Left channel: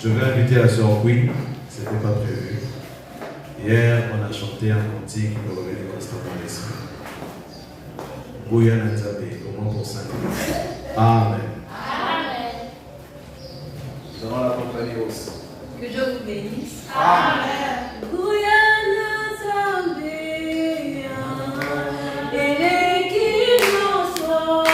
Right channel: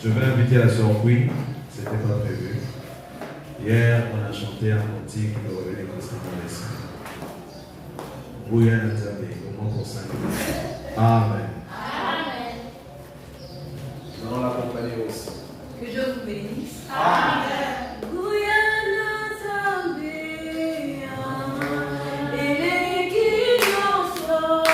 Je vais inviter la sœur Queen, ce n'était pas prévu. Hier, on a chanté un cantique qui nous revenait constamment ici. Bouya Nzabé, comment on s'appelle? Amen. Amen. Nous allons l'accompagner aussi. Que Dieu vous bénisse. Amen. Bouya Nzabé, et qui nous sauve.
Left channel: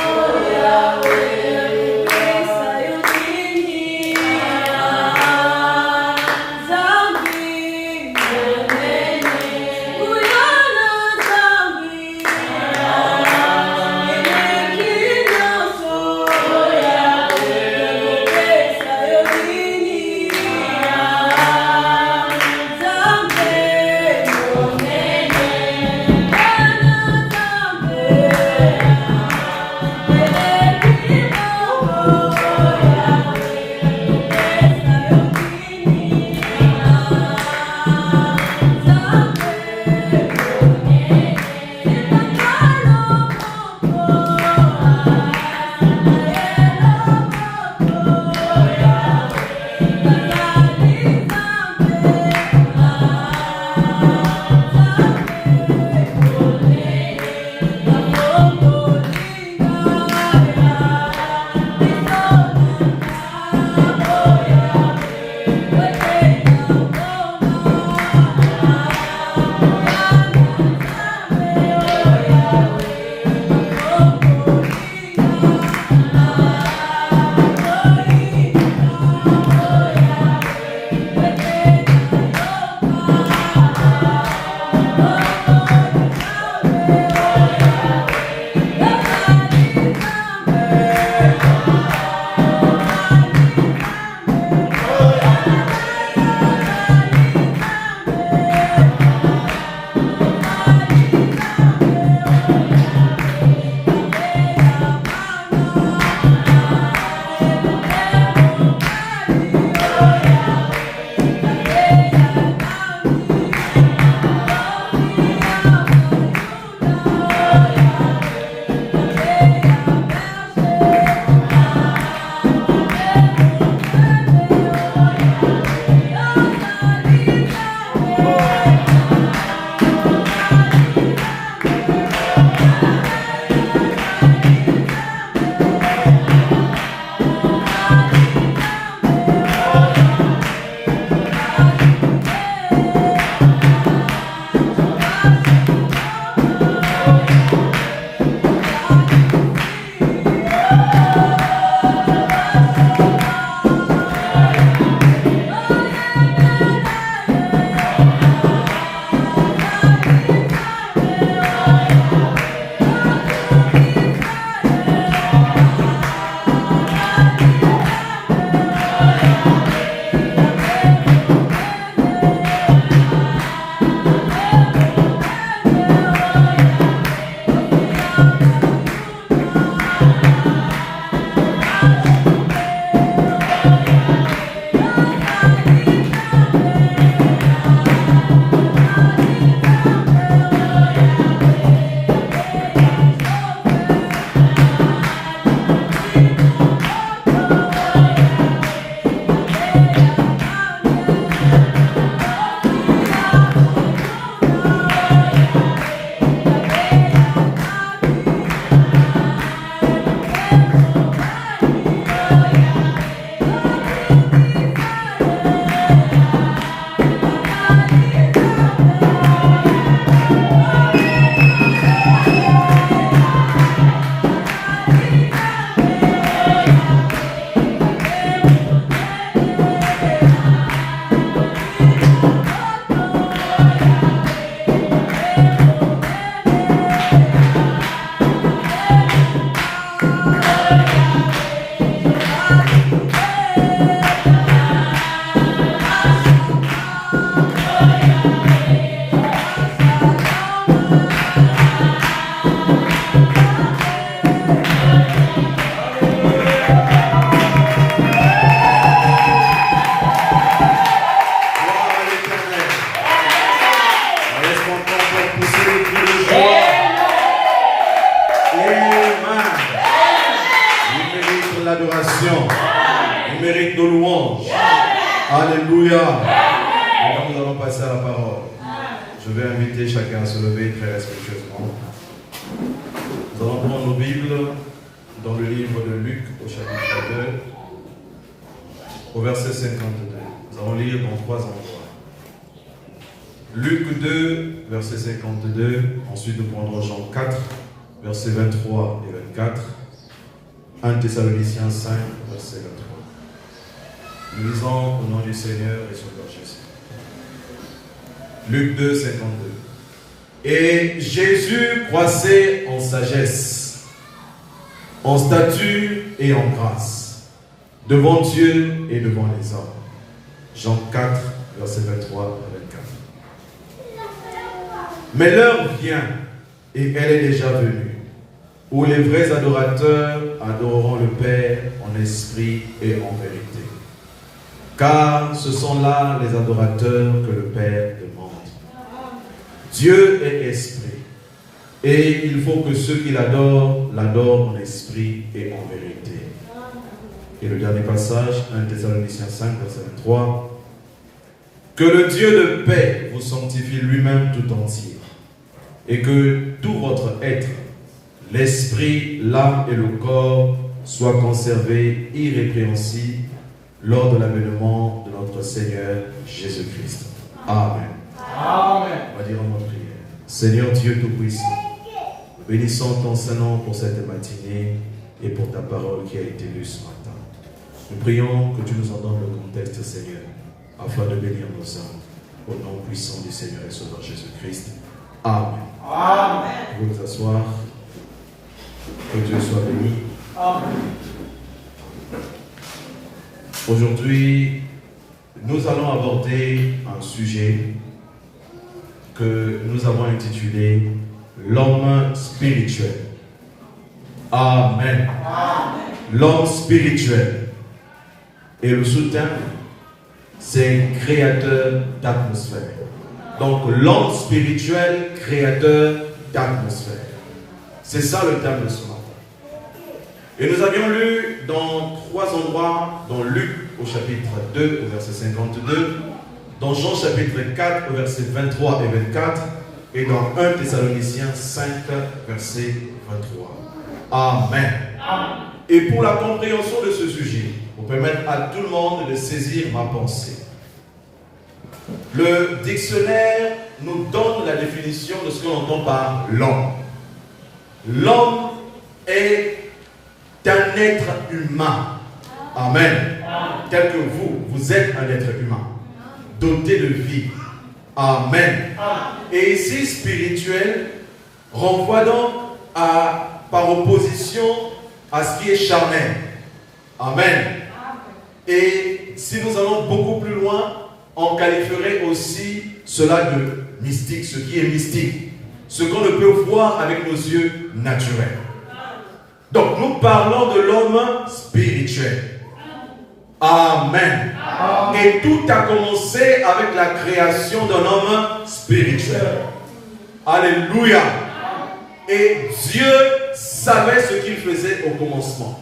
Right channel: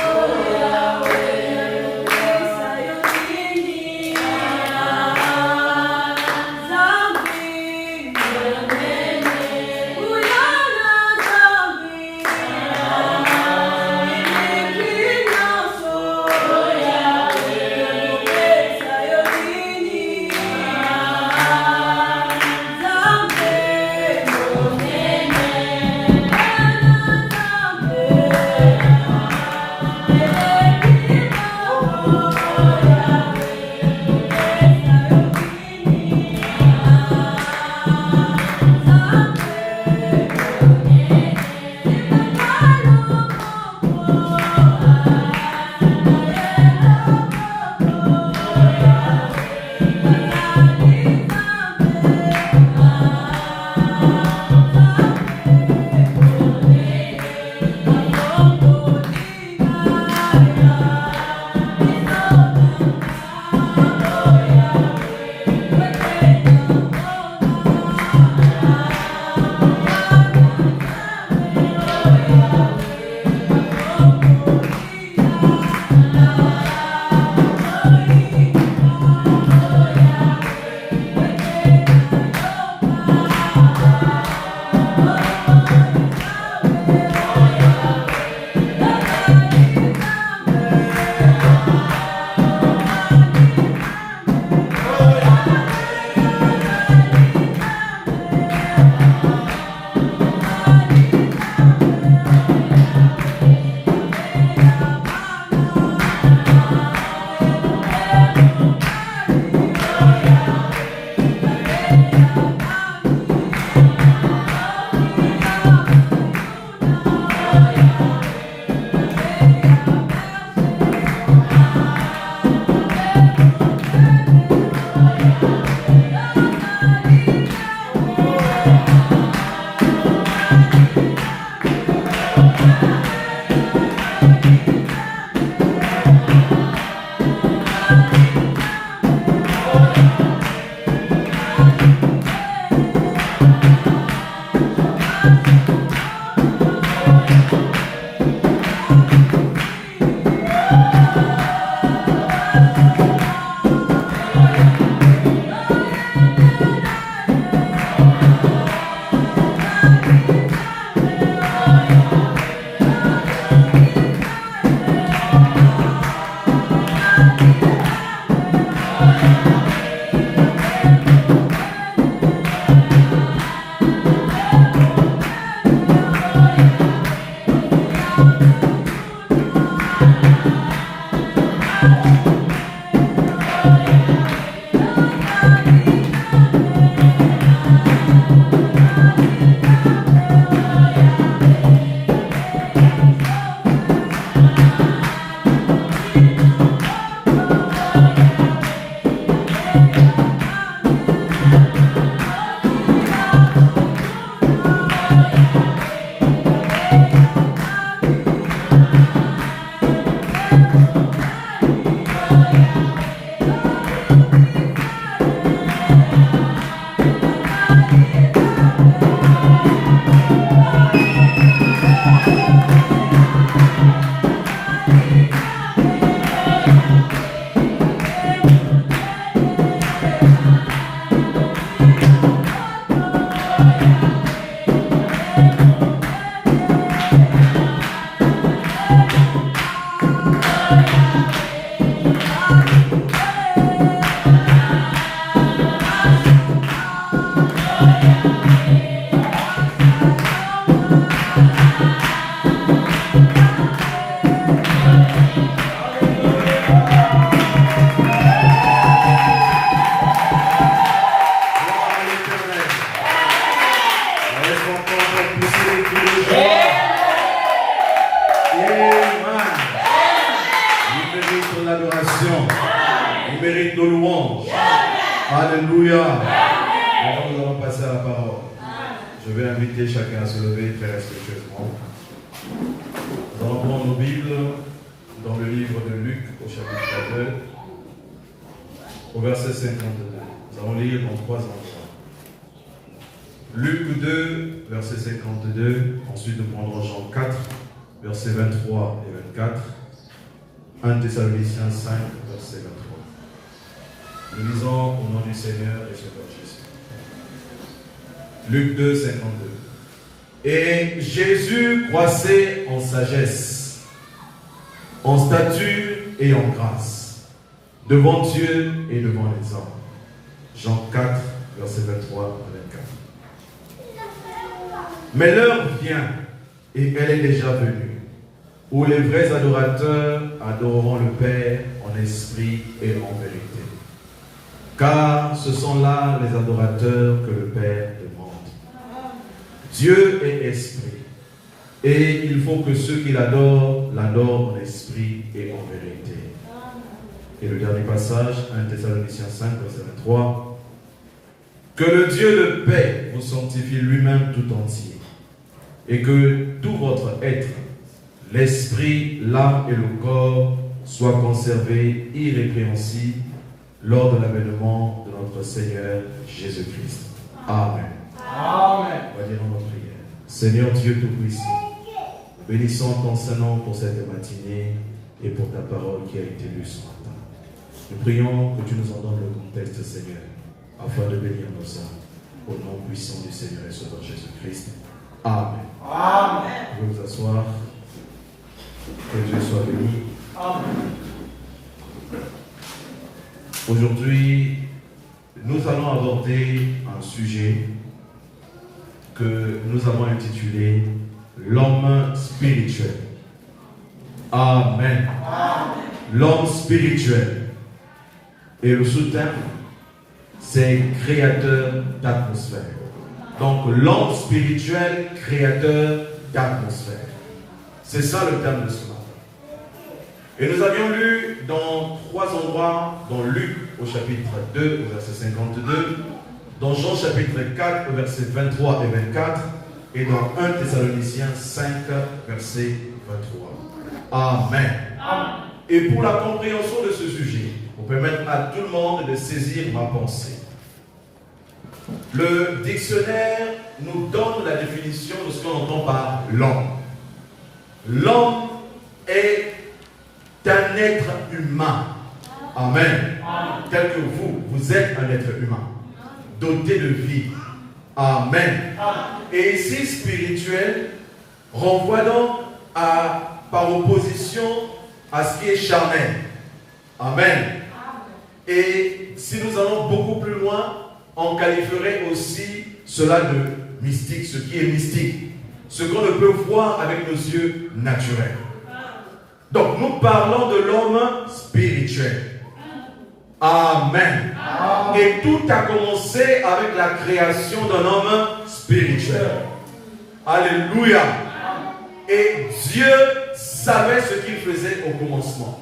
l'adoration. Il mérite nos louanges. Alléluia. Maintenant, nous allons passer à la parole. Je vais inviter chacun à se lever très respectueusement. Nous allons prendre nos Bibles dans le livre de Luc au chapitre 2, au verset 52. Nous allons lire dans 3 endroits. Luc 2, verset 52. Ensuite, nous prendrons Jean 4, versets 23 et 24. 1 Thessaloniciens 5, verset 23. Nous lisons au nom du Seigneur et Sauveur Jésus. Luc 2, 52. Et Jésus croissait en sagesse, en stature et en grâce, devant Dieu et devant les hommes. Jean 4, verset 23 à 24. Mais l'heure vient, et elle est déjà venue, où les vrais adorateurs adoreront le Père en esprit et en vérité. Car ce sont là les adorateurs que le Père demande. Dieu est esprit, et il faut que ceux qui l'adorent, l'adorent en esprit et en vérité. Et le dernier passage, 1 Thessaloniciens 5, verset 23. Que le Dieu de paix vous sanctifie lui-même tout entier, et que tout votre être, l'esprit, l'âme et le corps, soient conservés irrépréhensibles lors de l'avènement de notre Seigneur Jésus-Christ. Amen. Amen. On va dire en notre prière. Seigneur Dieu Tout-Puissant, nous bénissons ton Saint-Nom pour cette matinée et pour ta parole qui a été lue ce matin. Nous prions que tu nous en donnes le contexte, Seigneur, afin de bénir nos âmes. Au nom puissant du Seigneur et Sauveur Jésus-Christ. Amen. Amen. Vous pouvez vous asseoir. Que Dieu soit béni. Amen. Aujourd'hui, nous allons aborder un sujet que nous avons intitulé l'homme spirituel. Amen. Amen. L'homme spirituel. Et le sous-thème, c'est créateur d'atmosphère. Donc l'homme spirituel, créateur d'atmosphère. C'est ça le thème de ce matin. Et nous avions lu dans 3 endroits, dans Luc au chapitre 2 au verset 52, dans Jean chapitre 4 au verset 23 et 24, et dans 1 Thessaloniciens 5 verset 23. Amen. Amen. Et pour la compréhension de ce sujet, pour permettre à tout le monde de saisir ma pensée, le dictionnaire nous donne la définition de ce qu'on entend par l'homme. L'homme est un être humain. Amen. Tel que vous êtes un être humain, doté de vie. Amen. Et ici, spirituel renvoie donc par opposition à ce qui est charnel. Amen. Et si nous allons beaucoup plus loin, on qualifierait aussi cela de mystique, ce qui est mystique, ce qu'on ne peut voir avec nos yeux naturels. Donc nous parlons de l'homme spirituel. Amen. Amen. Et tout a commencé avec la création d'un homme spirituel. Alléluia. Et Dieu savait ce qu'il faisait au commencement.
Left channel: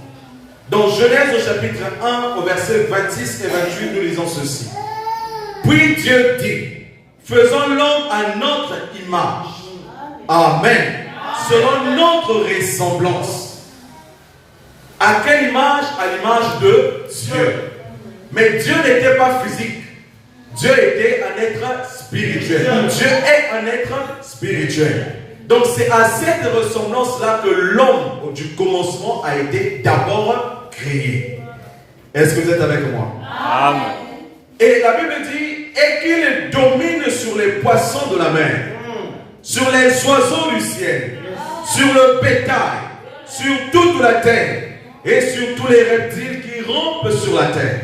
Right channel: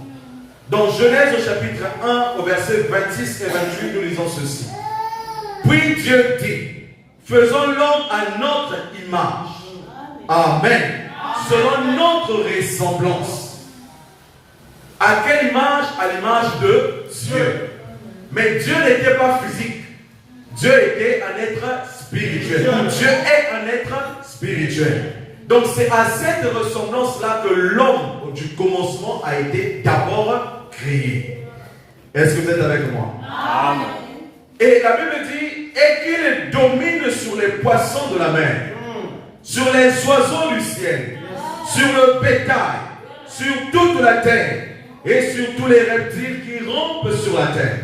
Dans Genèse au chapitre 1, au verset 26 et 28, nous lisons ceci. Puis Dieu dit, faisons l'homme à notre image. Amen. Selon notre ressemblance. À quelle image? À l'image de Dieu. Mais Dieu n'était pas physique. Dieu était un être spirituel. Dieu est un être spirituel. Donc c'est à cette ressemblance-là que l'homme du commencement a été d'abord créé. Est-ce que vous êtes avec moi? Amen. Et la Bible dit, et qu'il domine sur les poissons de la mer, sur les oiseaux du ciel, sur le bétail, sur toute la terre, et sur tous les reptiles qui rampent sur la terre.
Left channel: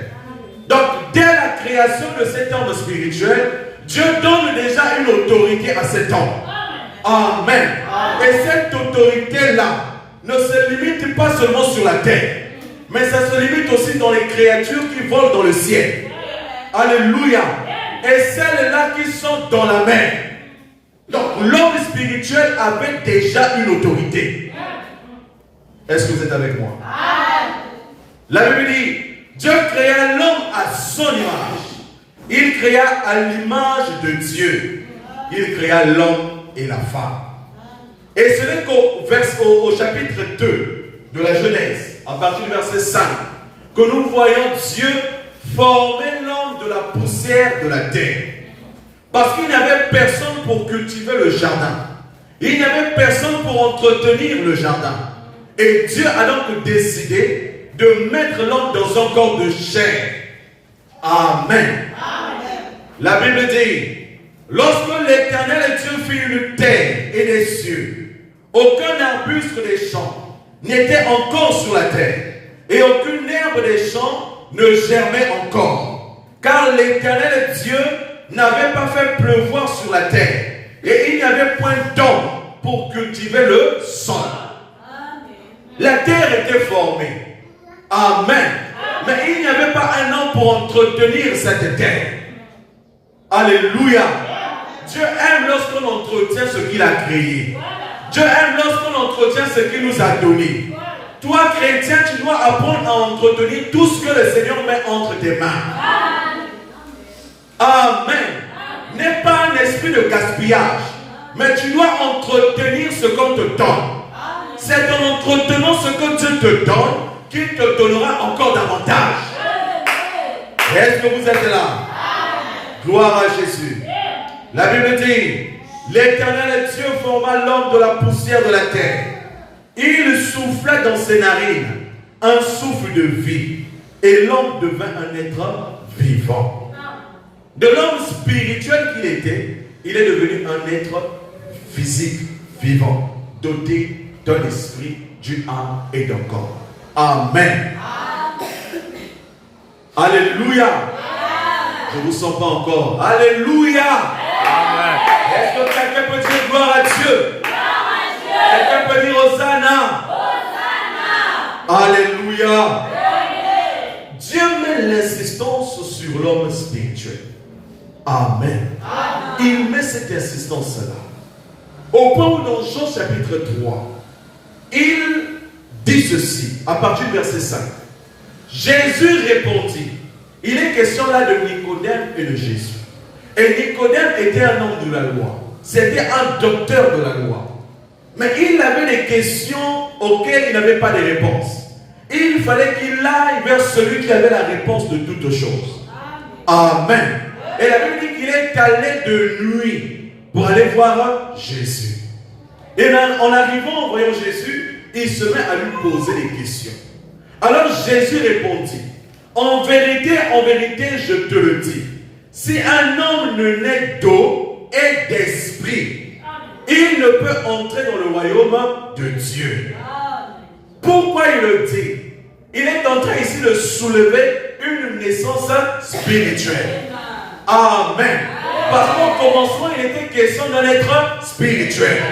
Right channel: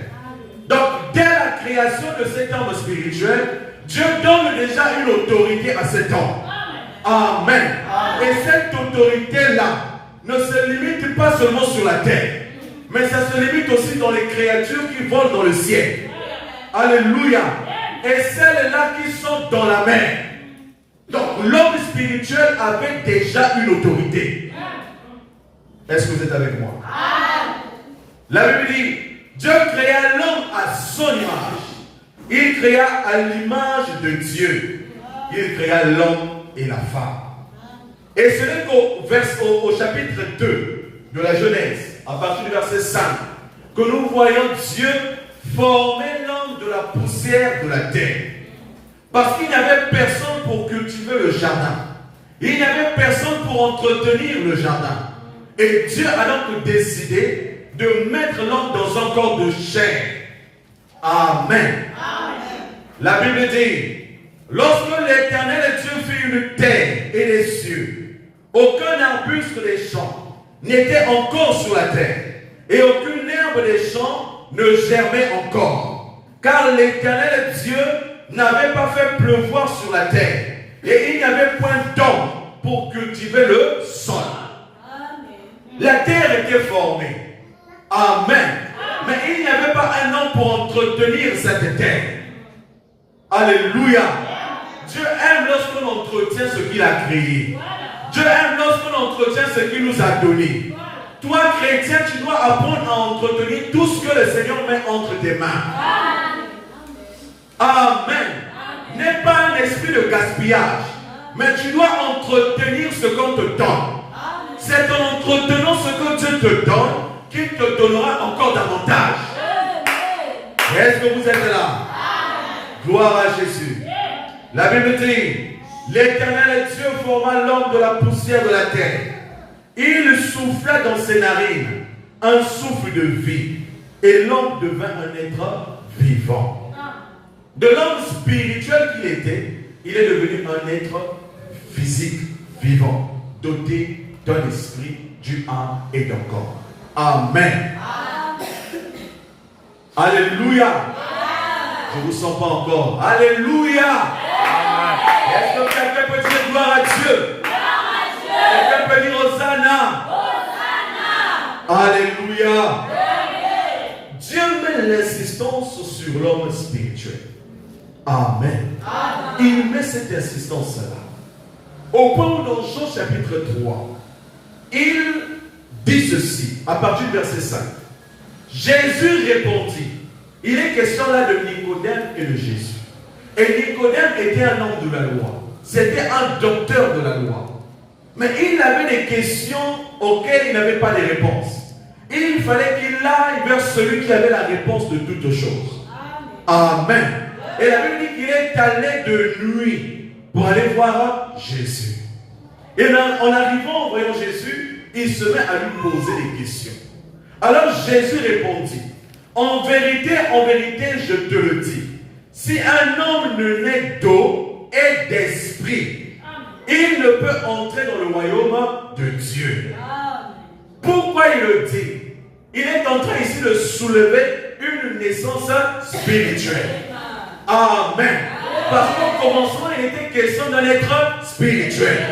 Donc, dès la création de cet homme spirituel, Dieu donne déjà une autorité à cet homme. Amen. Et cette autorité-là ne se limite pas seulement sur la terre, mais ça se limite aussi dans les créatures qui volent dans le ciel. Alléluia. Et celles-là qui sont dans la mer. Donc, l'homme spirituel avait déjà une autorité. Est-ce que vous êtes avec moi? La Bible dit, Dieu créa l'homme à son image. Il créa à l'image de Dieu. Il créa l'homme et la femme. Et ce n'est qu'au chapitre 2 de la Genèse, à partir du verset 5, que nous voyons Dieu former l'homme de la poussière de la terre. Parce qu'il n'y avait personne pour cultiver le jardin. Il n'y avait personne pour entretenir le jardin. Et Dieu a donc décidé de mettre l'homme dans un corps de chair. Amen. Amen. La Bible dit, lorsque l'Éternel Dieu fit une terre et les cieux, aucun arbuste des champs n'était encore sur la terre, et aucune herbe des champs ne germait encore, car l'Éternel Dieu n'avait pas fait pleuvoir sur la terre, et il n'y avait point d'homme pour cultiver le sol. La terre était formée. Amen. Mais il n'y avait pas un homme pour entretenir cette terre. Alléluia. Dieu aime lorsqu'on entretient ce qu'il a créé. Dieu aime lorsqu'on entretient ce qu'il nous a donné. Toi, chrétien, tu dois apprendre à entretenir tout ce que le Seigneur met entre tes mains. Amen. N'est pas un esprit de gaspillage, mais tu dois entretenir ce qu'on te donne. C'est en entretenant ce que Dieu te donne qu'il te donnera encore davantage. Est-ce que vous êtes là? Gloire à Jésus. La Bible dit, l'Éternel Dieu forma l'homme de la poussière de la terre. Il souffla dans ses narines un souffle de vie, et l'homme devint un être vivant. De l'homme spirituel qu'il était, il est devenu un être physique, vivant, doté d'un esprit, d'une âme et d'un corps. Amen. Alléluia. Je ne vous sens pas encore. Alléluia. Est-ce que quelqu'un peut dire gloire à Dieu? Quelqu'un peut dire Hosanna? Alléluia. Dieu met l'insistance sur l'homme spirituel. Amen. Il met cette insistance-là. Au point où dans Jean chapitre 3, il dit ceci, à partir du verset 5. Jésus répondit. Il est question là de Nicodème et de Jésus. Et Nicodème était un homme de la loi. C'était un docteur de la loi. Mais il avait des questions auxquelles il n'avait pas de réponse. Il fallait qu'il aille vers celui qui avait la réponse de toutes choses. Amen. Et la Bible dit qu'il est allé de nuit pour aller voir Jésus. Et en arrivant, en voyant Jésus, il se met à lui poser des questions. Alors Jésus répondit, en vérité, je te le dis, si un homme ne naît d'eau et d'esprit, il ne peut entrer dans le royaume de Dieu. Pourquoi il le dit? Il est en train ici de soulever une naissance spirituelle. Amen. Parce qu'au commencement, il était question d'un être spirituel.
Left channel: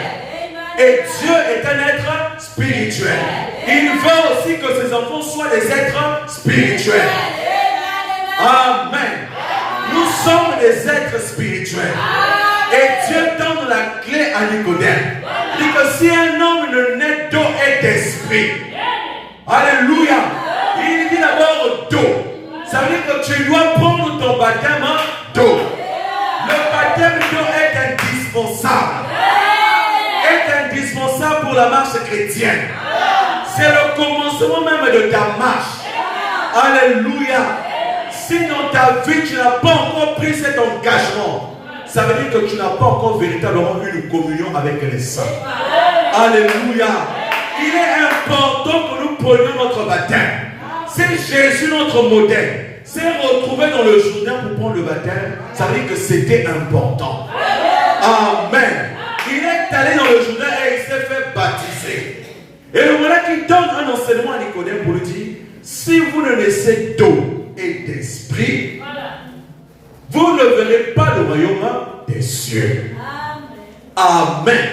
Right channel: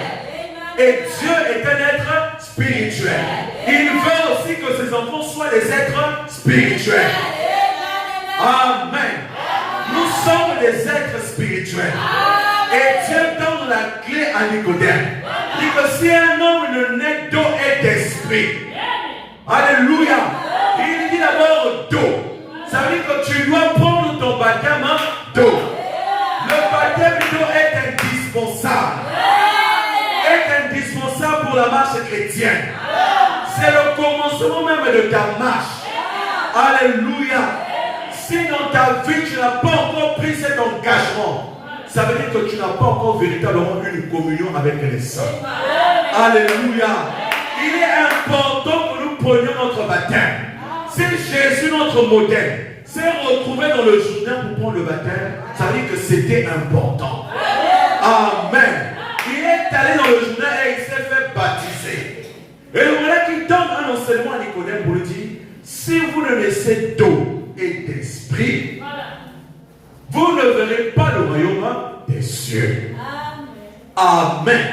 Et Dieu est un être spirituel. Il veut aussi que ses enfants soient des êtres spirituels. Amen. Nous sommes des êtres spirituels. Et Dieu donne la clé à Nicodème. Il dit que si un homme ne naît d'eau et d'esprit, alléluia, il dit d'abord d'eau. Ça veut dire que tu dois prendre ton baptême d'eau. Le baptême d'eau est indispensable. Est indispensable pour la marche chrétienne. C'est le commencement même de ta marche. Alléluia. Si dans ta vie tu n'as pas encore pris cet engagement, ça veut dire que tu n'as pas encore véritablement eu une communion avec les saints. Alléluia. Il est important que nous prenions notre baptême. C'est Jésus notre modèle. C'est retrouvé dans le Jourdain pour prendre le baptême. Ça veut dire que c'était important. Amen. Il est allé dans le Jourdain et il s'est fait baptiser. Et le voilà qui donne un enseignement à Nicodème pour lui dire, si vous ne naissez d'eau et d'esprit, vous ne verrez pas le royaume des cieux. Amen.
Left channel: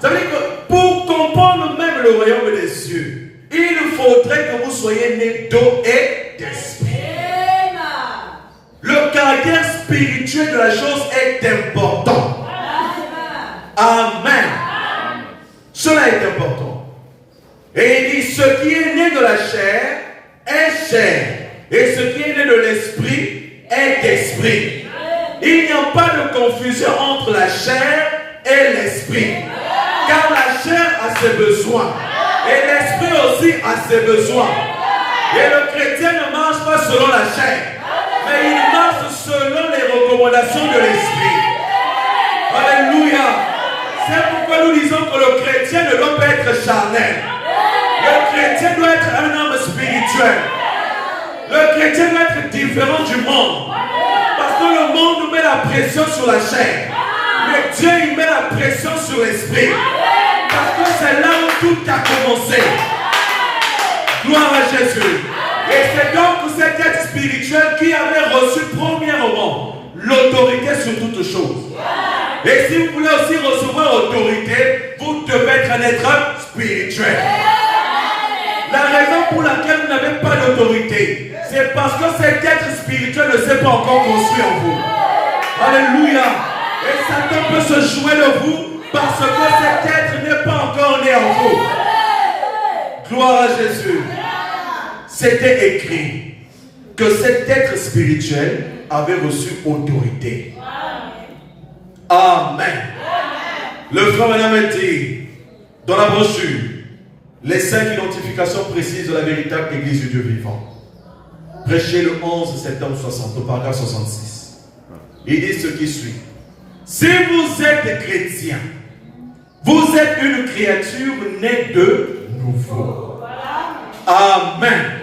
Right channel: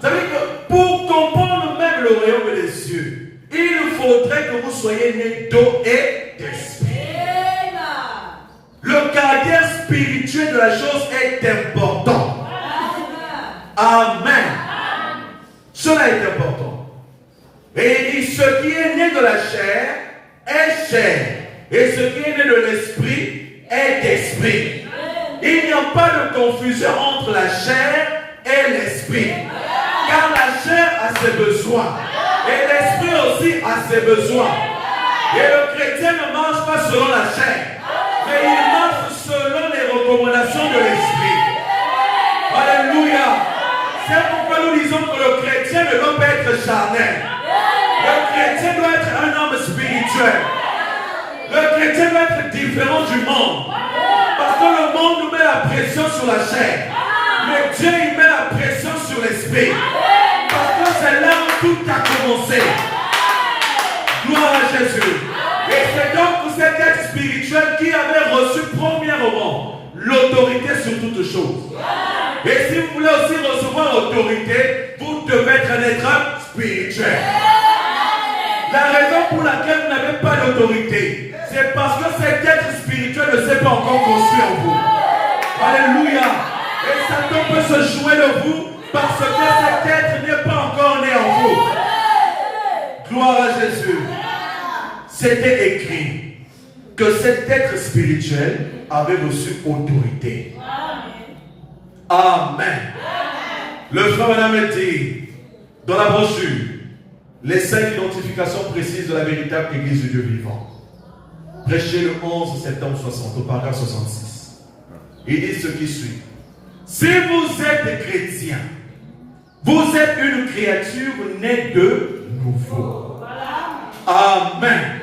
Ça veut dire que pour comprendre même le royaume des cieux, il faudrait que vous soyez nés d'eau et d'esprit. Le caractère spirituel de la chose est important. Amen. Cela est important. Et il dit, ce qui est né de la chair est chair. Et ce qui est né de l'esprit est esprit. Il n'y a pas de confusion entre la chair et l'esprit. Car la chair a ses besoins. Et l'esprit aussi a ses besoins. Et le chrétien ne marche pas selon la chair. Mais il marche selon les recommandations de l'esprit. Alléluia. C'est pourquoi nous disons que le chrétien ne doit pas être charnel. Le chrétien doit être un homme spirituel. Le chrétien doit être différent du monde. Parce que le monde nous met la pression sur la chair. Mais Dieu il met la pression sur l'esprit. Parce que c'est là où tout a commencé. Gloire à Jésus. Et c'est donc cet être spirituel qui avait reçu premièrement l'autorité sur toutes choses. Et si vous voulez aussi recevoir l'autorité, vous devez être un être spirituel. La raison pour laquelle vous n'avez pas d'autorité, c'est parce que cet être spirituel ne s'est pas encore construit en vous. Alléluia. Et Satan peut se jouer de vous parce que cet être n'est pas encore né en vous. Gloire à Jésus. C'était écrit que cet être spirituel avait reçu autorité. Amen. Le frère Madame dit dans la brochure les 5 identifications précises de la véritable Église du Dieu vivant. Prêché le 11 septembre 60, au paragraphe 66. Il dit ce qui suit. Si vous êtes chrétien, vous êtes une créature née de nouveau. Amen.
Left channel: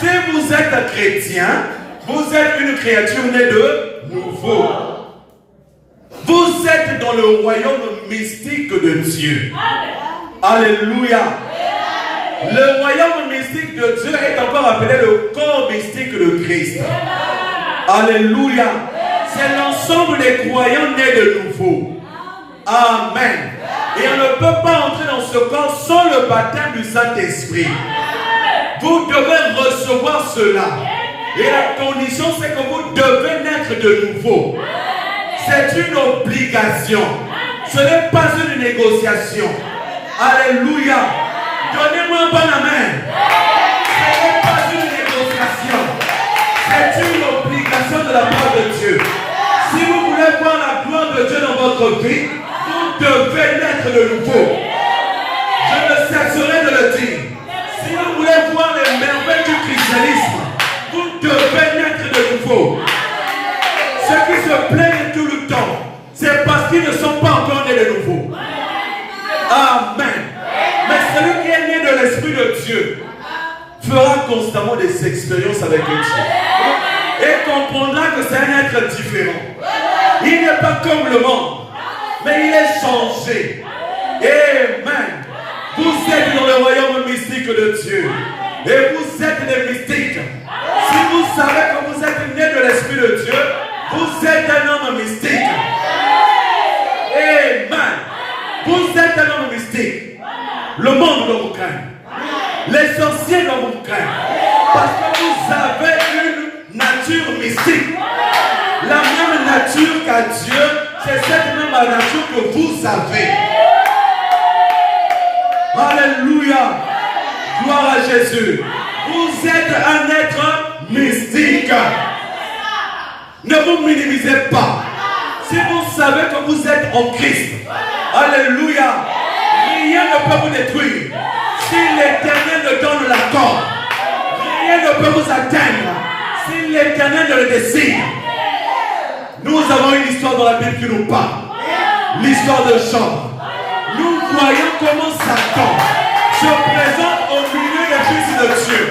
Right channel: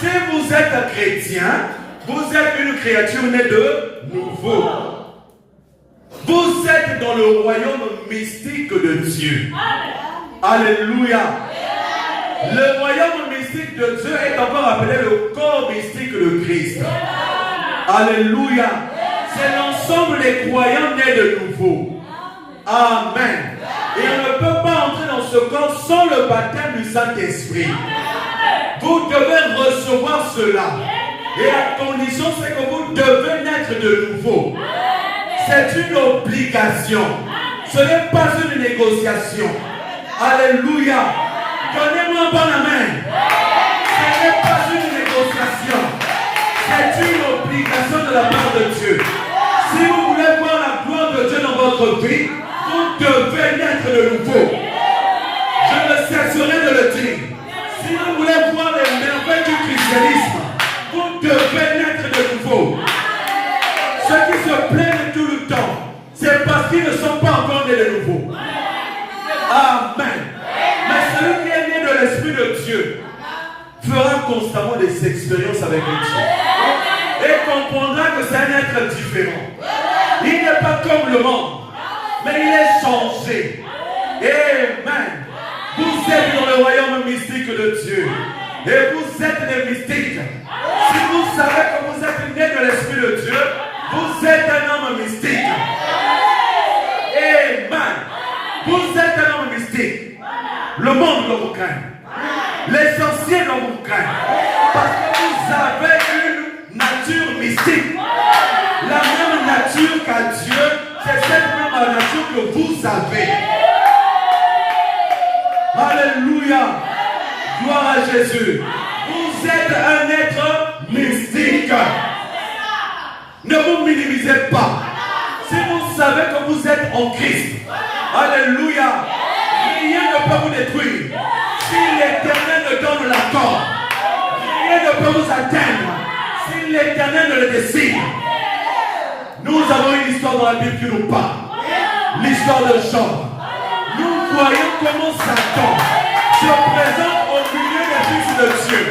Si vous êtes chrétien, vous êtes une créature née de nouveau. Vous êtes dans le royaume mystique de Dieu. Alléluia. Le royaume mystique de Dieu est encore appelé le corps mystique de Christ. Alléluia. C'est l'ensemble des croyants nés de nouveau. Amen. Et on ne peut pas entrer dans ce corps sans le baptême du Saint-Esprit. Vous devez recevoir cela. Et la condition, c'est que vous devez naître de nouveau. C'est une obligation. Ce n'est pas une négociation. Alléluia. Donnez-moi un bon amen. Ce n'est pas une négociation. C'est une obligation de la part de Dieu. Si vous voulez voir la gloire de Dieu dans votre vie, vous devez naître de nouveau. Je ne cesserai de le dire. Si vous voulez voir les merveilles du christianisme, vous devez naître de nouveau. Ceux qui se plaignent tout le temps, c'est parce qu'ils ne sont pas encore nés de nouveau. Amen. Mais celui qui est né de l'Esprit de Dieu fera constamment des expériences avec Dieu. Et comprendra que c'est un être différent. Il n'est pas comme le monde, mais il est changé. Amen. Vous êtes dans le royaume mystique de Dieu. Et vous êtes des mystiques. Si vous savez que vous êtes né de l'Esprit de Dieu, vous êtes un homme mystique. Amen. Vous êtes un homme mystique. Le monde doit vous craindre. Les sorciers doivent vous craindre. Parce que vous avez une nature mystique. La même nature qu'à Dieu, c'est cette même nature que vous avez. Alléluia. Gloire à Jésus. Vous êtes un être mystique. Ne vous minimisez pas. Si vous savez que vous êtes en Christ, alléluia, rien ne peut vous détruire. Si l'Éternel ne donne l'accord, rien ne peut vous atteindre. Si l'Éternel ne le décide. Nous avons une histoire dans la Bible qui nous parle. L'histoire de Job. Nous voyons comment Satan se présente au milieu des fils de Dieu.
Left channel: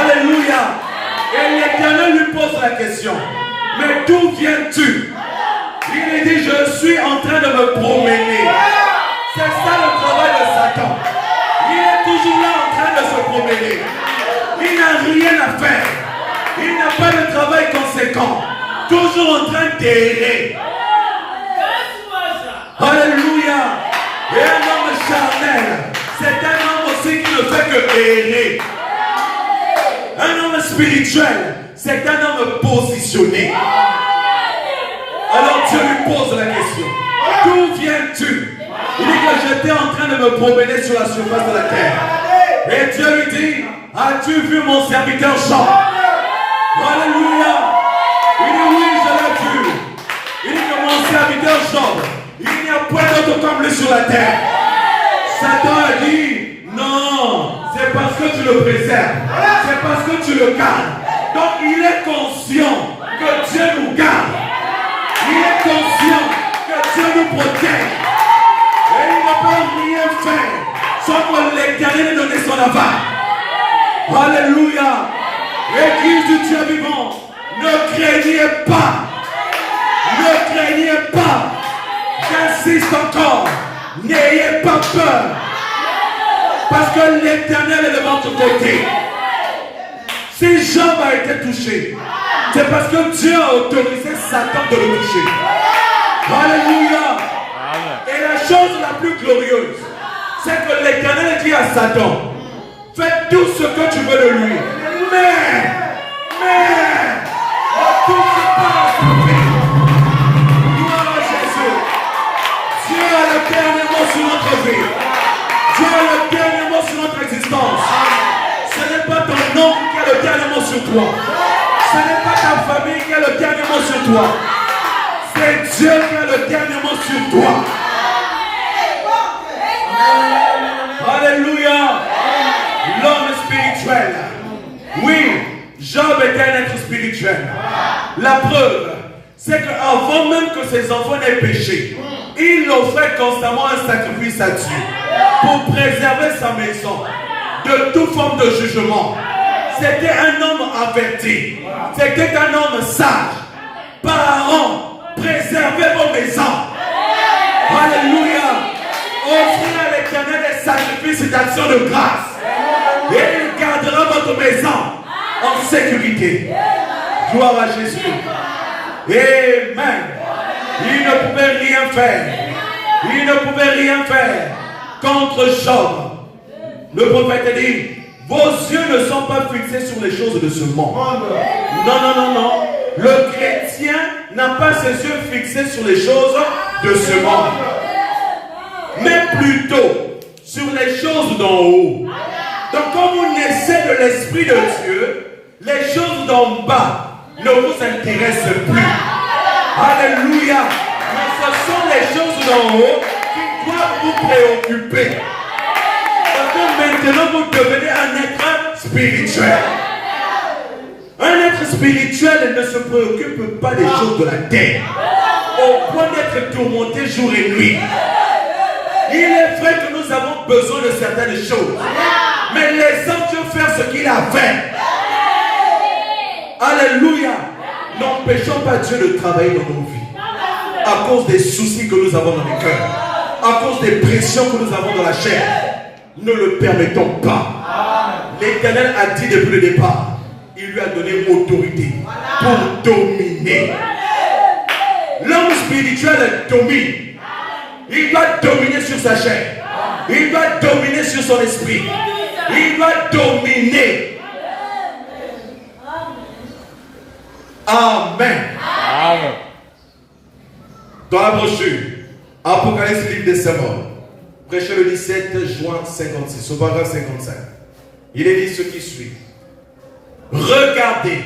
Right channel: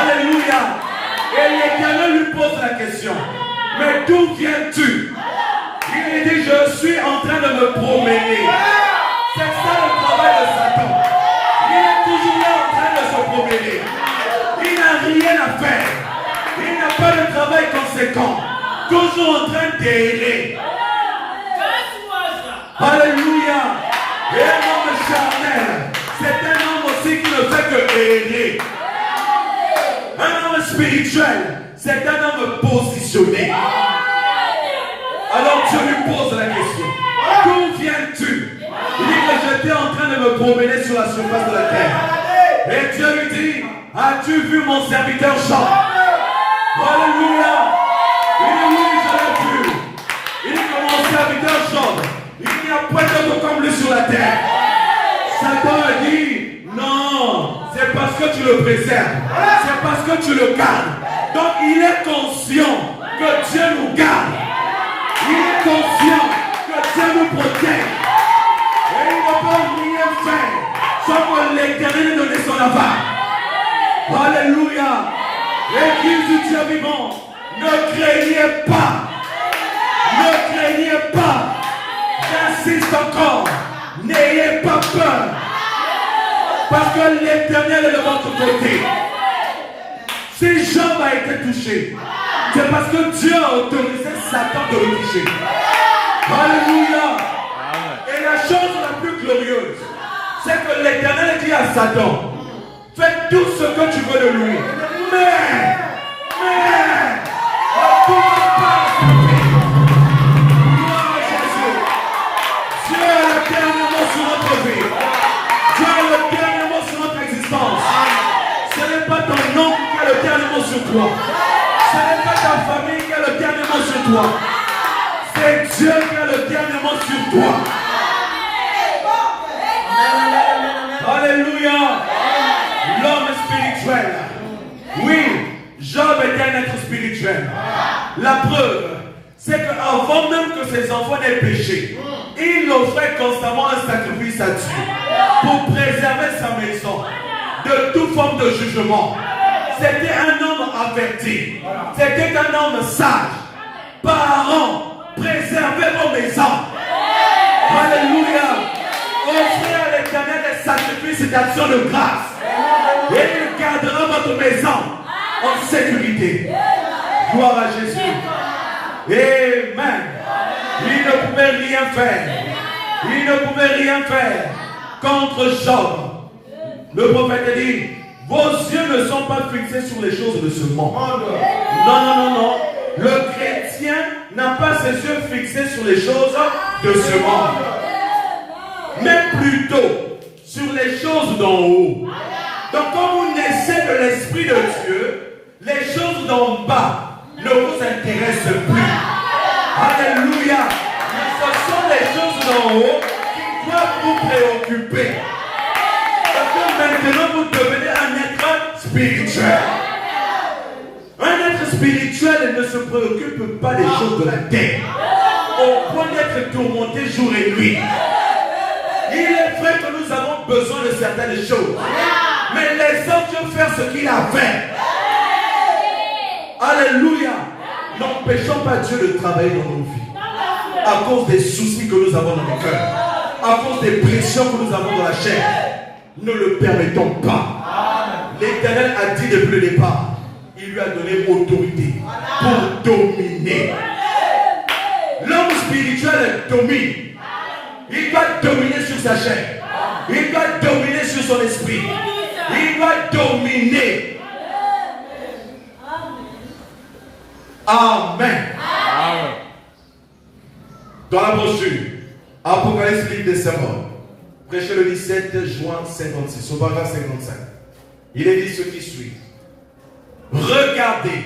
Alléluia. Et l'Éternel lui pose la question. Mais d'où viens-tu? Il lui dit, je suis en train de me promener. C'est ça le travail de Satan. Il est toujours là en train de se promener. Il n'a rien à faire. Il n'a pas de travail conséquent. Toujours en train d'errer. Alléluia. Et un homme charnel, c'est un homme aussi qui ne fait que errer. Un homme spirituel, c'est un homme positionné. Alors Dieu lui pose la question. D'où viens-tu? Il dit que j'étais en train de me promener sur la surface de la terre. Et Dieu lui dit, as-tu vu mon serviteur Job? Alléluia. Il dit oui, je l'ai vu. Il dit que mon serviteur Job, il n'y a point d'autre comme lui sur la terre. Satan a dit, non, c'est parce que tu le préserves. C'est parce que tu le gardes. Donc il est conscient que Dieu nous garde. Il est conscient que Dieu nous protège. Et il ne peut rien faire sans que l'Éternel ait donné son aval. Alléluia. Église du Dieu vivant, ne craignez pas. Ne craignez pas. J'insiste encore. N'ayez pas peur. Parce que l'Éternel est de votre côté. Si Job a été touché, c'est parce que Dieu a autorisé Satan de le toucher. Alléluia. Et la chose la plus glorieuse, c'est que l'Éternel dit à Satan, fais tout ce que tu veux de lui. Mais, tout se passe. Gloire à Jésus. Dieu a le dernier mot sur notre vie. Dieu a le dernier mot sur notre existence. Ce n'est pas ton nom qui a le dernier mot sur toi. Ce n'est pas ta famille qui a le dernier mot sur toi. C'est Dieu qui a le dernier mot sur toi. Alléluia. L'homme spirituel. Oui, Job était un être spirituel. La preuve, c'est qu'avant même que ses enfants n'aient péché, il offrait constamment un sacrifice à Dieu pour préserver sa maison de toute forme de jugement. C'était un homme averti. C'était un homme sage. Parents, préservez vos maisons. Alléluia. Offrez à l'Éternel des sacrifices et d'actions de grâce. Et il gardera votre maison en sécurité. Gloire à Jésus. Amen. Il ne pouvait rien faire. Il ne pouvait rien faire contre Job. Le prophète dit, vos yeux ne sont pas fixés sur les choses de ce monde. Non. Le chrétien n'a pas ses yeux fixés sur les choses de ce monde, mais plutôt sur les choses d'en haut. Donc quand vous naissez de l'Esprit de Dieu, les choses d'en bas ne vous intéressent plus. Alléluia. Mais ce sont les choses d'en haut qui doivent vous préoccuper. Parce que maintenant vous devenez un être spirituel. Un être spirituel ne se préoccupe pas des choses de la terre, au point d'être tourmenté jour et nuit. Il est vrai que nous avons besoin de certaines choses, mais laissons Dieu faire ce qu'il a fait. Alléluia. N'empêchons pas Dieu de travailler dans nos vies à cause des soucis que nous avons dans les cœurs, à cause des pressions que nous avons dans la chair. Ne le permettons pas. L'Éternel a dit depuis le départ, il lui a donné autorité pour dominer. L'homme spirituel domine. Il va dominer sur sa chair. Il va dominer sur son esprit. Il va dominer. Amen. Amen. Dans la brochure, Apocalypse livre des sermons, prêché le 17 juin 56, au paragraphe 55, il est dit ce qui suit. Regardez,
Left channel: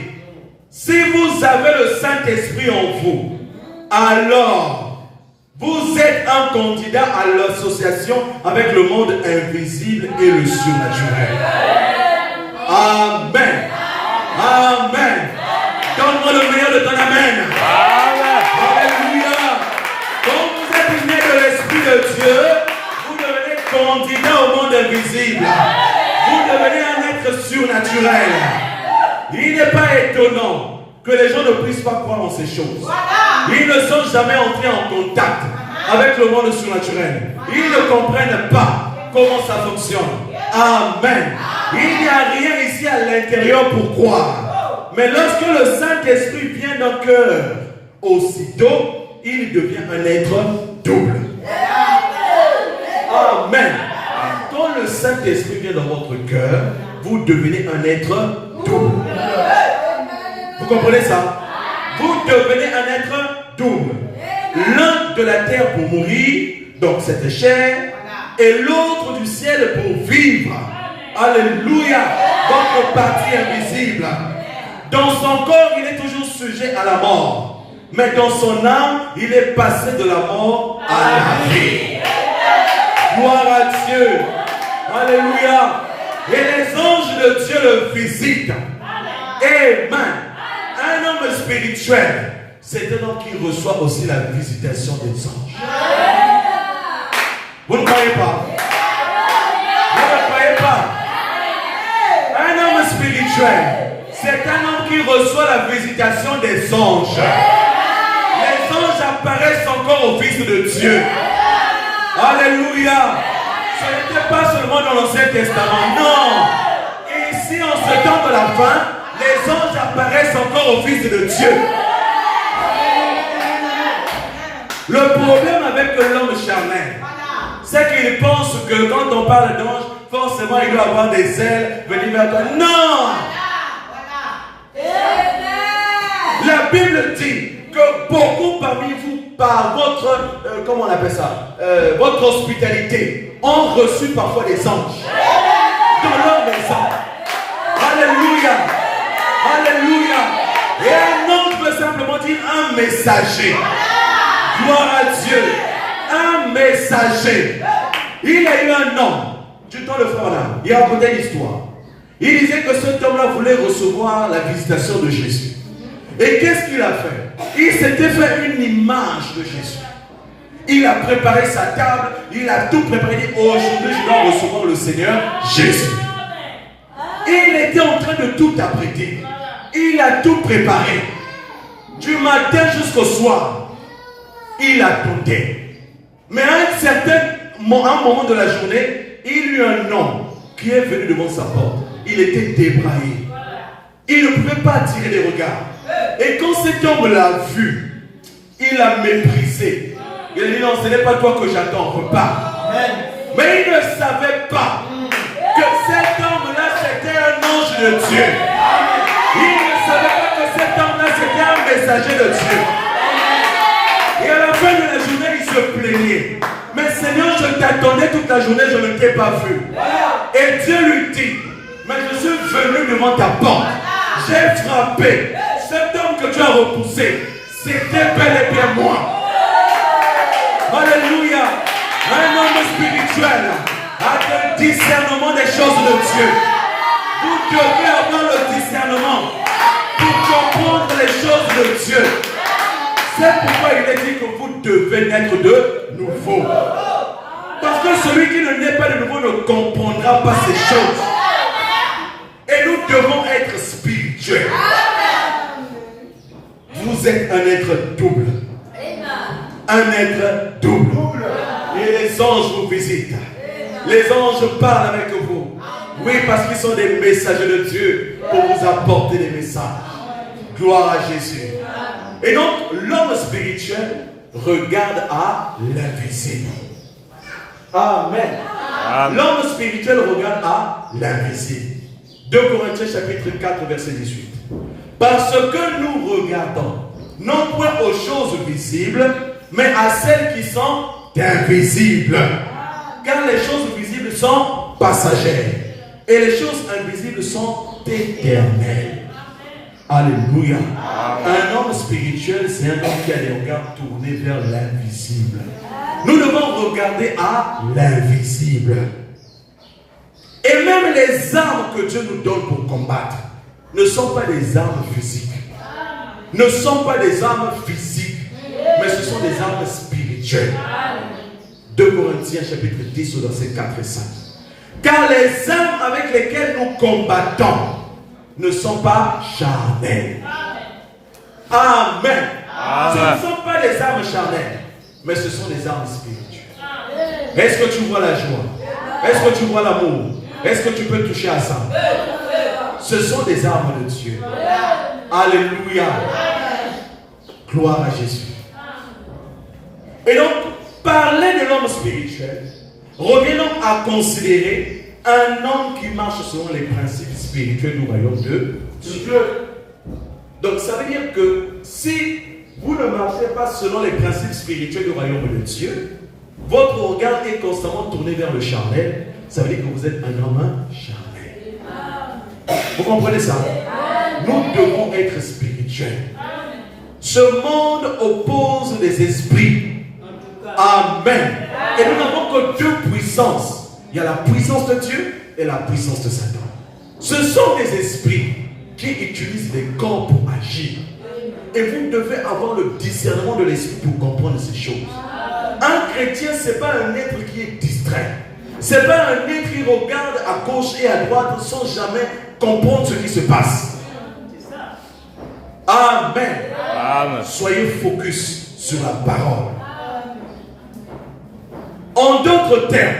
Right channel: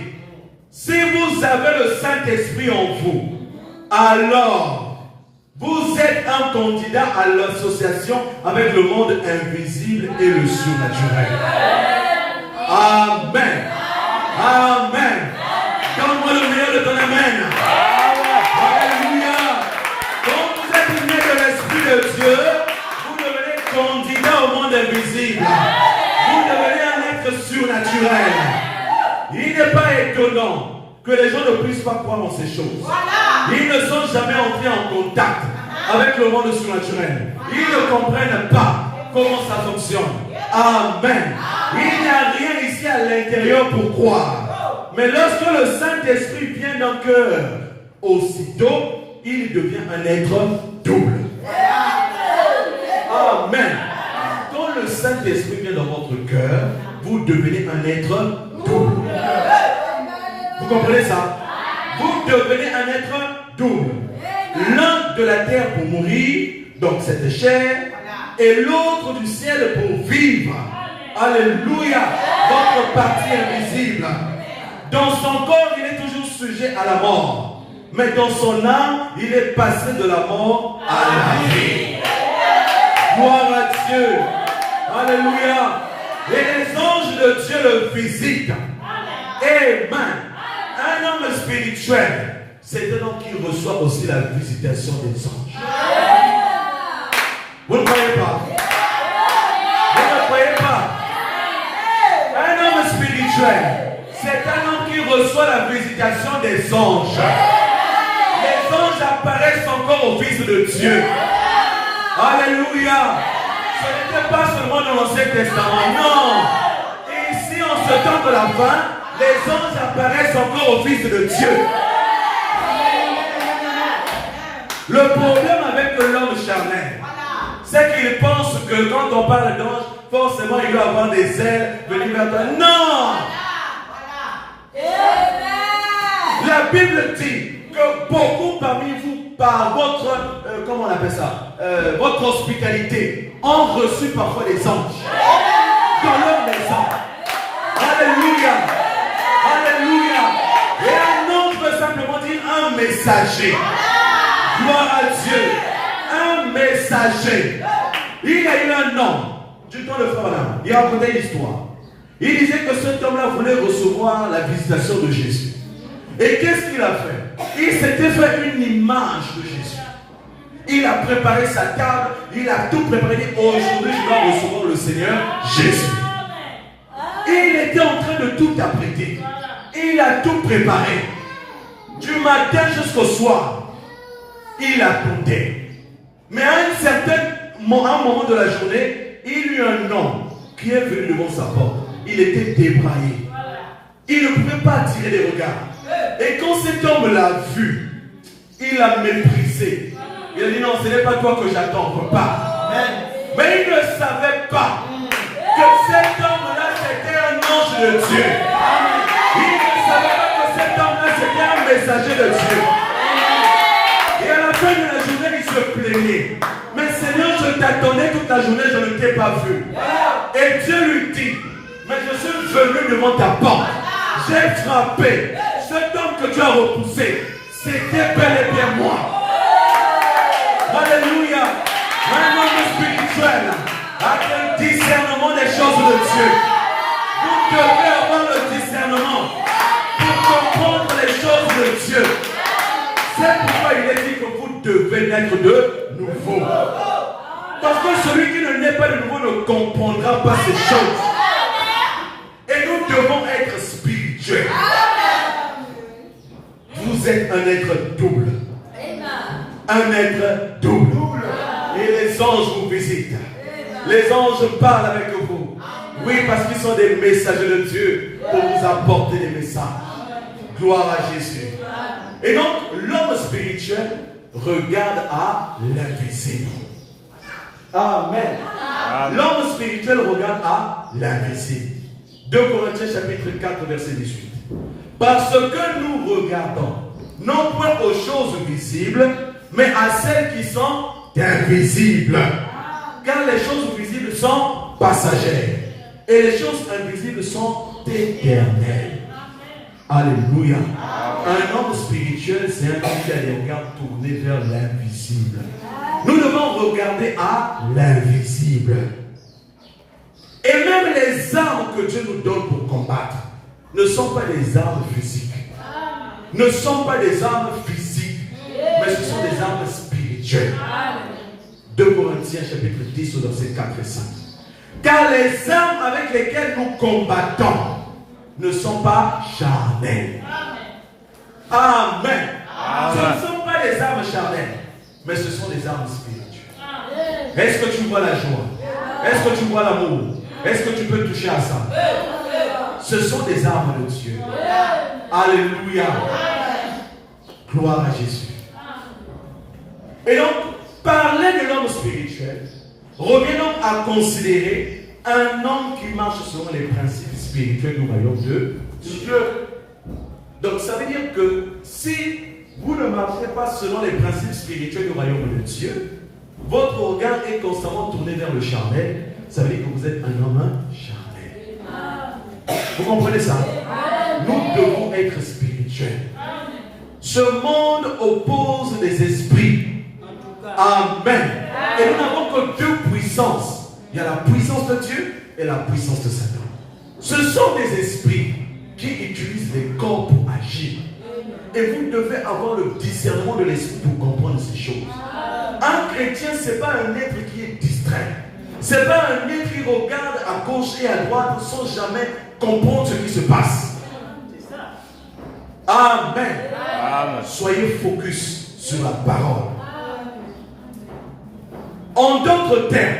si vous avez le Saint-Esprit en vous, alors vous êtes un candidat à l'association avec le monde invisible et le surnaturel. Amen. Amen. Donne-moi le meilleur de ton amen. Alléluia. Quand vous êtes né de l'Esprit de Dieu, vous devenez candidat au monde invisible. Vous devenez un être surnaturel. Il n'est pas étonnant que les gens ne puissent pas croire en ces choses. Ils ne sont jamais entrés en contact avec le monde surnaturel. Ils ne comprennent pas comment ça fonctionne. Amen. Il n'y a rien ici à l'intérieur pour croire. Mais lorsque le Saint-Esprit vient dans le cœur, aussitôt, il devient un être double. Amen. Quand le Saint-Esprit vient dans votre cœur, vous devenez un être double. Vous comprenez ça? Vous devenez un être double. L'un de la terre pour mourir, donc cette chair, et l'autre du ciel pour vivre. Alléluia. Votre partie invisible. Dans son corps, il est toujours sujet à la mort. Mais dans son âme, il est passé de la mort à la vie. Gloire à Dieu. Alléluia. Et les anges de Dieu le visitent. Amen. Un homme spirituel, c'est un homme qui reçoit aussi la visitation des anges. Vous ne croyez pas? Vous ne croyez pas? Un homme spirituel, c'est un homme qui reçoit la visitation des anges. Les anges apparaissent encore au Fils de Dieu. Alléluia. Ce n'était pas seulement dans l'Ancien Testament, non. Et ici, en ce temps de la fin, les anges apparaissent encore au Fils de Dieu. Le problème avec l'homme charnel, c'est qu'il pense que quand on parle d'ange, forcément il doit avoir des ailes, venir vers toi. Non! La Bible dit que beaucoup parmi vous, par votre, comment on appelle ça, votre hospitalité, ont reçu parfois des anges dans leur maison. Alléluia! Alléluia! Et un ange peut simplement dire un messager. Gloire à Dieu. Un messager. Il y a eu un homme, du temps de frère là, il a raconté l'histoire. Il disait que cet homme-là voulait recevoir la visitation de Jésus. Et qu'est-ce qu'il a fait? Il s'était fait une image de Jésus. Il a préparé sa table, il a tout préparé. Aujourd'hui, je dois recevoir le Seigneur Jésus. Il était en train de tout apprêter. Il a tout préparé. Du matin jusqu'au soir. Il attendait. Mais à un certain moment de la journée, il y eut un homme qui est venu devant sa porte. Il était débraillé. Il ne pouvait pas attirer les regards. Et quand cet homme l'a vu, il l'a méprisé. Il a dit non, ce n'est pas toi que j'attends, repars. Mais il ne savait pas que cet homme-là c'était un ange de Dieu. Il ne savait pas que cet homme-là c'était un messager de Dieu. Et à la fin de la journée, il se plaignait. Mais Seigneur, je t'attendais toute la journée, je ne t'ai pas vu. Et Dieu lui dit, mais je suis venu devant ta porte. J'ai frappé. Cet homme que tu as repoussé, c'était bel et bien moi. Alléluia. Un homme spirituel a le discernement des choses de Dieu. Vous devez avoir le discernement pour comprendre les choses de Dieu. C'est pourquoi il est dit que vous devez naître de nouveau. Parce que celui qui ne naît pas de nouveau ne comprendra pas ces choses. Et nous devons être spirituels. Vous êtes un être double. Un être double. Et les anges vous visitent. Les anges parlent avec vous. Oui, parce qu'ils sont des messagers de Dieu pour vous apporter des messages. Gloire à Jésus. Et donc, l'homme spirituel regarde à l'invisible. Amen. L'homme spirituel regarde à l'invisible. 2 Corinthiens chapitre 4, verset 18. Parce que nous regardons, non point aux choses visibles, mais à celles qui sont invisibles. Car les choses visibles sont passagères. Et les choses invisibles sont éternelles. Alléluia. Un homme spirituel, c'est un homme qui a les regards tournés vers l'invisible. Nous devons regarder à l'invisible. Et même les armes que Dieu nous donne pour combattre ne sont pas des armes physiques. Ne sont pas des armes physiques, mais ce sont des armes spirituelles. 2 Corinthiens chapitre 10 au verset 4 et 5. Car les armes avec lesquelles nous combattons ne sont pas charnelles. Amen. Ce ne sont pas des armes charnelles, mais ce sont des armes spirituelles. Est-ce que tu vois la joie? Est-ce que tu vois l'amour? Est-ce que tu peux toucher à ça? Ce sont des armes de Dieu. Alléluia. Gloire à Jésus. Et donc, parler de l'homme spirituel, revenons à considérer un homme qui marche selon les principes spirituels du royaume de Dieu. Donc, ça veut dire que si vous ne marchez pas selon les principes spirituels du royaume de Dieu, votre regard est constamment tourné vers le charnel, ça veut dire que vous êtes un homme charnel. Vous comprenez ça? Nous devons être spirituels. Ce monde oppose des esprits. Amen. Et nous n'avons que deux puissances. Il y a la puissance de Dieu et la puissance de Satan. Ce sont des esprits qui utilisent les corps pour agir. Et vous devez avoir le discernement de l'esprit pour comprendre ces choses. Un chrétien, ce n'est pas un être qui est distrait. Ce n'est pas un être qui regarde à gauche et à droite sans jamais comprendre ce qui se passe. Amen. Amen. Soyez focus sur la parole. En d'autres termes,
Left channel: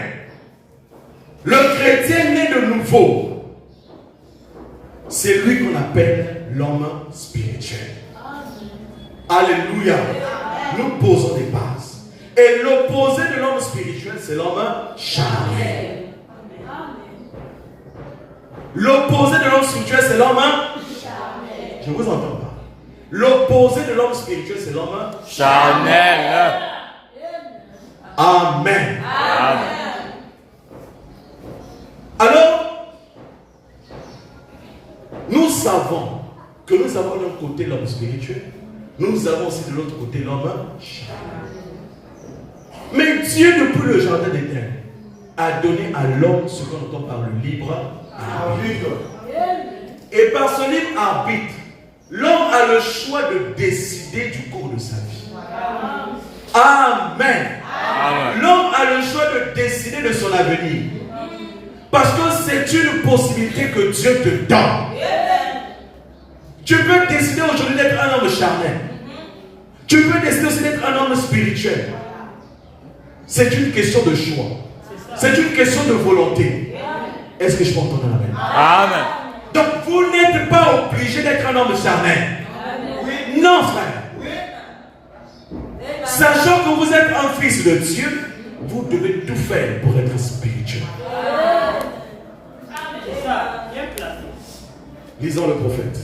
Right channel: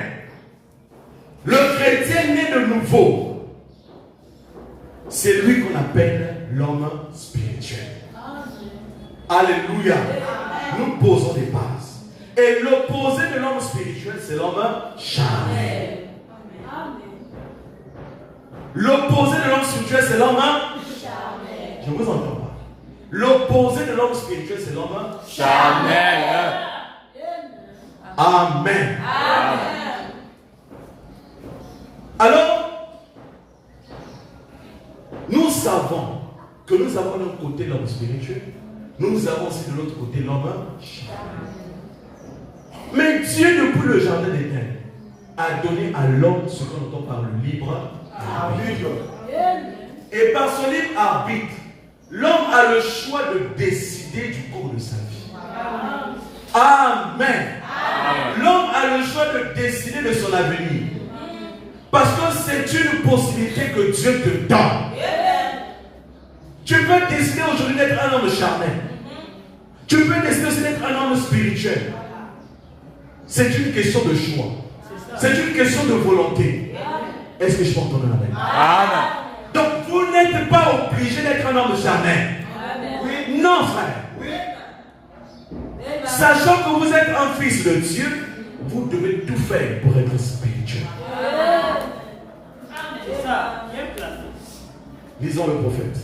le chrétien né de nouveau, c'est lui qu'on appelle l'homme spirituel. Alléluia. Nous posons des bases. Et l'opposé de l'homme spirituel, c'est l'homme charnel. L'opposé de l'homme spirituel, c'est l'homme charnel. Je ne vous entends pas. L'opposé de l'homme spirituel, c'est l'homme charnel. Amen. Amen. Alors, nous savons que nous avons d'un côté l'homme spirituel, nous avons aussi de l'autre côté l'homme charnel. Mais Dieu, depuis le jardin d'Éden, a donné à l'homme ce qu'on entend par le libre arbitre. Et par ce libre arbitre, l'homme a le choix de décider du cours de sa vie. Amen. L'homme a le choix de décider de son avenir. Parce que c'est une possibilité que Dieu te donne. Tu peux décider aujourd'hui d'être un homme charnel. Tu peux décider aussi d'être un homme spirituel. C'est une question de choix. C'est une question de volonté. Est-ce que je peux entendre un amen? Amen. Donc vous n'êtes pas obligé d'être un homme charnel. Non, frère. Sachant que vous êtes un fils de Dieu, vous devez tout faire pour être spirituel. C'est ça, bien placé. Lisons le prophète.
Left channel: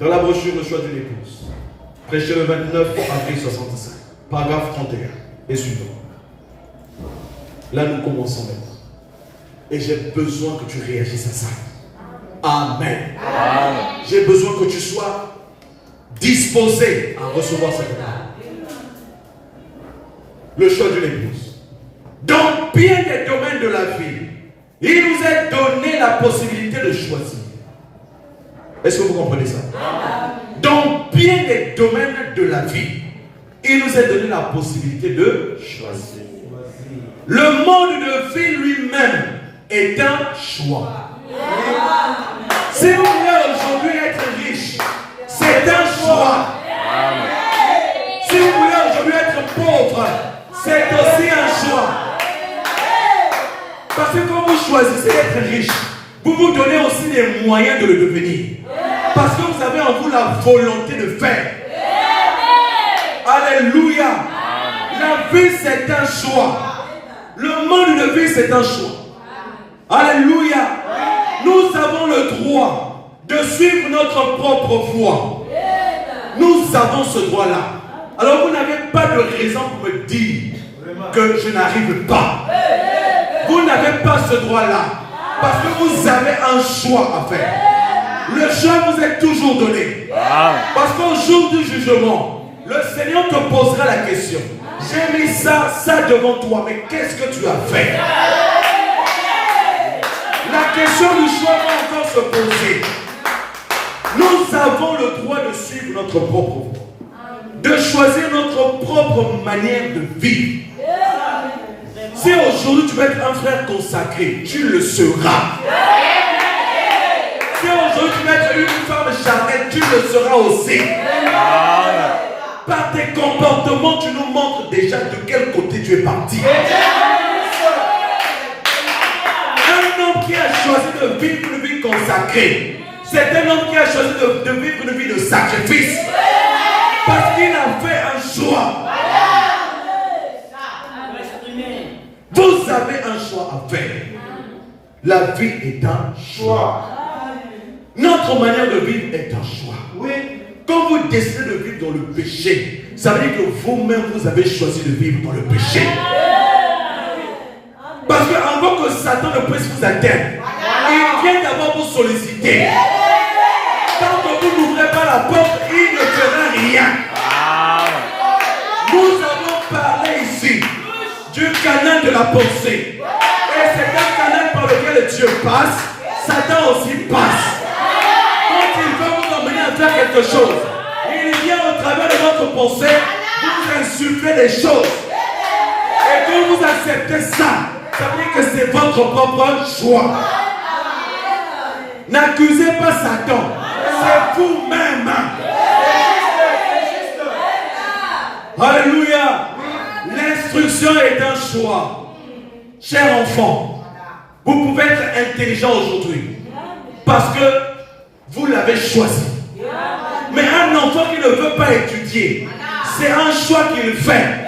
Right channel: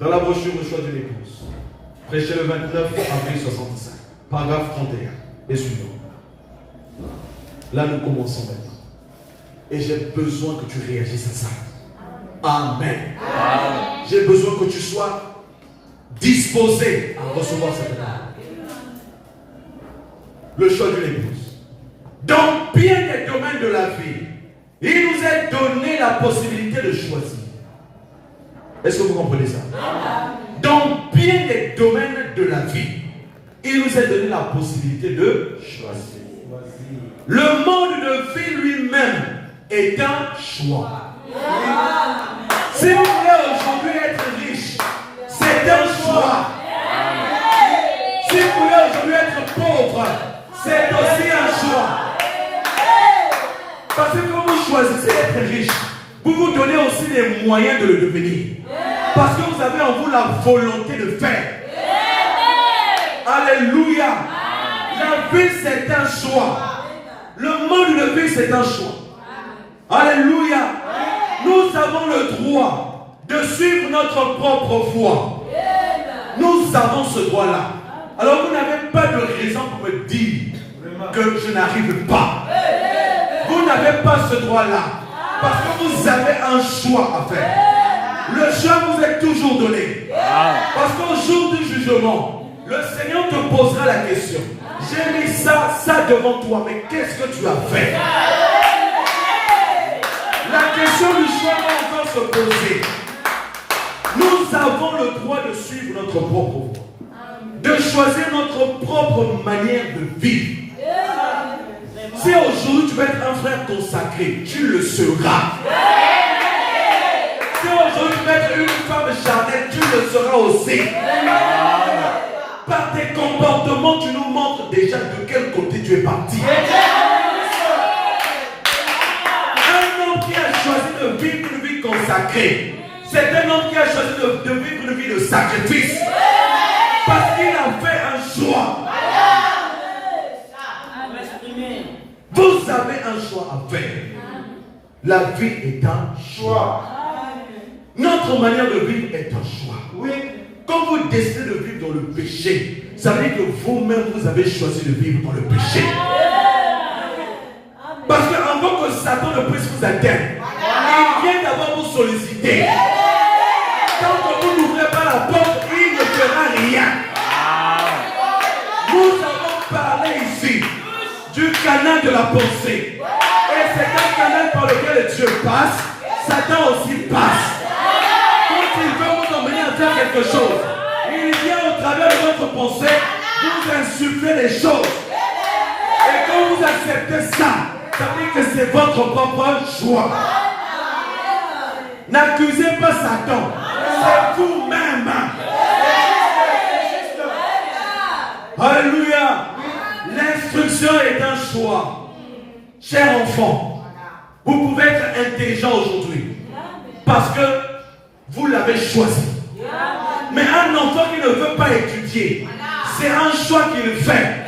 Dans la brochure Le choix d'une épouse, prêché le 29 avril 65, paragraphe 31 et suivant. Là, nous commençons maintenant. Et j'ai besoin que tu réagisses à ça. Amen. Amen. J'ai besoin que tu sois disposé à recevoir cette parole. Le choix d'une épouse. Dans bien des domaines de la vie, il nous est donné la possibilité de choisir. Est-ce que vous comprenez ça? Dans bien des domaines de la vie, il nous est donné la possibilité de choisir. Le mode de vie lui-même est un choix. Si vous voulez aujourd'hui être riche, c'est un choix. Si vous voulez aujourd'hui être pauvre, c'est aussi un choix. Parce que quand vous choisissez d'être riche, vous vous donnez aussi les moyens de le devenir. Parce que vous avez en vous la volonté de faire. Alléluia. La vie, c'est un choix. Le mode de vie, c'est un choix. Alléluia. Nous avons le droit de suivre notre propre voie. Nous avons ce droit-là. Alors vous n'avez pas de raison pour me dire que je n'arrive pas. Vous n'avez pas ce droit-là. Parce que vous avez un choix à faire. Le choix vous est toujours donné. Parce qu'au jour du jugement, le Seigneur te posera la question. J'ai mis ça devant toi, mais qu'est-ce que tu as fait? La question du choix va encore se poser. Nous avons le droit de suivre notre propre voie, de choisir notre propre manière de vivre. Si aujourd'hui tu veux être un frère consacré, tu le seras. Si aujourd'hui tu veux être une femme charnelle, tu le seras aussi. Par tes comportements, tu nous montres déjà de quel côté tu es parti. Un homme qui a choisi de vivre une vie consacrée, c'est un homme qui a choisi de vivre une vie de sacrifice. Parce qu'il a fait un choix. Vous avez un choix à faire. La vie est un choix. Notre manière de vivre est un choix. Oui. Quand vous décidez de vivre dans le péché, ça veut dire que vous-même vous avez choisi de vivre dans le péché. Parce qu'avant que Satan ne puisse vous atteindre, il vient d'abord vous solliciter. Tant que vous n'ouvrez pas la porte, il ne fera rien. Nous avons parlé ici du canal de la pensée. Et c'est un canal par lequel Dieu passe, Satan aussi passe. Quand il veut vous emmener à faire quelque chose, il vient au travers de votre pensée vous insuffler des choses. Et quand vous acceptez ça, ça veut dire que c'est votre propre choix. N'accusez pas Satan, c'est vous-même. Alléluia. L'instruction est un choix. Cher enfant, vous pouvez être intelligent aujourd'hui parce que vous l'avez choisi. Mais un enfant qui ne veut pas étudier, c'est un choix qu'il fait.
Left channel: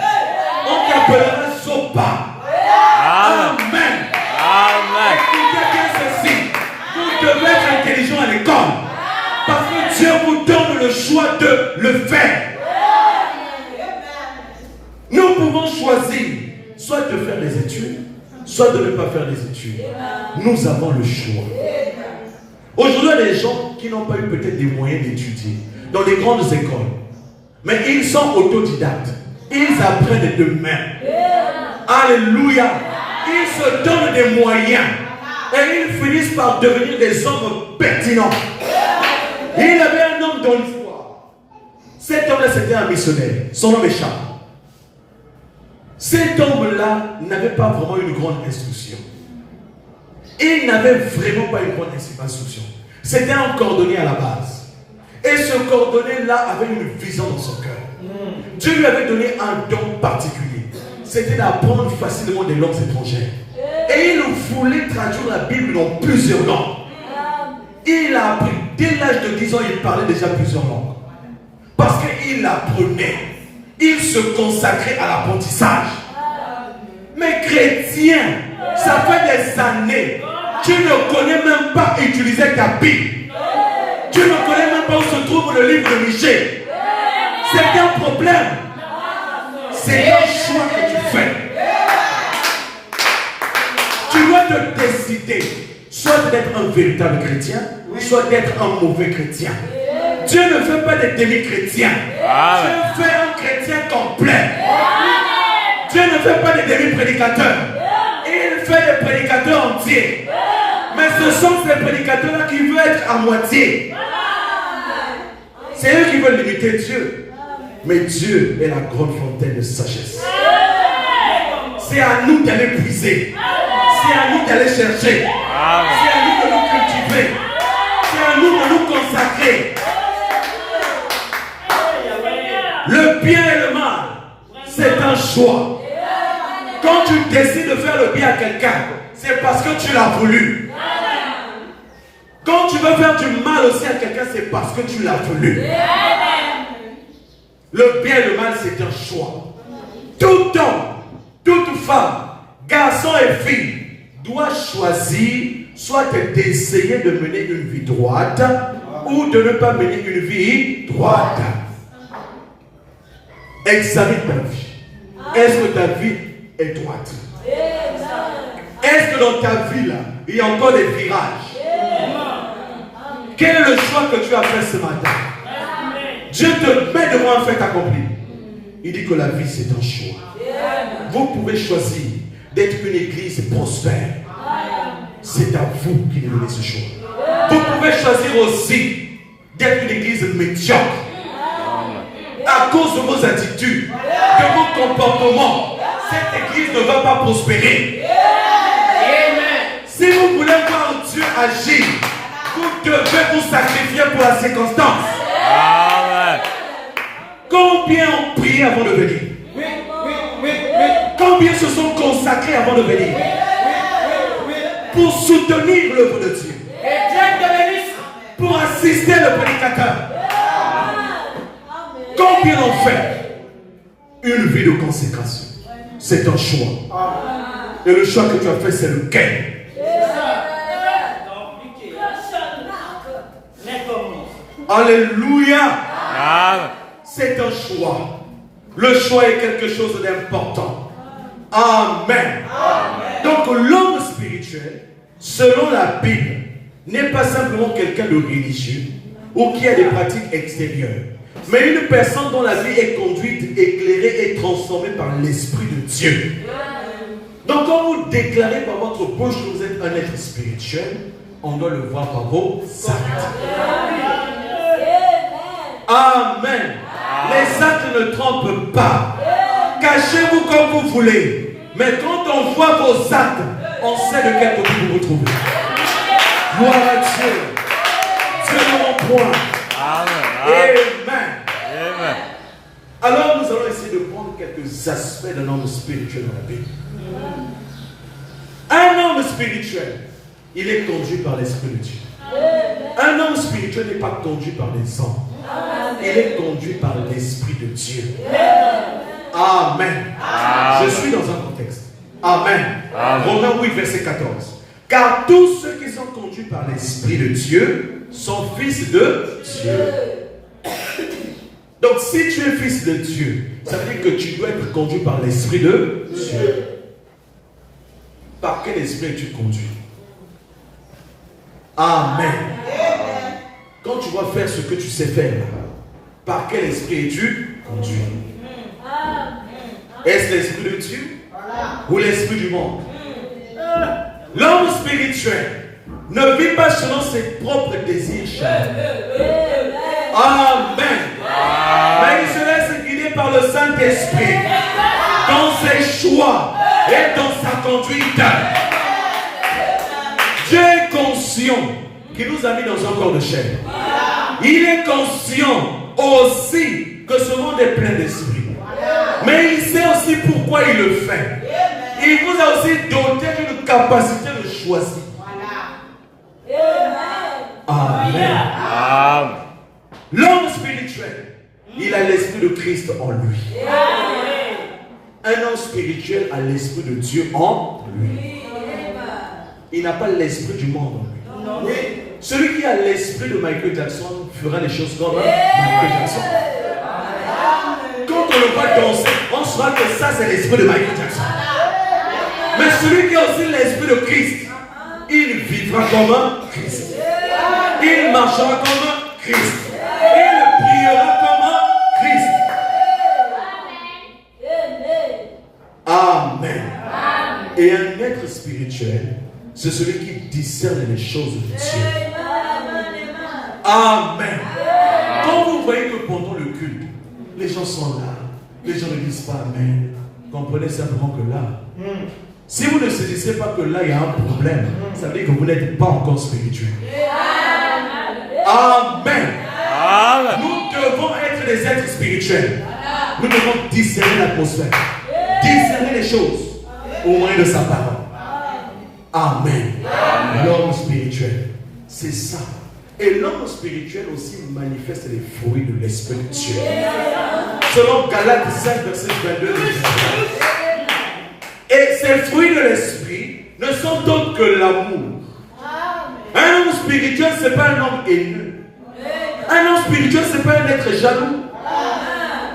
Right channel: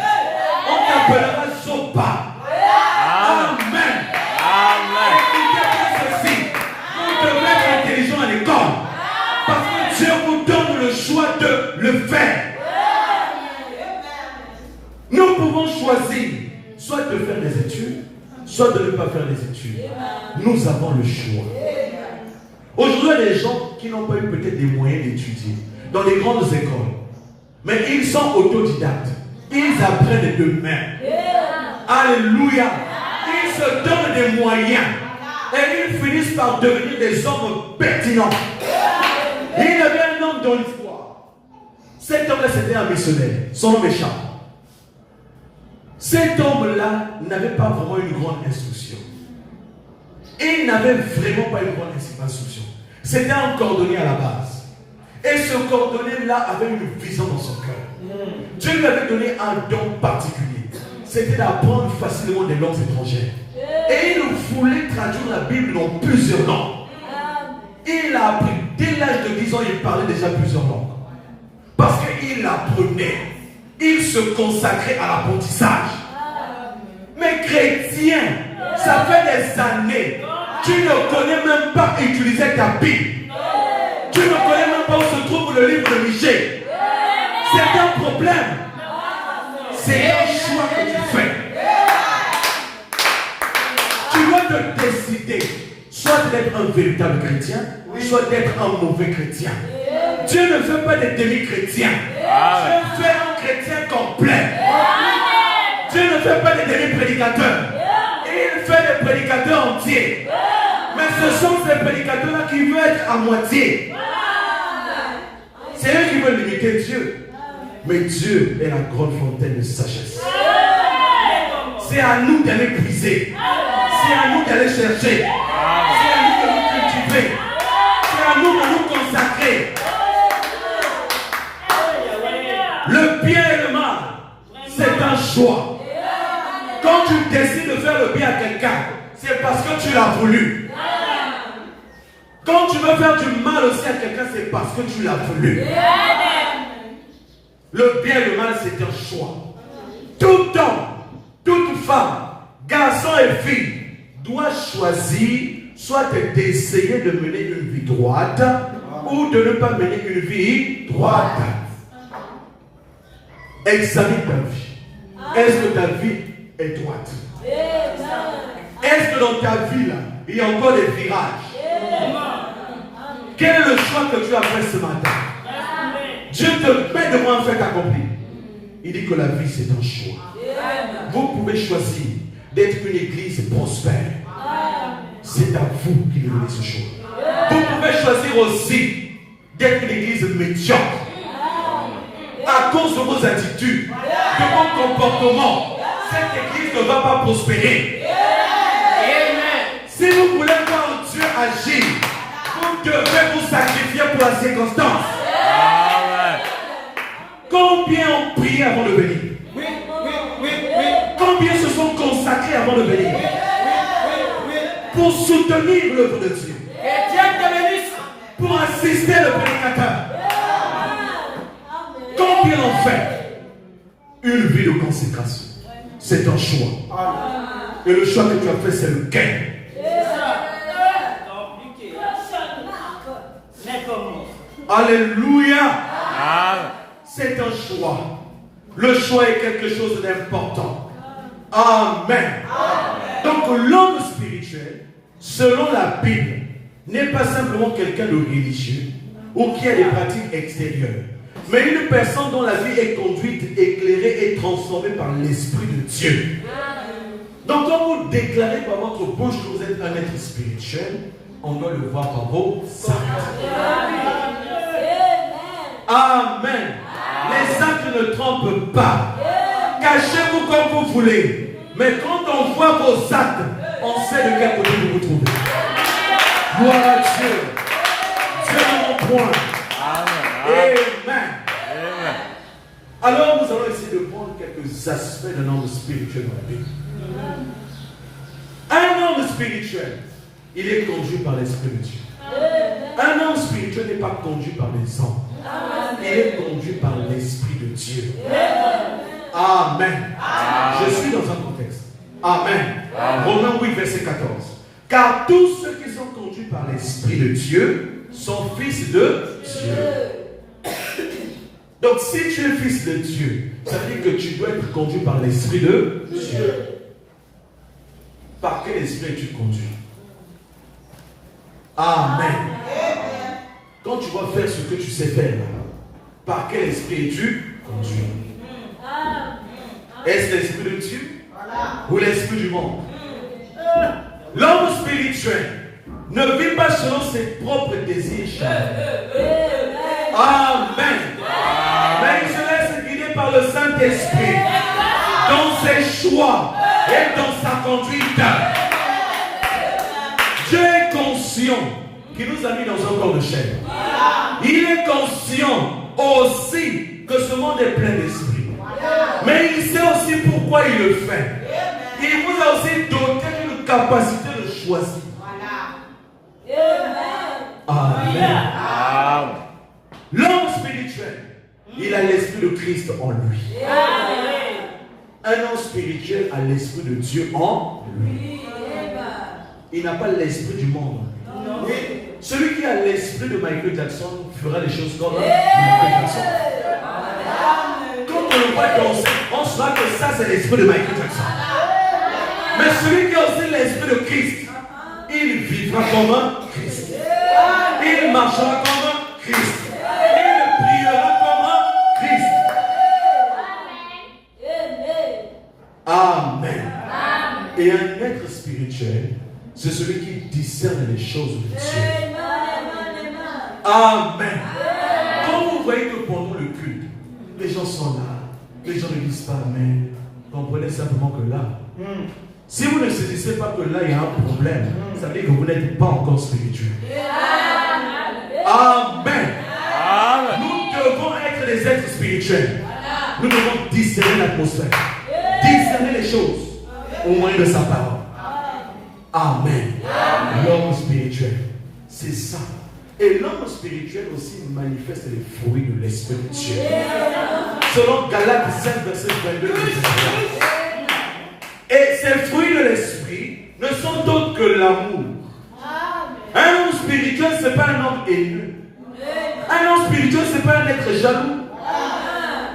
On t'appellera Sopa. Amen. Écoutez bien ceci. Vous devez être intelligent à l'école parce que Dieu vous donne le choix de le faire. Nous pouvons choisir soit de faire des études, soit de ne pas faire des études. Nous avons le choix. Aujourd'hui, il y a des gens qui n'ont pas eu peut-être des moyens d'étudier dans les grandes écoles. Mais ils sont autodidactes. Ils apprennent d'eux-mêmes. Alléluia. Ils se donnent des moyens. Et ils finissent par devenir des hommes pertinents. Il y avait un homme dans l'histoire. Cet homme-là, c'était un missionnaire. Son nom est Charles. Cet homme-là n'avait pas vraiment une grande instruction. Il n'avait vraiment pas une grande instruction. C'était un cordonnier à la base. Et ce cordonnier-là avait une vision dans son cœur. Dieu lui avait donné un don particulier. C'était d'apprendre facilement des langues étrangères. Et il voulait traduire la Bible dans plusieurs langues. Il a appris. Dès l'âge de 10 ans, il parlait déjà plusieurs langues. Parce qu'il apprenait. Il se consacrait à l'apprentissage. Mais chrétien, ça fait des années. Tu ne connais même pas utiliser ta Bible. Tu ne connais même pas où se trouve le livre de Michée. C'est un problème. C'est un choix que tu fais. Tu dois te décider, soit d'être un véritable chrétien, soit d'être un mauvais chrétien. Dieu ne fait pas des demi-chrétiens. Dieu fait un chrétien complet. Dieu ne fait pas des demi-prédicateurs. Il fait des prédicateurs entiers. Mais ce sont ces prédicateurs-là qui veulent être à moitié. C'est eux qui veulent limiter Dieu. Mais Dieu est la grande fontaine de sagesse. C'est à nous d'aller puiser. C'est à nous d'aller chercher. C'est à nous de nous cultiver. C'est à nous de nous consacrer. Le bien et le mal, c'est un choix. Quand tu décides de faire le bien à quelqu'un, c'est parce que tu l'as voulu. Quand tu veux faire du mal aussi à quelqu'un, c'est parce que tu l'as voulu. Le bien et le mal, c'est un choix. Tout homme, toute femme, garçon et fille doit choisir soit d'essayer de mener une vie droite ou de ne pas mener une vie droite. Examine ta vie. Est-ce que ta vie est droite? Est-ce que dans ta vie là, il y a encore des virages? Quel est le choix que tu as fait ce matin? Dieu te met devant un fait accompli. Il dit que la vie c'est un choix. Vous pouvez choisir d'être une église prospère. C'est à vous qui devez donner ce choix. Vous pouvez choisir aussi d'être une église médiocre. À cause de vos attitudes, de vos comportements, cette église ne va pas prospérer. Si vous voulez voir Dieu agir, vous devez vous sacrifier pour la circonstance. Combien ont prié avant de venir? Combien se sont consacrés avant de venir? Pour soutenir l'œuvre de Dieu. Pour assister le prédicateur. Combien ont fait une vie de consécration? C'est un choix. Et le choix que tu as fait, c'est lequel? Alléluia. C'est un choix. Le choix est quelque chose d'important. Amen. Donc l'homme spirituel selon la Bible, n'est pas simplement quelqu'un de religieux ou qui a des pratiques extérieures, mais une personne dont la vie est conduite, éclairée et transformée par l'Esprit de Dieu. Donc quand vous déclarez par votre bouche que vous êtes un être spirituel, on doit le voir par vos actes. Amen. Les actes ne trompent pas. Cachez-vous comme vous voulez. Mais quand on voit vos actes, on sait de quel côté vous vous trouvez. Gloire à Dieu. Dieu est mon point. Amen. Alors nous allons essayer de prendre quelques aspects d'un homme spirituel dans la Bible. Un homme spirituel, il est conduit par l'Esprit de Dieu. Un homme spirituel n'est pas conduit par les hommes. Il est conduit par l'Esprit de Dieu. Amen. Je suis dans un contexte. Amen. Romains 8, verset 14. Car tous ceux qui sont conduits par l'Esprit de Dieu sont fils de Dieu. Donc si tu es fils de Dieu, ça veut dire que tu dois être conduit par l'Esprit de Dieu. Par quel esprit es-tu conduit? Amen. Quand tu vas faire ce que tu sais faire, par quel esprit es-tu conduit? Est-ce l'esprit de Dieu ou l'esprit du monde? L'homme spirituel ne vit pas selon ses propres désirs charnels. Amen. Mais il se laisse guider par le Saint-Esprit dans ses choix et dans sa conduite. Dieu est conscient qu'il nous a mis dans un corps de chair. Il est conscient aussi que ce monde est plein d'esprit. Mais il sait aussi pourquoi il le fait. Il vous a aussi doté d'une capacité de choisir. Amen. L'homme spirituel, il a l'esprit de Christ en lui. Un homme spirituel a l'esprit de Dieu en lui. Il n'a pas l'esprit du monde en lui. Celui qui a l'esprit de Michael Jackson fera des choses comme Michael Jackson. Quand on le voit danser, on saura que ça c'est l'esprit de Michael Jackson. Mais celui qui a aussi l'esprit de Christ, il vivra comme un Christ. Il marchera comme un Christ. Il priera comme un Christ. Amen. Et un être spirituel, c'est celui qui discerne les choses de Dieu. Amen. Quand vous voyez que pendant le culte, les gens sont là, les gens ne disent pas Amen, comprenez simplement que là, si vous ne saisissez pas que là il y a un problème, ça veut dire que vous n'êtes pas encore spirituel. Amen. Nous devons être des êtres spirituels. Nous devons discerner l'atmosphère, discerner les choses au moyen de sa parole. Amen. L'homme spirituel, c'est ça. Et l'homme spirituel aussi manifeste les fruits de l'Esprit de Dieu. Selon Galates 5, verset 22. Et ces fruits de l'Esprit ne sont d'autres que l'amour. Un homme spirituel, ce n'est pas un homme haineux. Un homme spirituel, ce n'est pas un être jaloux.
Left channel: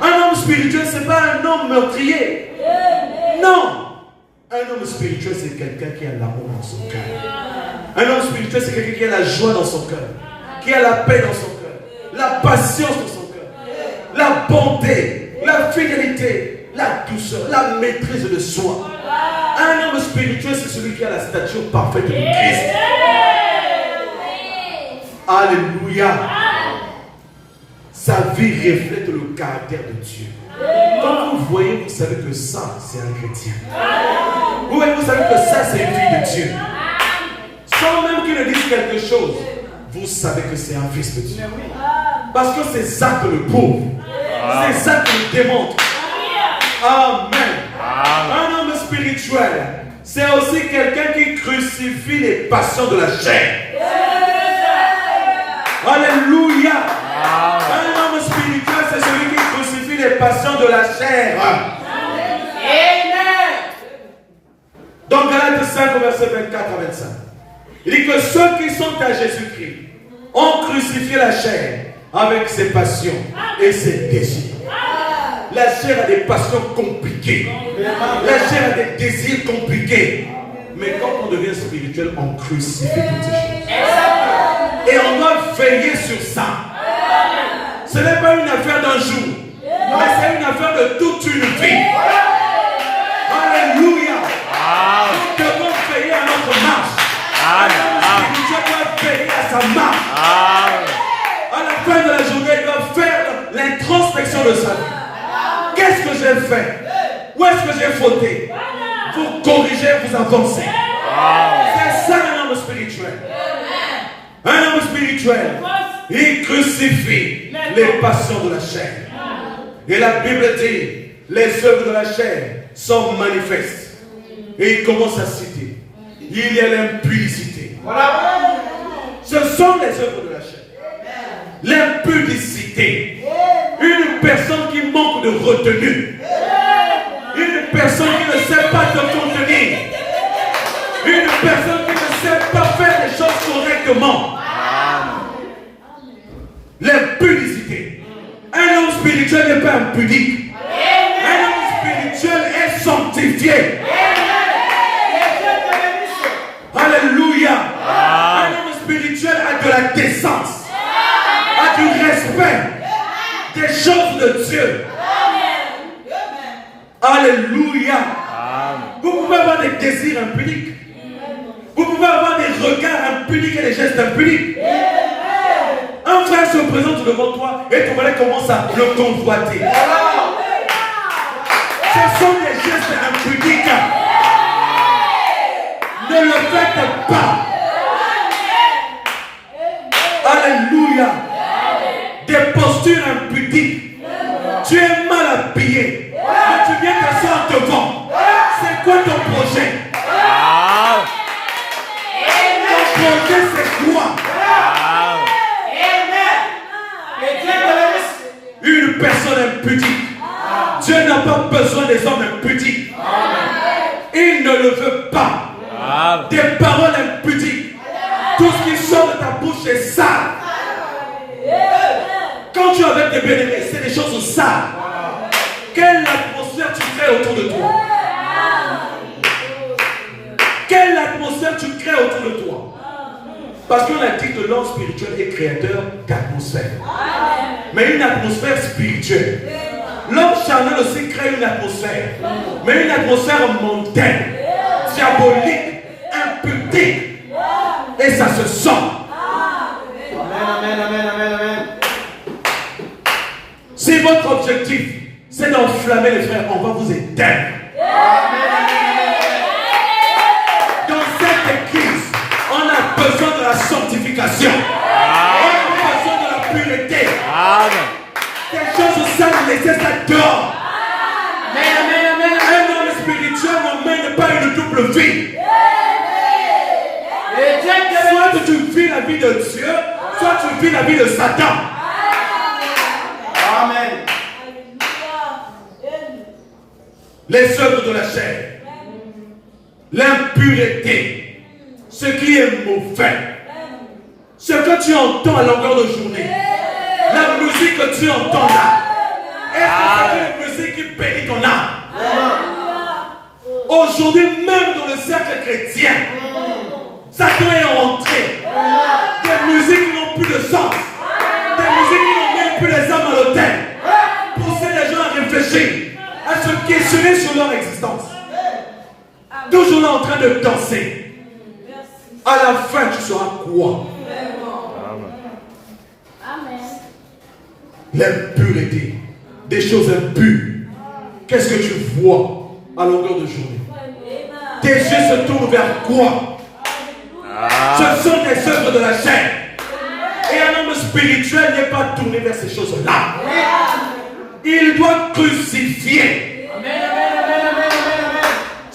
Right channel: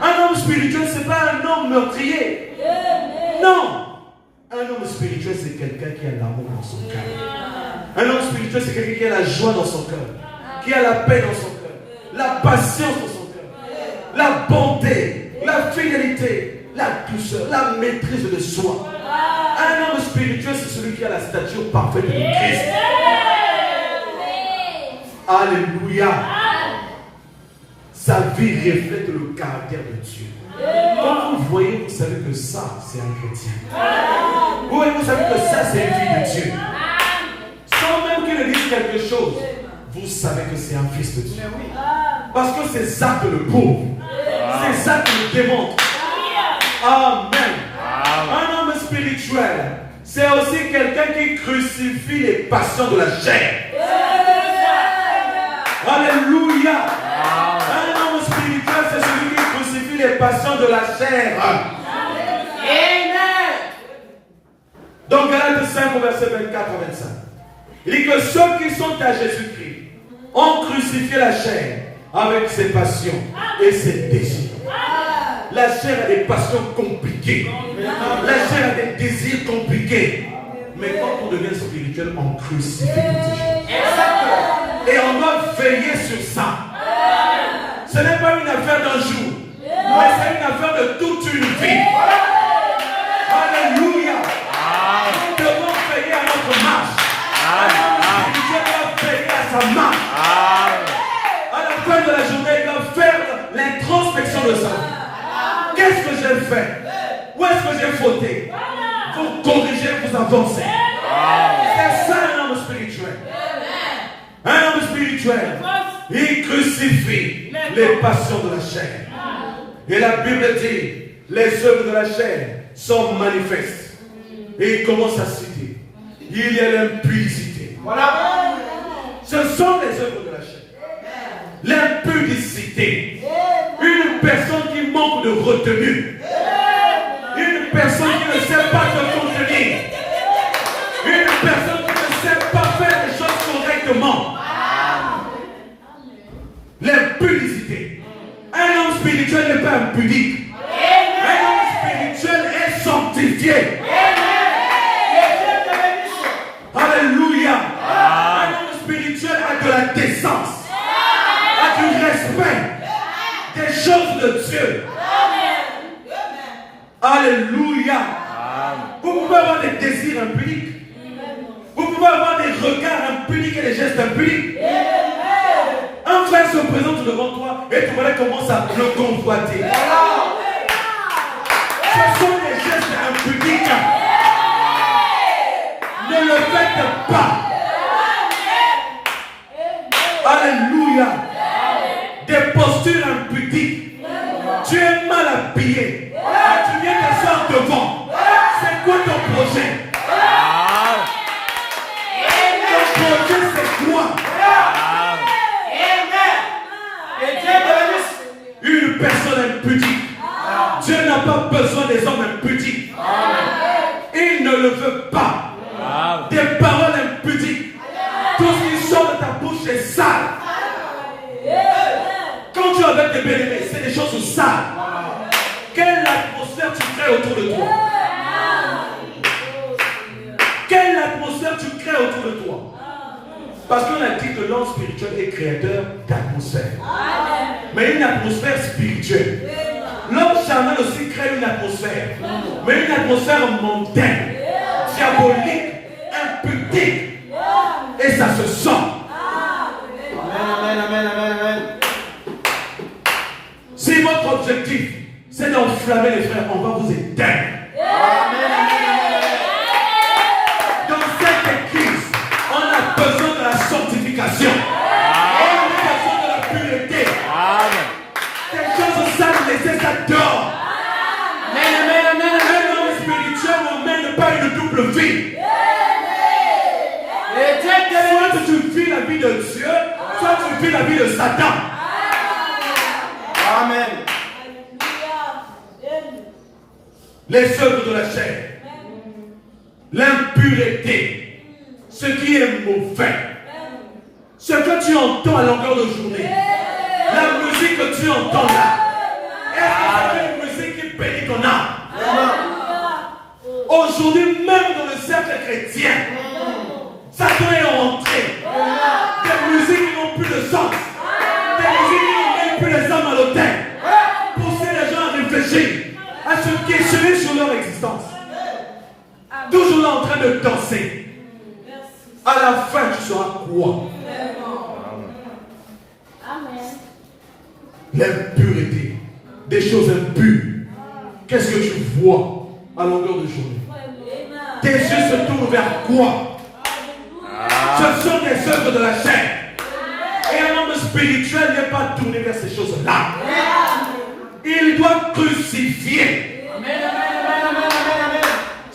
Un homme spirituel, ce n'est pas un homme meurtrier. Non. Un homme spirituel, c'est quelqu'un qui a l'amour dans son cœur. Un homme spirituel, c'est quelqu'un qui a la joie dans son cœur, qui a la paix dans son cœur, la patience dans son cœur, la bonté, la fidélité, la douceur, la maîtrise de soi. Un homme spirituel, c'est celui qui a la stature parfaite de Christ. Alléluia. Sa vie reflète le caractère de Dieu. Quand vous voyez, vous savez que ça, c'est un chrétien. Vous voyez, vous savez que ça, c'est une fille de Dieu. Sans même qu'il ne dise quelque chose, vous savez que c'est un fils de Dieu. Parce que c'est ça que le pauvre. C'est ça qui le démontre. Amen. Un homme spirituel, c'est aussi quelqu'un qui crucifie les passions de la chair. Alléluia. Un homme spirituel, c'est celui qui crucifie les passions de la chair. Amen. Donc, Galates 5, verset 24 à 25. Il dit que ceux qui sont à Jésus-Christ ont crucifié la chair avec ses passions et ses désirs. La chair a des passions compliquées. La chair a des désirs compliqués. Mais quand on devient spirituel, on crucifie toutes ces choses. Et on doit veiller sur ça. Ce n'est pas une affaire d'un jour, mais c'est une affaire de toute une vie. Alléluia. Nous devons veiller à notre marche. Dieu doit veiller à sa marche. À la fin de la journée, il doit faire l'introspection de sa vie. Qu'est-ce que j'ai fait? Où est-ce que j'ai fauté? Vous corrigez, vous avancez. C'est ça un homme spirituel. Un homme spirituel, il crucifie les passions de la chair. Et la Bible dit, les œuvres de la chair sont manifestes. Et il commence à citer. Il y a l'impudicité. Ce sont les œuvres de la chair. L'impudicité. Une personne qui manque de retenue. Une personne qui ne sait pas se contenir. Une personne qui ne sait pas faire les choses correctement. L'impudicité. Un homme spirituel n'est pas impudique. Un homme spirituel est sanctifié. Alléluia. Un homme spirituel a de la décence, a du respect des choses de Dieu. Alléluia. Vous pouvez avoir des désirs impudiques. Vous pouvez avoir des regards impudiques et des gestes impudiques. Un frère se présente devant toi et ton collègue commence à le convoiter. Ce sont des gestes impudiques. Ne le faites pas. Alléluia. Des postures impudiques. Tu es mal habillé. Mais tu viens t'asseoir devant. C'est quoi ton projet? Ton projet c'est quoi? Une personne impudique. Dieu n'a pas besoin des hommes impudiques. Il ne le veut pas. Des paroles impudiques. Tout ce qui sort de ta bouche est sale. Quand tu es avec des bénéfices, c'est des choses sales. Quelle atmosphère tu crées autour de toi? Quelle atmosphère tu crées autour de toi? Parce qu'on a dit que l'homme spirituel est créateur d'atmosphère. Mais une atmosphère spirituelle. L'homme charnel aussi crée une atmosphère. Mais une atmosphère mondaine, diabolique, impudique. Et ça se sent. Amen, amen, amen, amen. Si votre objectif, c'est d'enflammer les frères, on va vous éteindre. Dans cette église, on a besoin de la sanctification. On a besoin de la pureté. Des choses sales, laissez ça dehors. Un homme spirituel n'emmène pas une double vie. Soit tu vis la vie de Dieu, soit tu vis la vie de Satan. Amen. Les œuvres de la chair, l'impureté, ce qui est mauvais, ce que tu entends à longueur de journée, la musique que tu entends là, est-ce que c'est une musique qui bénit ton âme? Aujourd'hui, même dans le cercle chrétien, Satan est rentré. Des musiques qui n'ont plus de sens, des musiques qui n'emmènent plus les âmes à l'autel, pousser les gens à réfléchir, à se questionner sur leur existence. Toujours là en train de danser. À la fin, tu sauras quoi? L'impureté, des choses impures. Qu'est-ce que tu vois à longueur de journée? Tes yeux se tournent vers quoi? Ce sont des œuvres de la chair. Et un homme spirituel n'est pas tourné vers ces choses-là. Il doit crucifier.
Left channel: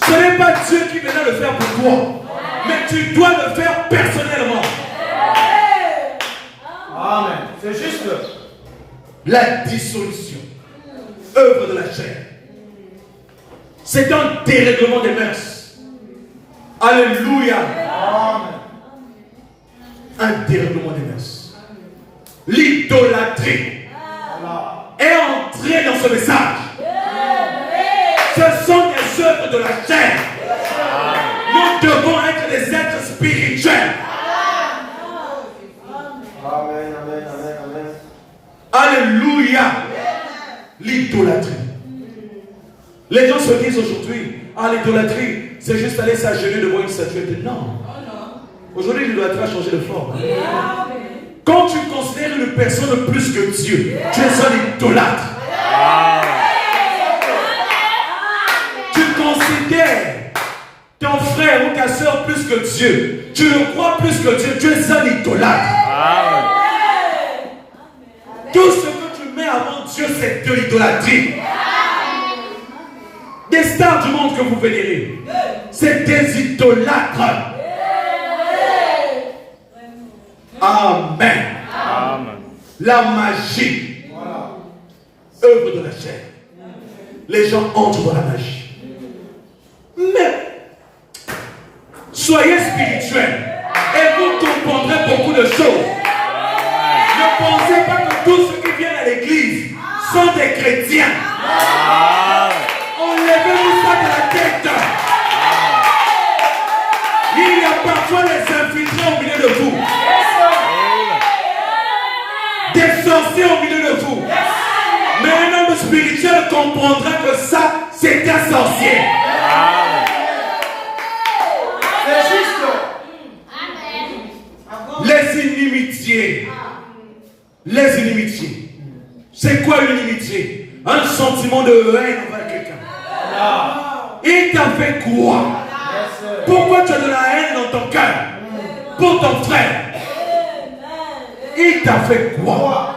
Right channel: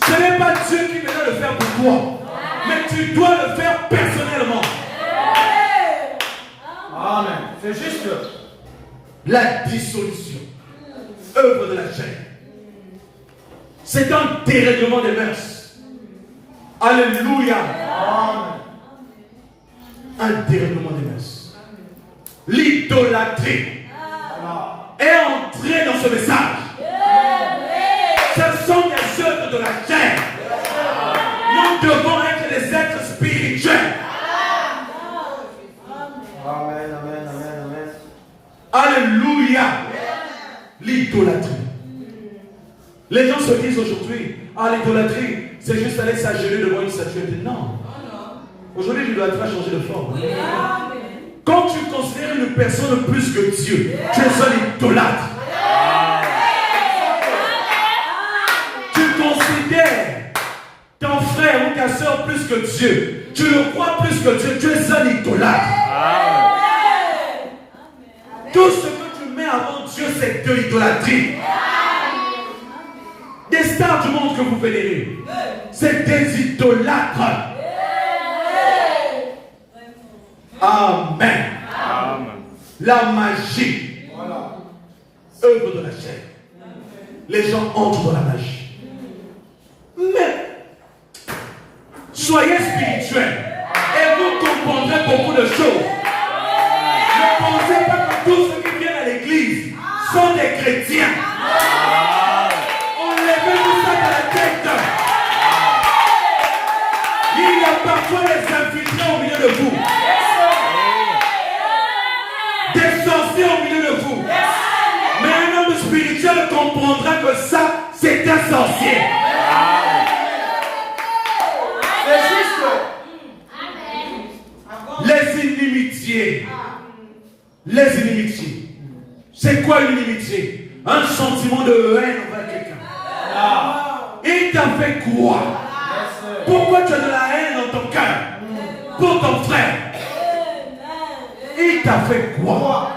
Ce n'est pas Dieu qui viendra le faire pour toi, mais tu dois le faire personnellement. Amen. C'est juste. La dissolution, œuvre de la chair, c'est un dérèglement des mœurs. Alléluia. Un dérèglement des mœurs. L'idolâtrie est entrée dans ce message. Ce sont des œuvres de la chair. Ne devons être des êtres spirituels. Amen, amen, amen, amen. Alléluia. L'idolâtrie. Les gens se disent aujourd'hui, ah, l'idolâtrie, c'est juste aller s'agenouiller devant une statuette. Non. Aujourd'hui, l'idolâtrie a changé de forme. Quand tu considères une personne plus que Dieu, tu es un idolâtre. Tu considères ton frère ou ta soeur plus que Dieu, tu le crois plus que Dieu, tu es un idolâtre. Tout ce que tu mets avant Dieu, c'est de l'idolâtrie. Des stars du monde que vous vénérez, c'est des idolâtres. Amen. Amen. La magie, œuvre de la chair. Les gens entrent dans la magie. Mais soyez spirituels et vous comprendrez beaucoup de choses. Ne pensez pas que tous ceux qui viennent à l'église sont des chrétiens. Enlevez-vous ça de la tête. Il y a parfois les infiltrés au milieu de vous. Des sorciers au milieu de vous. Mais un homme spirituel comprendra que ça, c'est un sorcier. C'est juste. Les inimitiés. Les inimitiés. C'est quoi une inimitié? Un sentiment de haine envers quelqu'un. Il t'a fait quoi? Pourquoi tu as de la haine dans ton cœur pour ton frère? Il t'a fait quoi?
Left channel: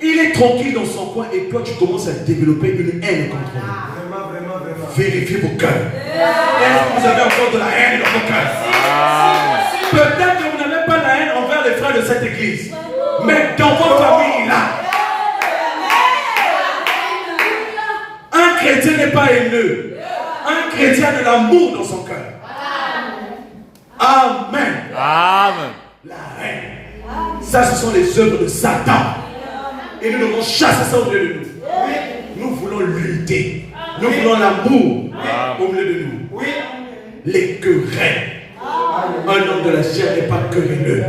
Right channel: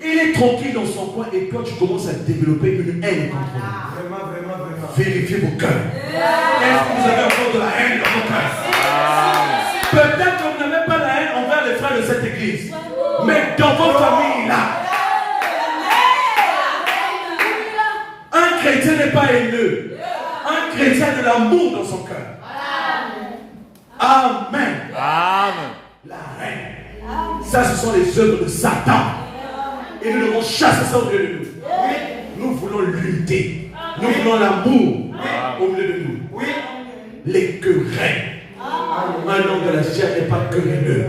Il est tranquille dans son coin et toi tu commences à développer une haine contre lui. Vraiment, vraiment, vraiment. Vérifiez vos cœurs. Est-ce que vous avez encore de la haine dans vos cœurs? Peut-être que vous n'avez pas la haine envers les frères de cette église, mais dans votre famille là. Un chrétien n'est pas haineux. Un chrétien a de l'amour dans son cœur. Amen. Amen. La haine. Ça, ce sont les œuvres de Satan. Et nous devons chasser ça au milieu de nous. Nous voulons l'unité. Nous voulons l'amour au milieu de nous. Les querelles. Un homme de la chair n'est pas querelleux.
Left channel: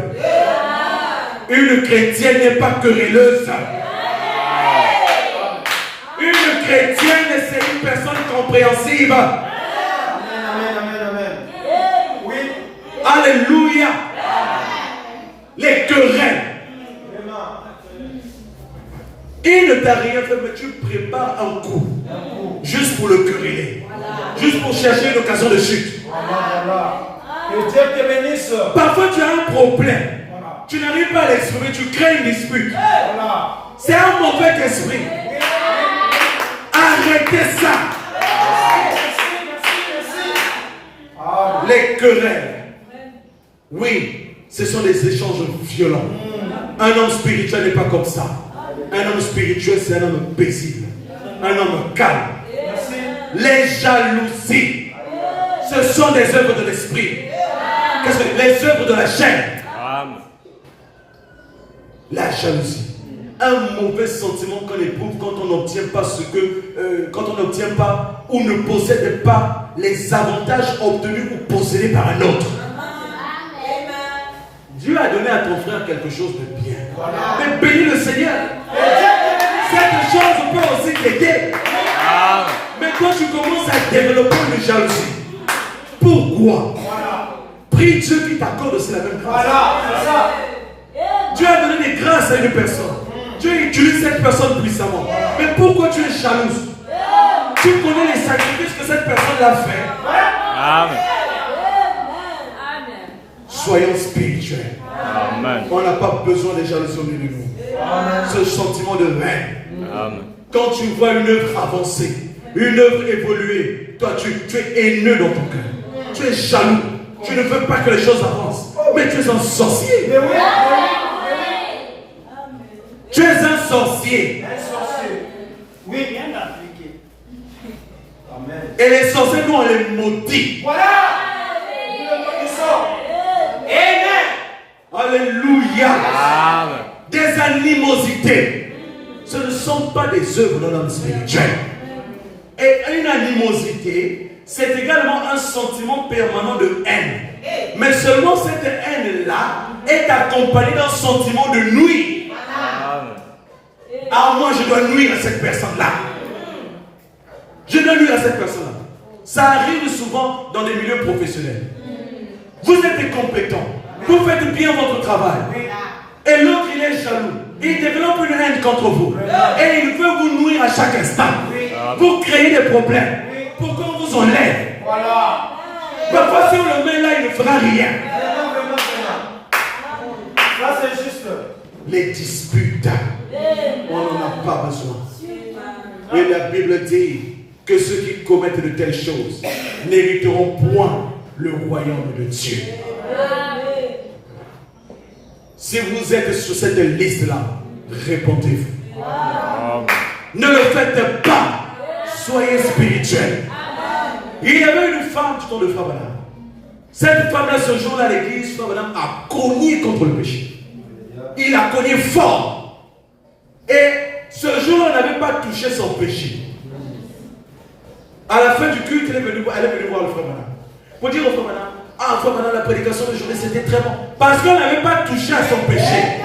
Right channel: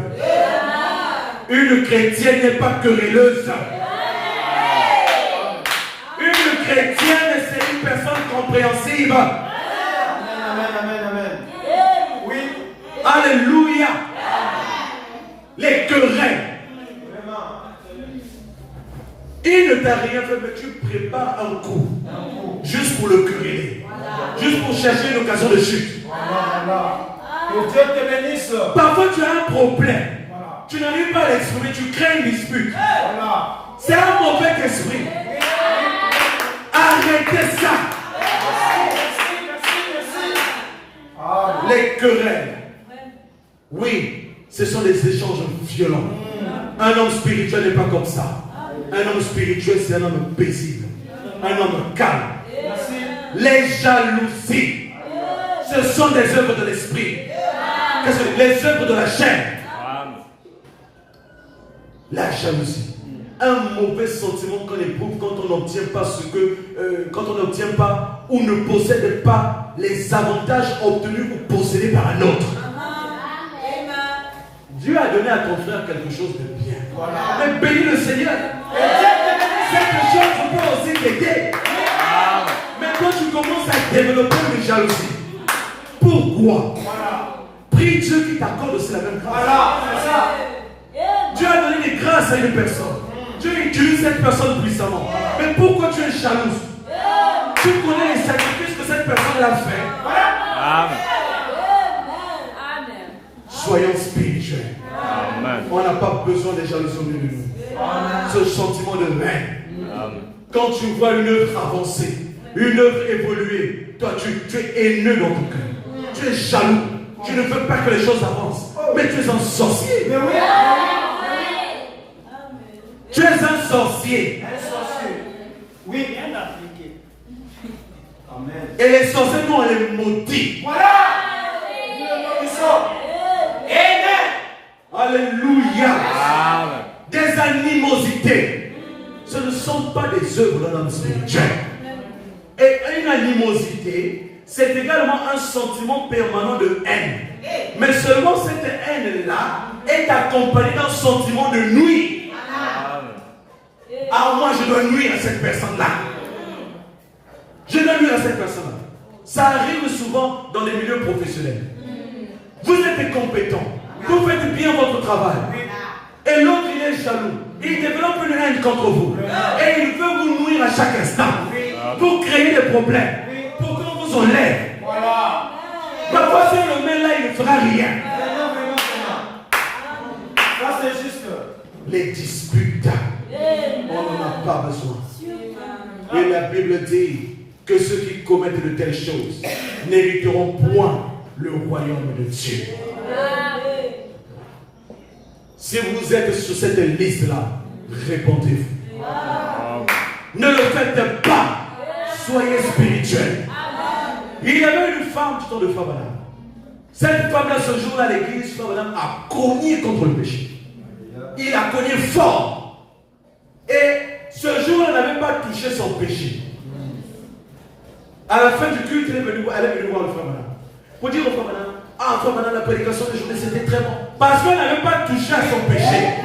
Une chrétienne n'est pas querelleuse. Une chrétienne, c'est une personne compréhensive. Amen, amen, amen. Oui. Alléluia. Les querelles. Vraiment. Il ne t'a rien fait, mais tu prépares un coup. Juste pour le quereller. Juste pour chercher une occasion de chute. Voilà. Que Dieu te bénisse. Parfois tu as un problème. Voilà. Tu n'arrives pas à l'exprimer, tu crées une dispute. Voilà. C'est un mauvais esprit. Arrêtez ça. Les querelles. Oui, ce sont des échanges violents. Un homme spirituel n'est pas comme ça. Un homme spirituel, c'est un homme paisible. Un homme calme. Les jalousies, ce sont des œuvres de l'esprit. Qu'est-ce que les œuvres de la chair? La jalousie. Un mauvais sentiment qu'on éprouve quand on n'obtient pas quand on n'obtient pas ou ne possède pas les avantages obtenus ou possédés par un autre. Dieu a donné à ton frère quelque chose de bien. Mais bénis le Seigneur. Cette chose peut aussi t'aider. Mais quand tu commences à développer une jalousie, pourquoi? Prie Dieu qui t'accorde aussi la même grâce. Dieu a donné des grâces à une personne. Dieu utilise cette personne puissamment. Mais pourquoi tu es jalouse? Tu connais les sacrifices que cette personne a fait. Amen. Soyons spirituels. Amen. On n'a pas besoin de jalousie au milieu de nous. Ce sentiment de haine. Quand tu vois une œuvre avancer, une œuvre évoluer, toi tu es haineux dans ton cœur. Tu es jaloux. Tu ne veux pas que les choses avancent. Mais tu es un sorcier. Tu es un sorcier. Oui, bien appliqué. Amen. Et les sorciers, nous on les maudit. Voilà. Nous le maudissons. Amen. Alléluia. Amen. Des animosités. Ce ne sont pas des œuvres d'un homme spirituel. Et une animosité c'est également un sentiment permanent de haine. Mais seulement cette haine-là est accompagnée d'un sentiment de nuire. Ah, moi je dois nuire à cette personne-là. Je dois nuire à cette personne-là. Ça arrive souvent dans des milieux professionnels. Vous êtes compétent. Vous faites bien votre travail. Et l'autre, il est jaloux. Il développe une haine contre vous. Et il veut vous nuire à chaque instant. Vous créez des problèmes. Pour qu'on vous enlève. Parfois, si on le met là, il ne fera rien. Ça, c'est juste. Les disputes, on n'en a pas besoin. Et la Bible dit que ceux qui commettent de telles choses n'hériteront point le royaume de Dieu. Si vous êtes sur cette liste-là, répondez-vous. Ne le faites pas. Soyez spirituel. Il y avait une femme du temps de Frère Branham. Cette femme-là, ce jour-là, l'église, Frère Branham a cogné contre le péché. Il a cogné fort. Et ce jour-là, elle n'avait pas touché son péché. À la fin du culte, elle est venue voir le Frère Branham. Pour dire au Frère Branham, ah, Frère Branham, la prédication de journée, c'était très bon. Parce qu'elle n'avait pas touché à son péché.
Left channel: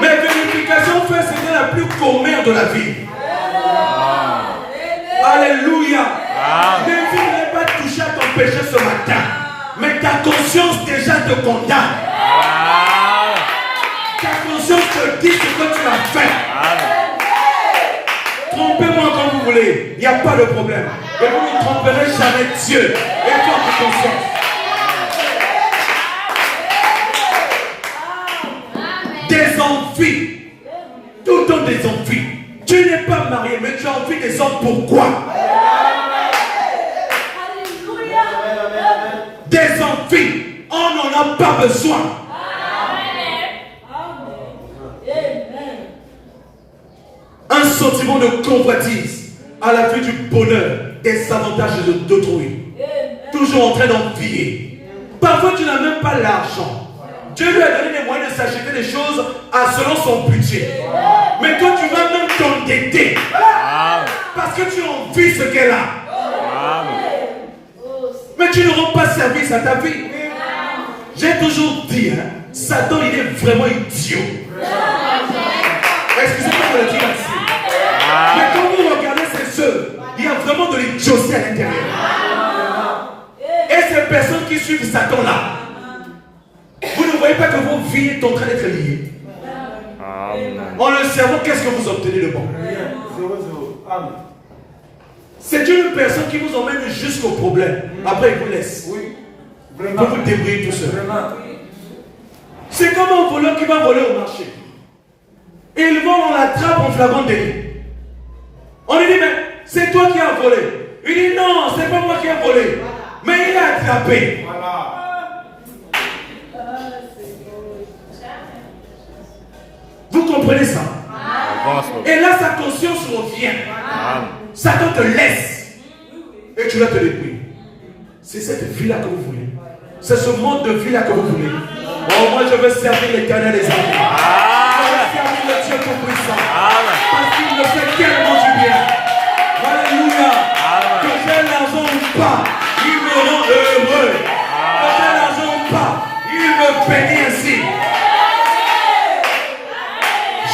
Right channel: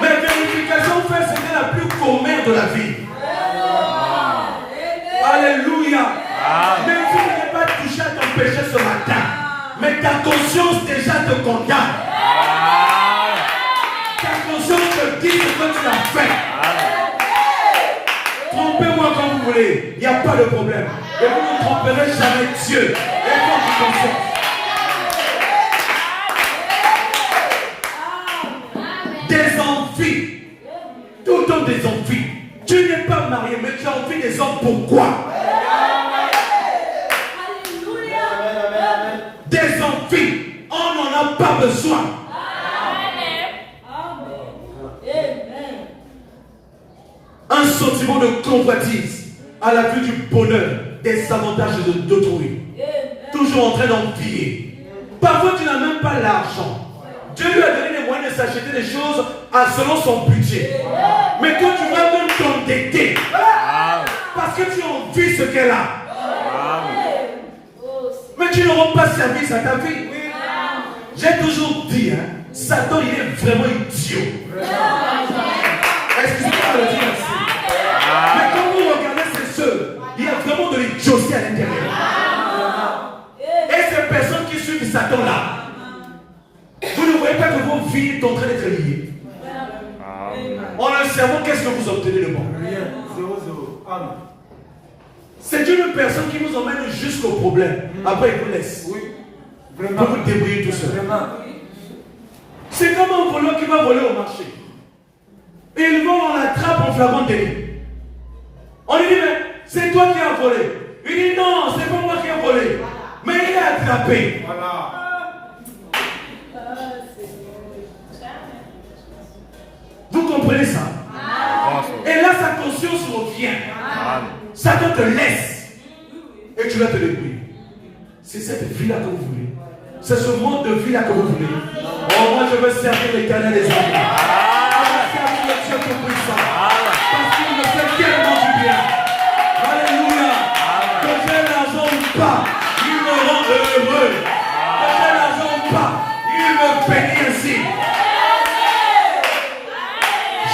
Mais vérification fait, c'était la plus commère de la vie. Alléluia. Même si tu n'avais pas touché à ton péché ce matin, mais ta conscience déjà te condamne. Ta conscience te dit ce que tu as fait. Trompez-moi quand vous voulez, il n'y a pas de problème. Et vous ne tromperez jamais Dieu et votre conscience. Des envies, tout le temps des envies. Tu n'es pas marié, mais tu as envie des hommes. Pourquoi? Des envies, on n'en a pas besoin. Un sentiment de convoitise à la vue du bonheur, des avantages d'autrui. Toujours en train d'envier. Parfois tu n'as même pas l'argent. Dieu lui a donné les moyens de s'acheter des choses selon son budget. Mais toi tu vas même t'endetter. Parce que tu envies ce qu'elle a. Mais tu ne rends pas service à ta vie. J'ai toujours dit, Satan il est vraiment idiot. Excusez-moi de le dire ainsi. Mais quand vous regardez ces œuvres, il y a vraiment de l'idiotie à l'intérieur. Et ces personnes qui suivent Satan là, vous ne voyez pas que vos vies sont en train d'être liées. En le servant, qu'est-ce que vous obtenez de bon? C'est une personne qui vous emmène jusqu'au problème. Après, il vous laisse. Pour vous débrouiller tout seul. C'est comme un voleur qui va voler au marché. Et il va, on l'attrape en flagrant délit. On lui dit, mais c'est toi qui as volé. Il dit, non, c'est pas moi qui ai volé. Mais il a attrapé. Vous comprenez ça? Et là, sa conscience revient. Satan te laisse. Et tu vas te débrouiller. C'est cette vie-là que vous voulez. C'est ce mode de vie-là que vous voulez. Oh, moi, je veux servir l'Éternel des amis. Je veux servir le Dieu tout-puissant. Parce qu'il me fait tellement du bien. Alléluia. Que j'ai l'argent ou pas, il me rend heureux. Que j'ai l'argent ou pas, il me bénit ainsi.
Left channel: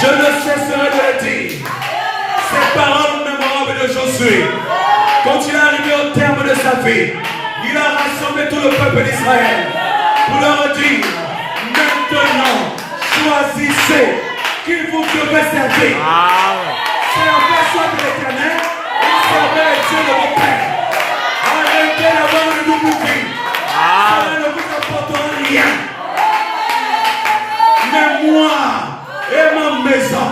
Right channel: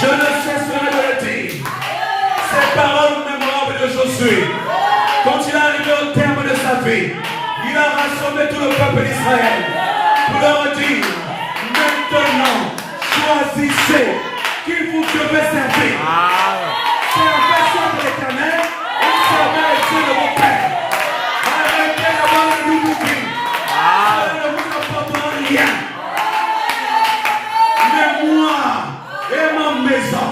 Je ne cesserai de le dire. Ces paroles mémorables de Josué, quand il est arrivé au terme de sa vie, il a rassemblé tout le peuple d'Israël pour leur dire, maintenant, choisissez qui vous devez servir. C'est la personne de l'Éternel, et servez Dieu de vos pères. Arrêtez d'avoir une nouveau vie. Ça ne vous apportera rien. Mais moi et ma maison,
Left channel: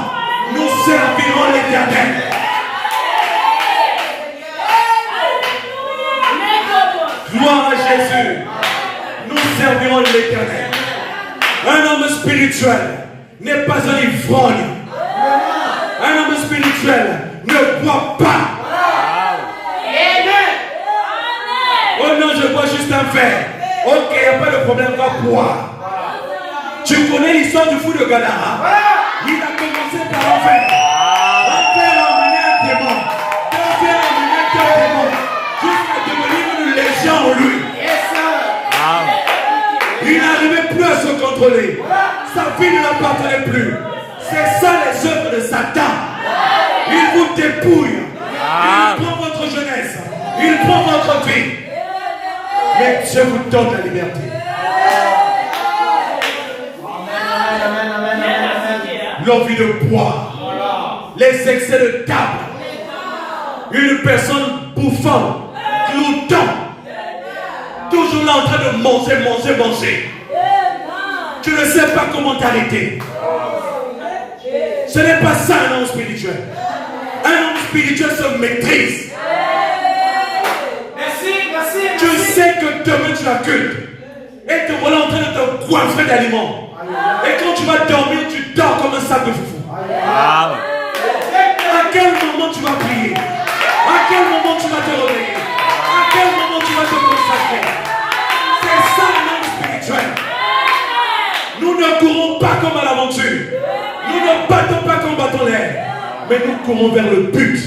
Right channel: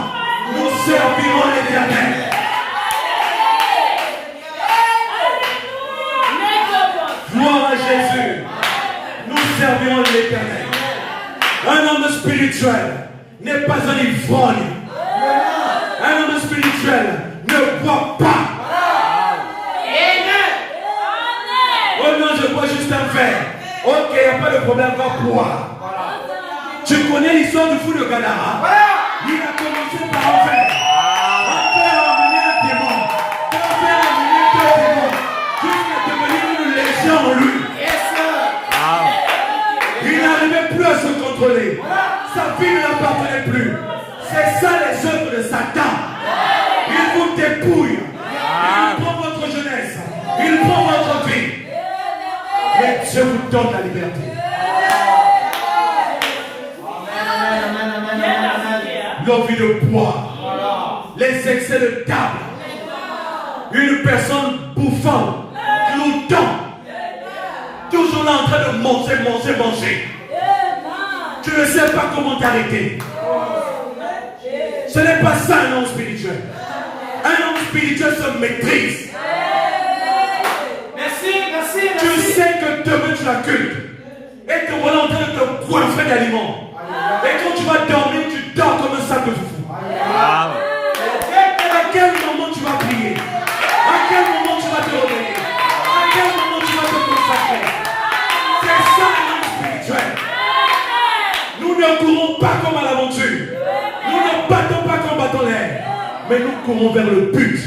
nous servirons l'Éternel. Gloire à Jésus. Nous servirons l'Éternel. Un homme spirituel n'est pas un ivrogne. Un homme spirituel ne boit pas. Oh non, je bois juste un verre. Ok, il n'y a pas de problème, va boire. Tu connais l'histoire du fou de Gadara? Il a commencé par un verre. Un verre a amené un démon. Un verre a amené deux démons. t'appartenez plus. C'est ça les œuvres de Satan. Il vous dépouille. Il prend votre jeunesse. Il prend votre vie. Mais Dieu vous donne la liberté. L'envie de boire, les excès de table, une personne bouffante, glouton, toujours là en train de manger. Tu ne sais pas comment t'arrêter. Ce n'est pas ça un homme spirituel. Un homme spirituel se maîtrise. Merci. Tu sais que demain tu as culte et te voilà en train de te coiffer d'aliments. Et quand tu vas dormir, tu dors comme un sac de foufou. À quel moment tu vas prier? À quel moment tu vas te réveiller? À quel moment tu vas te consacrer? C'est ça un homme spirituel. Nous ne courons pas comme à l'aventure. Nous ne battons pas comme battons l'air. Mais nous courons vers le but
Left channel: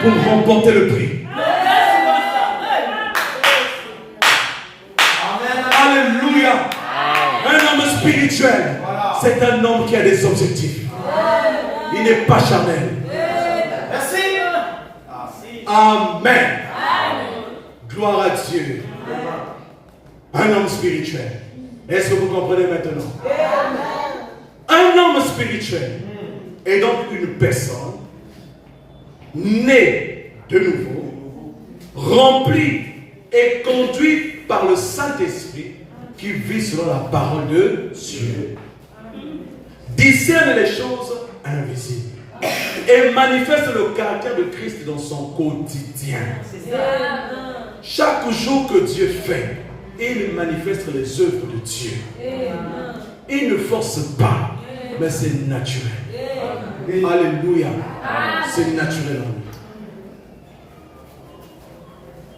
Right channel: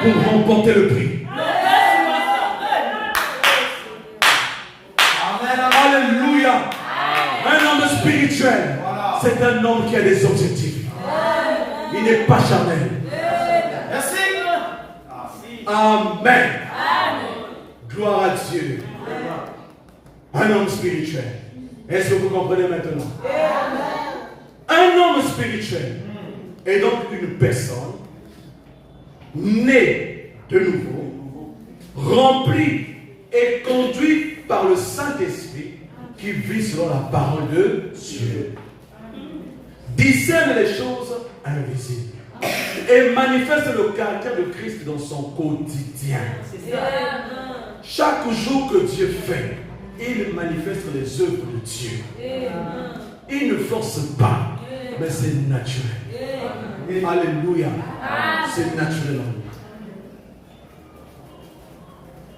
pour remporter le prix. Alléluia. Un homme spirituel, c'est un homme qui a des objectifs. Il n'est pas charnel. Merci. Amen. Gloire à Dieu. Un homme spirituel. Est-ce que vous comprenez maintenant? Un homme spirituel est donc une personne née de nouveau, remplie et conduite par le Saint-Esprit qui vit selon la parole de Dieu, discerne les choses invisibles et manifeste le caractère de Christ dans son quotidien. Chaque jour que Dieu fait, il manifeste les œuvres de Dieu. Il ne force pas, mais c'est naturel. Alléluia. C'est naturel en lui.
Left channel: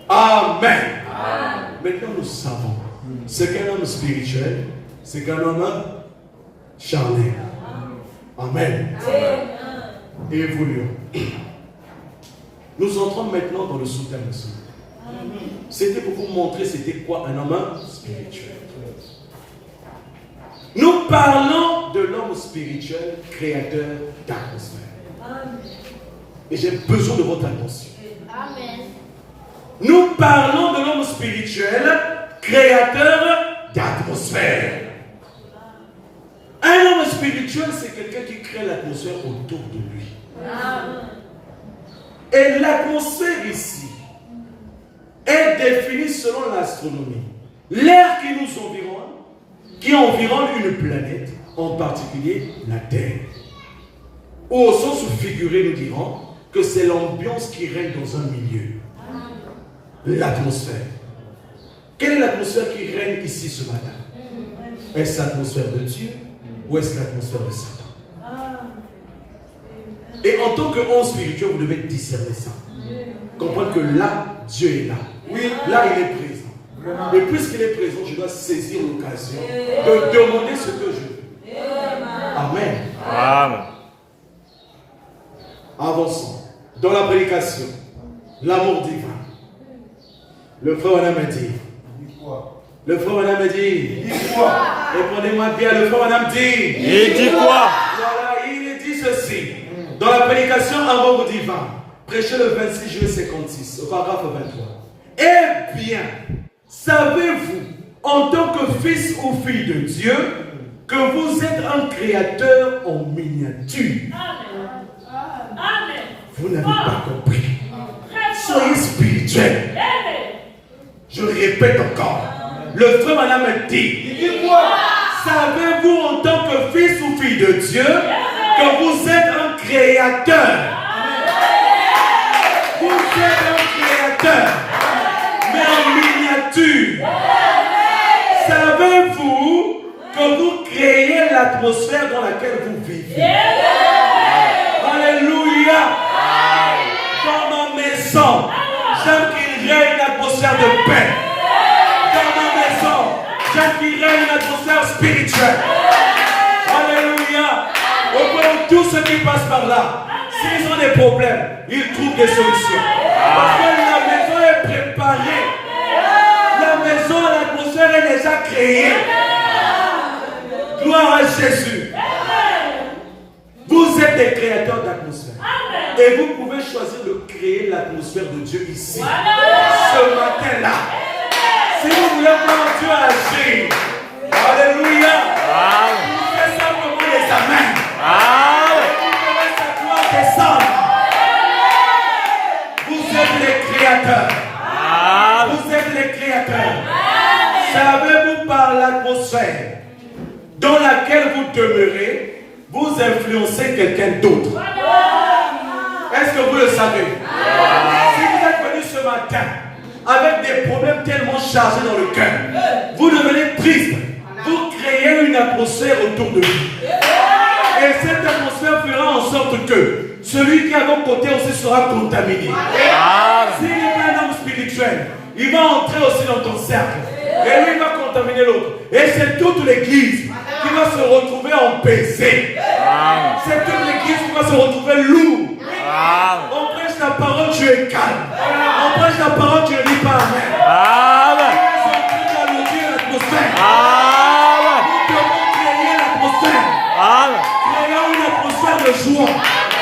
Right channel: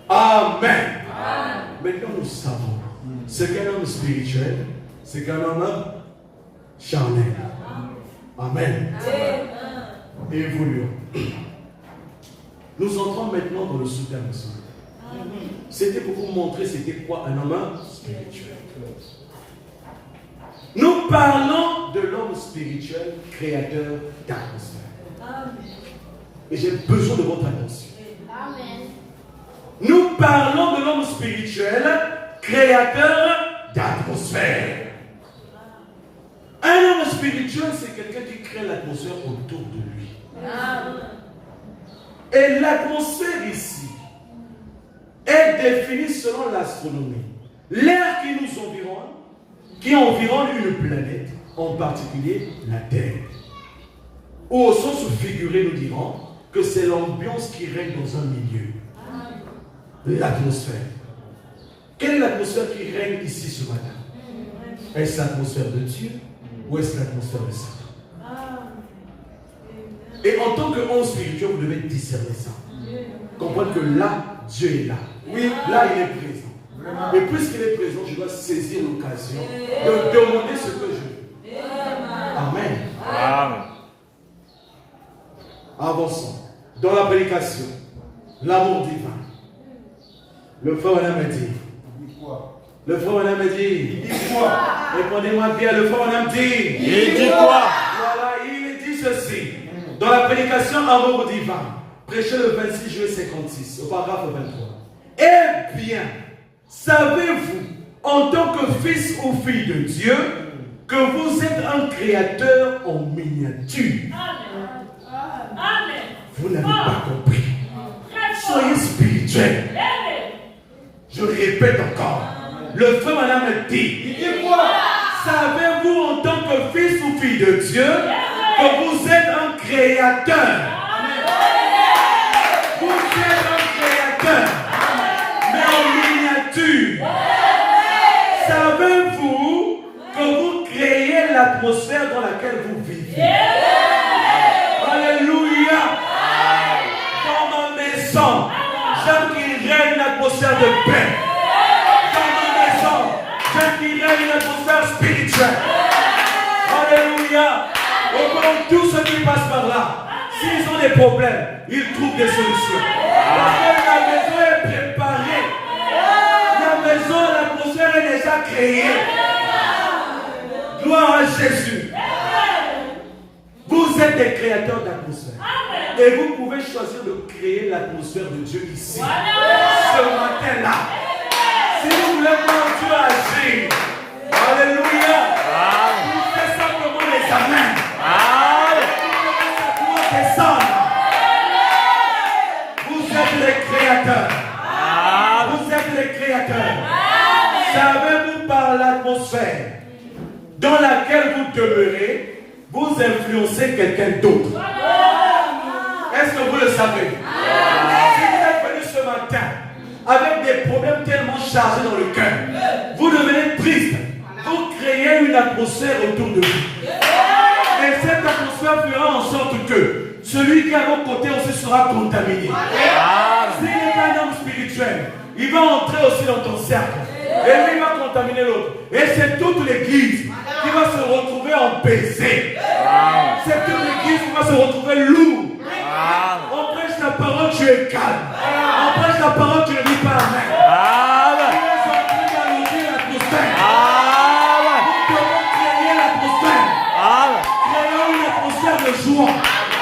Amen. Maintenant nous savons ce qu'un homme spirituel, c'est qu'un homme charnel. Amen. Évoluons. Nous entrons maintenant dans le souterrain. C'était pour vous montrer c'était quoi un homme spirituel. Nous parlons de l'homme spirituel créateur d'atmosphère. Et j'ai besoin de votre attention. Nous parlons de l'homme spirituel créateur d'atmosphère. Un homme spirituel, c'est quelqu'un qui crée l'atmosphère autour de lui. Et l'atmosphère ici est définie selon l'astronomie. L'air qui nous environne, qui environne une planète, en particulier la Terre. Ou au sens figuré, nous dirons que c'est l'ambiance qui règne dans un milieu. L'atmosphère. Quelle est l'atmosphère qui règne ici ce matin? Est-ce l'atmosphère de Dieu ou est-ce l'atmosphère de Satan? Et en tant qu'homme spirituel, vous devez discerner ça. Comprendre que là, Dieu est là. Oui, là, il est présent. Mais puisqu'il est présent, je dois saisir l'occasion de demander ce que je veux. Amen. Avançons. Dans la prédication, l'amour divin. Le frère Madame a dit. Le frère Madame a dit. Il dit quoi? Répondez-moi bien, le frère Madame dit. Il dit quoi? Voilà, il dit ceci. Dans la prédication amour divin, prêché le 26 juillet 56, au paragraphe 23. Eh bien, savez-vous, en tant que fils ou fille de Dieu, que vous êtes un créateur en miniature? Vous n'avez pas compris. Soyez spirituel. Je répète encore. Le frère Madame dit. Il dit quoi? Savez-vous en tant que fils ou fille de Dieu que vous êtes un créateur? Vous êtes un créateur, mais en miniature. Savez-vous que vous créez l'atmosphère dans laquelle vous vivez? Alléluia. Dans ma maison, j'aime qu'il y ait une atmosphère de paix. Dans ma maison, j'aime qu'il y ait une atmosphère spirituelle. Alléluia. Au moins, tous ceux qui passent par là, s'ils ont des problèmes, ils trouvent des solutions. Parce que la maison est préparée. La maison, l'atmosphère est déjà créée. Gloire à Jésus. êtes des créateurs d'atmosphère. Et vous pouvez choisir de créer l'atmosphère de Dieu ici. Ce matin-là. Si vous voulez voir Dieu agir. Alléluia. Vous faites simplement les amens. Vous pouvez sa gloire descendre. Vous êtes les créateurs. Vous êtes les créateurs. Savez-vous par l'atmosphère dans laquelle vous demeurez, vous influencez quelqu'un d'autre. Est-ce que vous le savez? Si vous êtes venu ce matin avec des problèmes tellement chargés dans le cœur, vous devenez triste. Vous créez une atmosphère autour de vous. Et cette atmosphère fera en sorte que celui qui est à vos côtés aussi sera contaminé. S'il est un homme spirituel, il va entrer aussi dans ton cercle. Et lui va contaminer l'autre. Et c'est toute l'église qui va se retrouver empesée. C'est toute l'église qui va se retrouver lourde. On prêche la parole, tu es calme. On prêche la parole, tu ne dis pas amen. Ils ont pris d'alourdir l'atmosphère. Nous devons créer l'atmosphère. Créons une atmosphère de joie.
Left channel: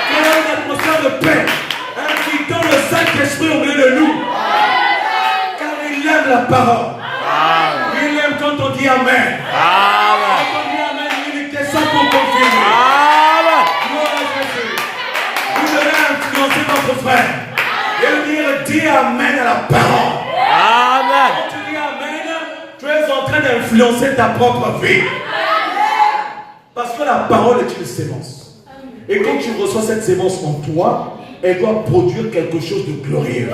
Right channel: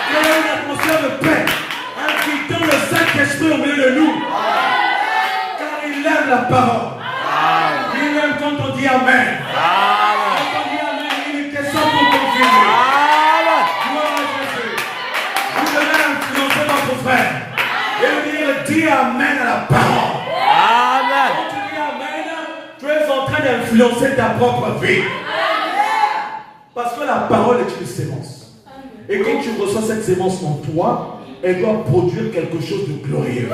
Créons une atmosphère de paix. Invitant le Saint-Esprit au milieu de nous. Car il aime la parole. Il aime quand on dit amen. Quand on dit amen, il était ça pour confirmer. Gloire à Jésus. Vous devez influencer votre frère. Et lui dire amen à la parole. Quand tu dis amen, tu es en train d'influencer ta propre vie. Parce que la parole est une sémence. Et quand tu reçois cette sémence en toi, elle doit produire quelque chose de glorieux.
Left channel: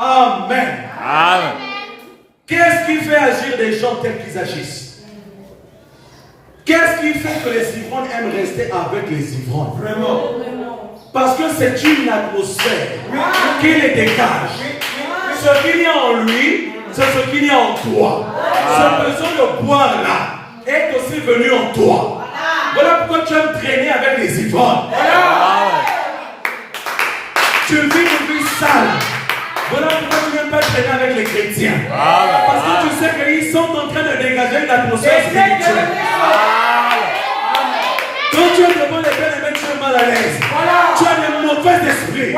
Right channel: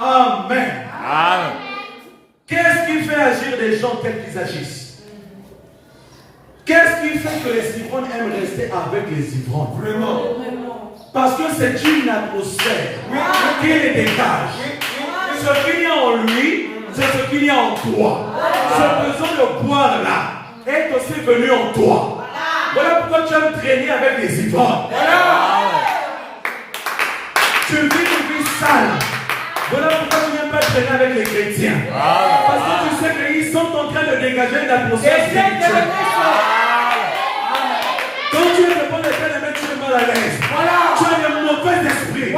Amen. Qu'est-ce qui fait agir des gens tels qu'ils agissent? Qu'est-ce qui fait que les ivrognes aiment rester avec les ivrognes? Vraiment. Parce que c'est une atmosphère qui les dégage. Ce qu'il y a en lui, c'est ce qu'il y a en toi. Ce besoin de boire là est aussi venu en toi. Voilà pourquoi tu aimes traîner avec les ivrognes. Tu vis une vie sale. Voilà pourquoi tu n'aimes pas traîner avec les chrétiens. Parce que tu sais qu'ils sont en train de dégager une atmosphère spirituelle. Quand tu es devant les bien-aimés, tu es mal à l'aise. Tu as des mauvais esprits. Tu es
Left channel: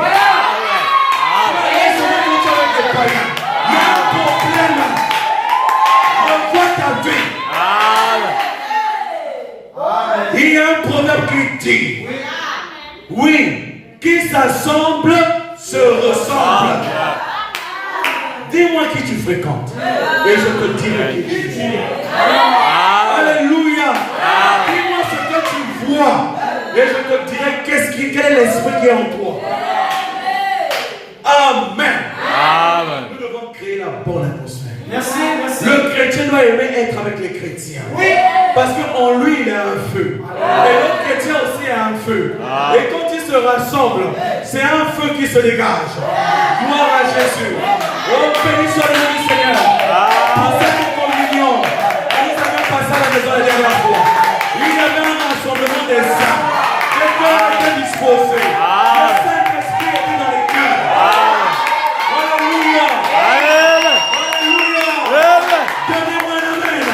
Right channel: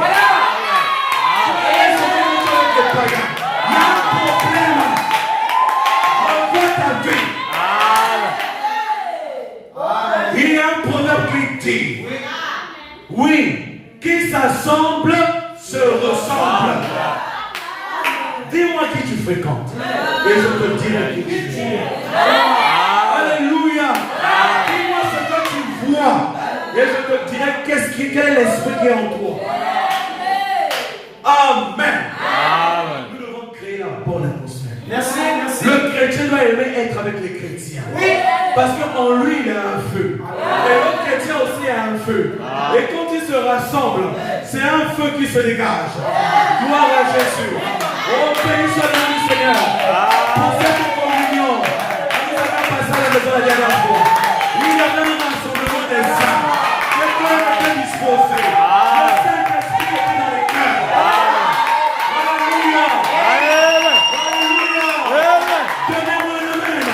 avec des païens. Il y a un problème. Revois ta vie. Il y a un proverbe qui dit, oui, qui s'assemble se ressemble. Dis-moi qui tu fréquentes. Et je te dirai qui tu es. Alléluia. Dis-moi ce que tu vois. Et je te dirai quel est l'esprit qui est en toi. Amen. Nous devons créer la bonne atmosphère. Merci. Le chrétien doit aimer être avec les chrétiens. Parce qu'en lui, il y a un feu. Et l'autre chrétien aussi a un feu. Et quand ils se rassemblent, c'est un feu qui se dégage. Gloire à Jésus. Oh, béni soit le nom du Seigneur. Pour cette communion, nous avons passé à la maison la dernière fois. Il y avait un rassemblement des saints. Les cœurs étaient disposés. Le Saint-Esprit était dans les cœurs. Alléluia. Donnez-moi le même.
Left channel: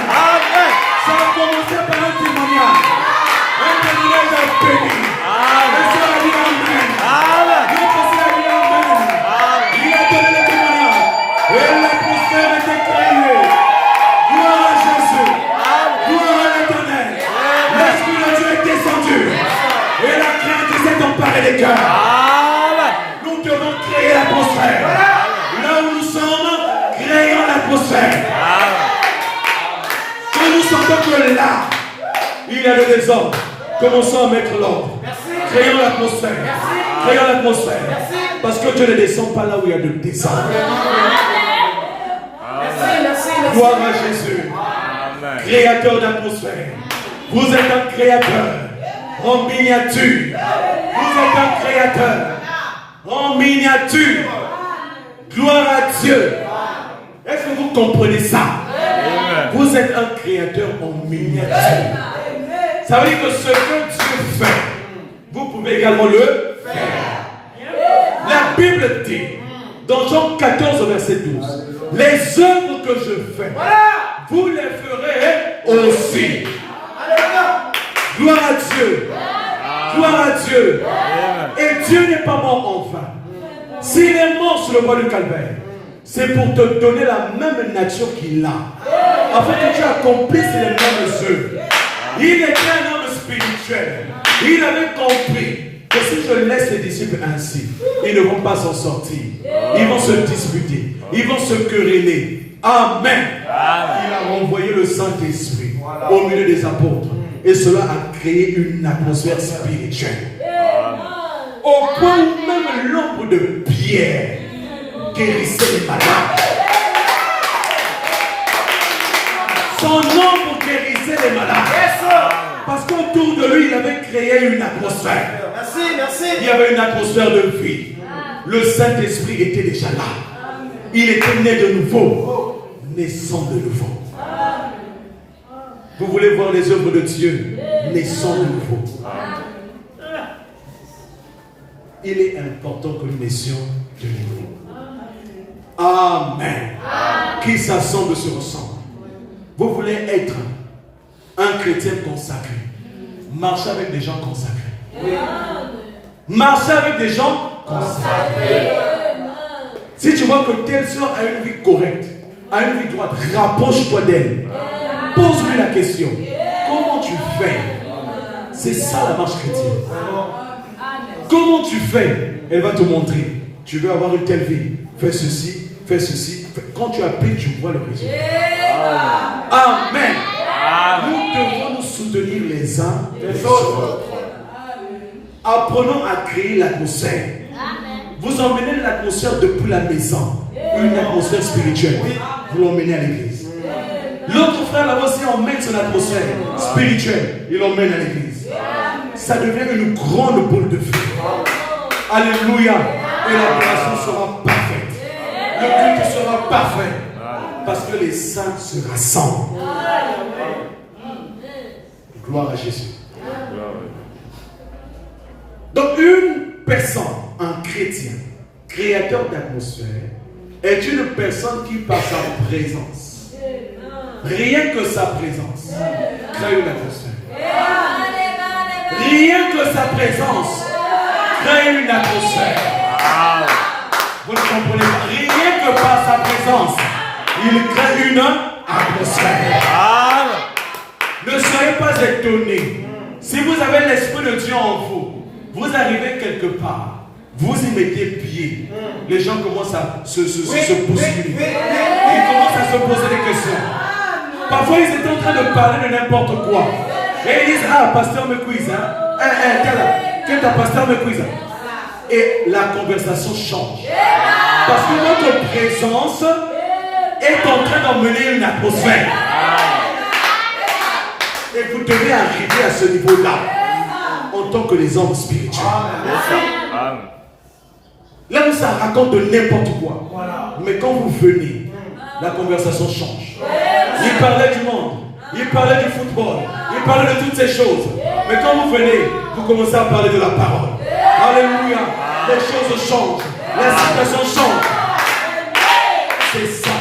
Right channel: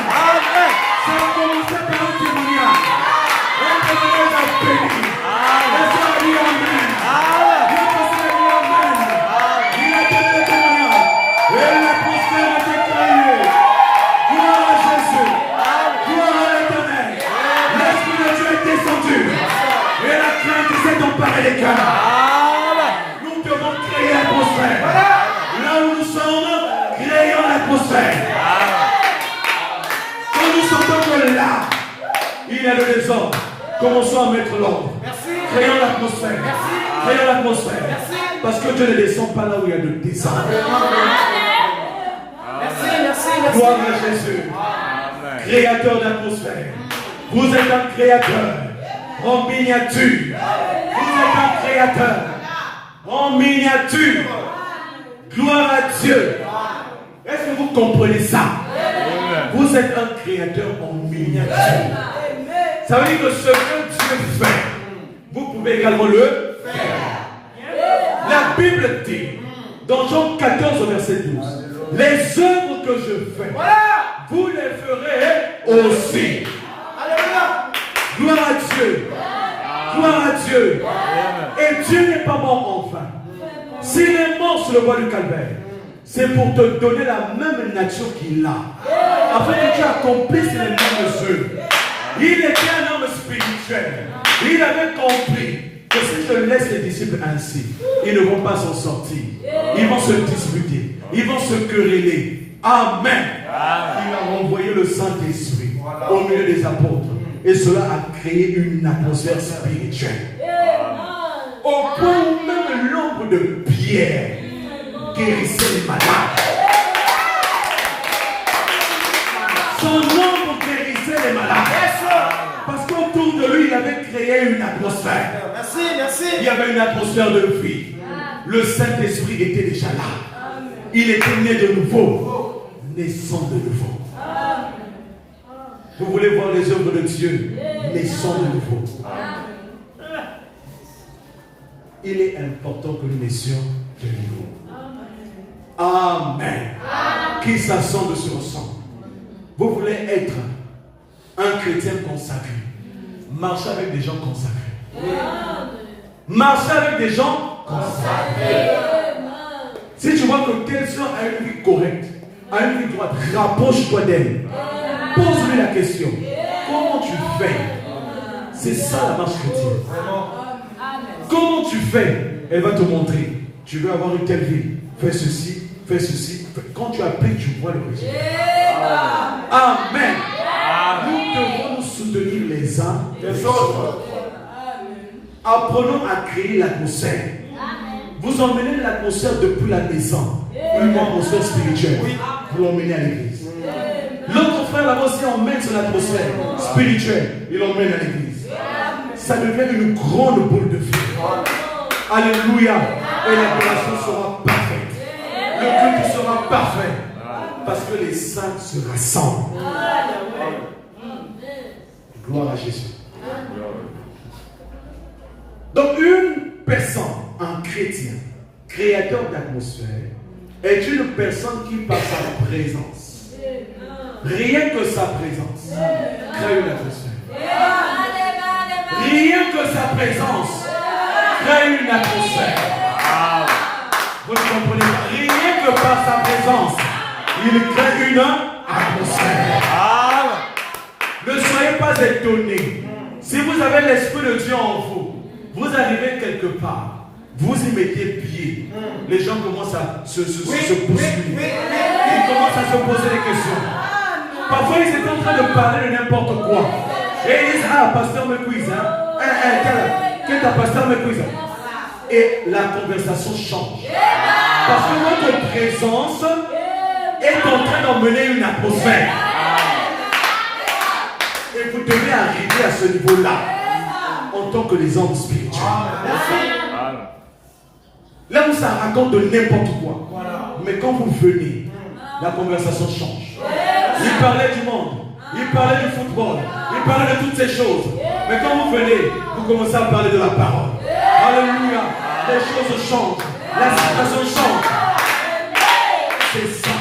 Ça va commencer par un témoignage. Un témoignage à béni. Et ça va dire amen. Il a passé la vie amen. Il a donné le témoignage. Et l'atmosphère a été créée. Gloire à Jésus. Gloire à l'Éternel. L'Esprit de Dieu est descendu. Et la crainte s'est emparée des cœurs. Nous devons créer l'atmosphère. Là où nous sommes, créons l'atmosphère. Quand nous sentons que là, il y a des désordres, commençons à mettre l'ordre. Créons l'atmosphère. Créons l'atmosphère. Parce que Dieu ne descend pas là où il y a de désordre. Gloire à Jésus. Créateur d'atmosphère. Vous êtes un créateur en miniature. Vous êtes un créateur en miniature. Gloire à Dieu. Est-ce que vous comprenez ça? Vous êtes un créateur en miniature. Ça veut dire que ce que Dieu fait, vous pouvez également le faire. La Bible dit, dans Jean 14, verset 12, les œuvres que je fais, vous les ferez aussi. Gloire à Dieu. Gloire à Dieu. Et Dieu n'est pas mort en vain. S'il est mort sur le bois du calvaire, c'est pour te donner la même nature qu'il a. Afin que tu accomplisses les mêmes œuvres. Il était un homme spirituel. Il avait compris que si je laisse les disciples ainsi, ils ne vont pas s'en sortir. Ils vont se disputer. Ils vont se quereller. Amen. Il a renvoyé le Saint-Esprit au milieu des apôtres. Et cela a créé une atmosphère spirituelle. Au point où même l'ombre de Pierre guérissait les malades. Son ombre guérissait les malades. Parce qu'autour de lui, il avait créé une atmosphère. Merci, merci. Il y avait une atmosphère de vie. Le Saint-Esprit était déjà là. Il était né de nouveau. Naissant de nouveau. Vous voulez voir les œuvres de Dieu? Naissant de nouveau. Il est important que nous naissions de nouveau. Amen. Qui s'assemble se ressemble. Vous voulez être un chrétien consacré. Marchez avec des gens consacrés. Marchez avec des gens consacrés. Si tu vois que telle soeur a une vie correcte, a une vie droite, rapproche-toi d'elle. Pose-lui la question. Comment tu fais? C'est ça la marche chrétienne. Comment tu fais? Elle va te montrer. Tu veux avoir une telle vie. Fais ceci, fais ceci. Quand tu appliques, tu vois le résultat. Amen. Nous devons nous soutenir les uns les autres. Apprenons à créer l'atmosphère. Vous emmenez l'atmosphère depuis la maison. Une atmosphère spirituelle. Vous l'emmenez à l'église. L'autre frère là-bas aussi emmène sur l'atmosphère spirituelle. Il l'emmène à l'église. Ça devient une grande boule de feu. Alléluia. Et la relation sera parfaite. Le culte sera parfait. Parce que les saints se rassemblent. Gloire à Jésus. Donc une personne, un chrétien, créateur d'atmosphère, est une personne qui par sa présence, rien que sa présence, crée une atmosphère. Rien que sa présence crée une atmosphère. Vous ne comprenez pas. Rien que par sa présence, il crée une atmosphère. Ne soyez pas étonnés. Si vous avez l'Esprit de Dieu en vous, vous arrivez quelque part, vous y mettez pied. Les gens commencent à se bousculer. Ils commencent à se poser des questions. Parfois, ils étaient en train de parler de n'importe quoi. Et ils disent, ah, pasteur me quiz, hein? Quel pasteur me quiz? Et la conversation change. Parce que notre présence est en train d'emmener une atmosphère. Et vous devez arriver à ce niveau-là en tant que les hommes spirituels. Là où ça raconte de n'importe quoi. Mais quand vous venez, la conversation change. Il parlait du monde. Il parlait du football. Il parlait de toutes ces choses. Mais quand vous venez, vous commencez à parler de la parole. Alléluia. Les choses changent. La situation change. C'est ça.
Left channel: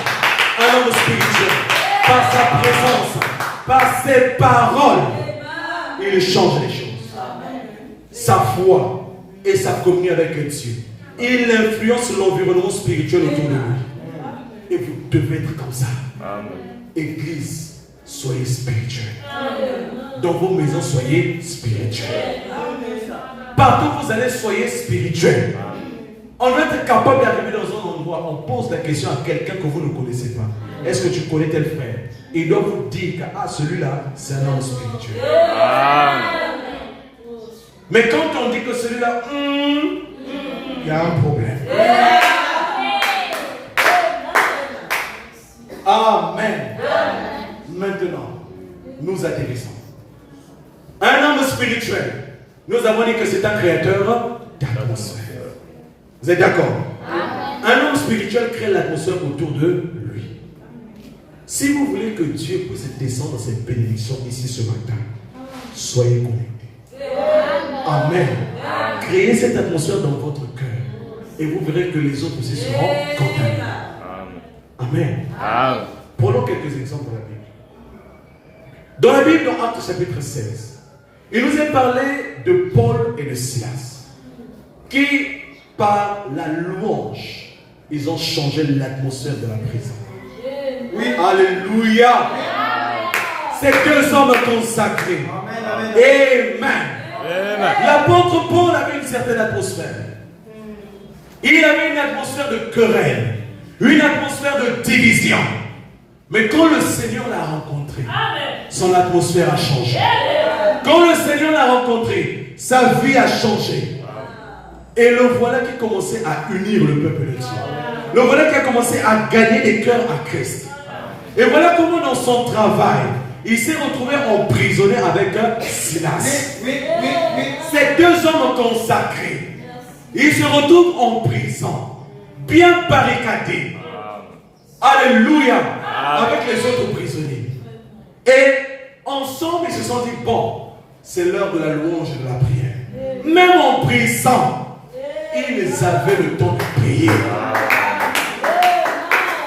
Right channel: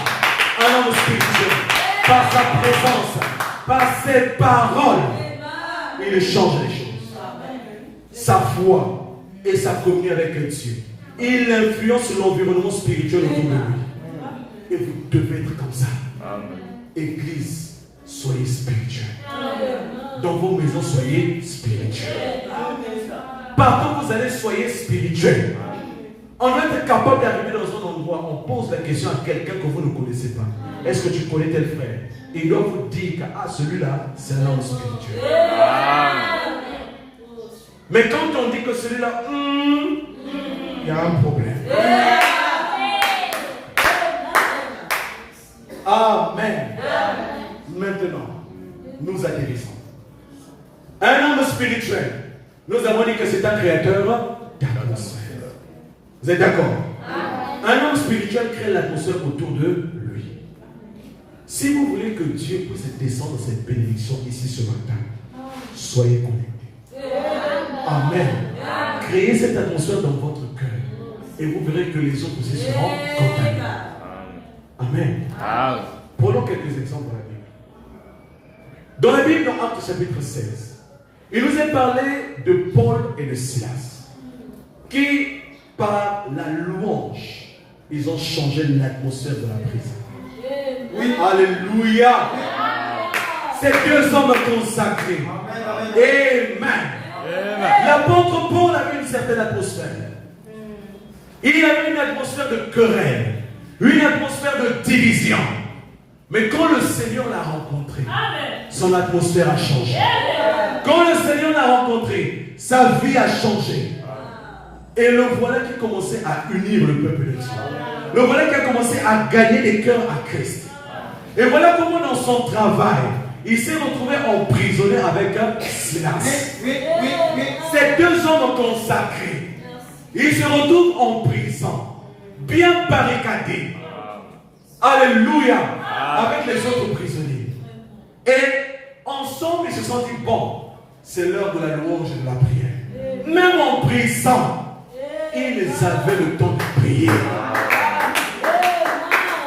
Un homme spirituel. Par sa présence, par ses paroles, il change les choses. Sa foi et sa communion avec Dieu. Il influence l'environnement spirituel autour de lui. Et vous devez être comme ça. Église, soyez spirituel. Dans vos maisons, soyez spirituel. Partout où vous allez, soyez spirituel. On doit être capable d'arriver dans un endroit, on pose la question à quelqu'un que vous ne connaissez pas. Est-ce que tu connais tel frère? Il doit vous dire que celui-là, c'est un homme spirituel. Mais quand on dit que celui-là, il y a un problème. Amen. Maintenant, nous atterrissons. Un homme spirituel, nous avons dit que c'est un créateur d'atmosphère. Vous êtes d'accord? Un homme spirituel crée l'atmosphère autour de lui. Si vous voulez que Dieu puisse descendre cette bénédiction ici ce matin, soyez connectés. Amen. Créez cette atmosphère dans votre cœur et vous verrez que les autres aussi seront contaminés. Amen. Prenons quelques exemples dans la Bible. Dans la Bible, dans Actes chapitre 16, Il nous a parlé de Paul et de Silas, qui, par la louange, ils ont changé l'atmosphère de la prison. Oui. Alléluia. Ces deux hommes consacrés. Amen. L'apôtre Paul avait une certaine atmosphère. Il avait une atmosphère de querelle, une atmosphère de division. Mais quand le Seigneur l'a rencontré, son atmosphère a changé. Quand le Seigneur l'a rencontré, sa vie a changé. Et le voilà qui commençait à unir le peuple de Dieu. Le voilà qui a commencé à gagner les cœurs à Christ. Et voilà comment dans son travail, il s'est retrouvé emprisonné avec Silas. Ces deux hommes consacrés, ils se retrouvent en prison, bien barricadés. Alléluia. Avec les autres prisonniers. Et ensemble, ils se sont dit, bon, c'est l'heure de la louange et de la prière. Même en prison, ils avaient le temps de prier.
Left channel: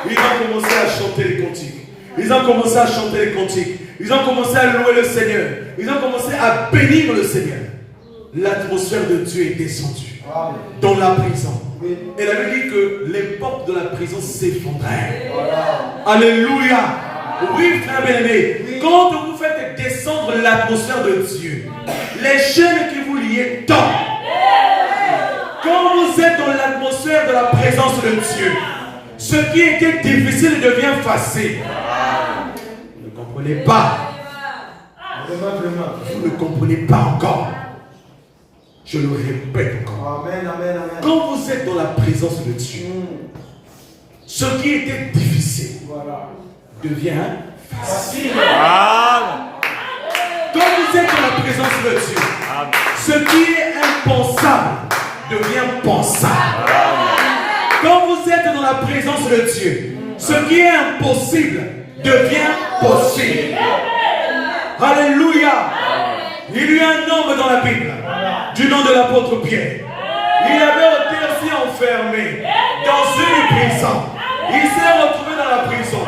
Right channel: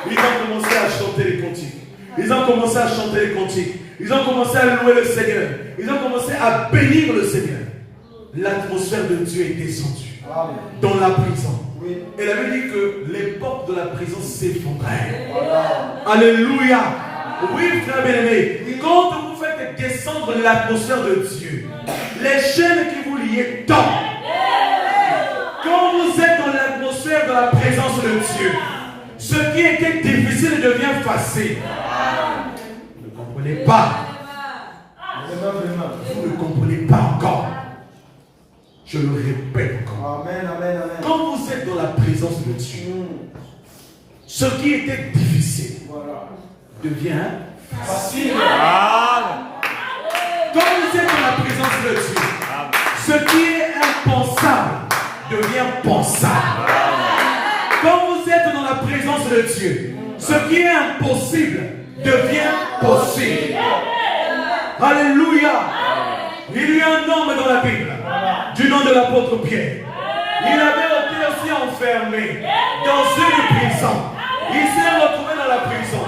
Ils ont commencé à chanter les cantiques. Ils ont commencé à chanter les cantiques. Ils ont commencé à louer le Seigneur. Ils ont commencé à bénir le Seigneur. L'atmosphère de Dieu est descendue dans la prison. Et la Bible dit que les portes de la prison s'effondraient. Alléluia. Oui, frère bien-aimé. Quand vous faites descendre l'atmosphère de Dieu, les chaînes qui vous liaient tombent. Quand vous êtes dans l'atmosphère de la présence de Dieu, ce qui était difficile devient facile. Vous ne comprenez pas. Vous ne comprenez pas encore. Je le répète encore. Quand vous êtes dans la présence de Dieu, ce qui était difficile devient facile. Quand vous êtes dans la présence de Dieu, ce qui est impensable devient pensable. Quand vous êtes dans la présence de Dieu, ce qui est impossible devient possible. Alléluia. Il y a un homme dans la Bible du nom de l'apôtre Pierre. Il avait été aussi enfermé dans une prison. Il s'est retrouvé dans la prison.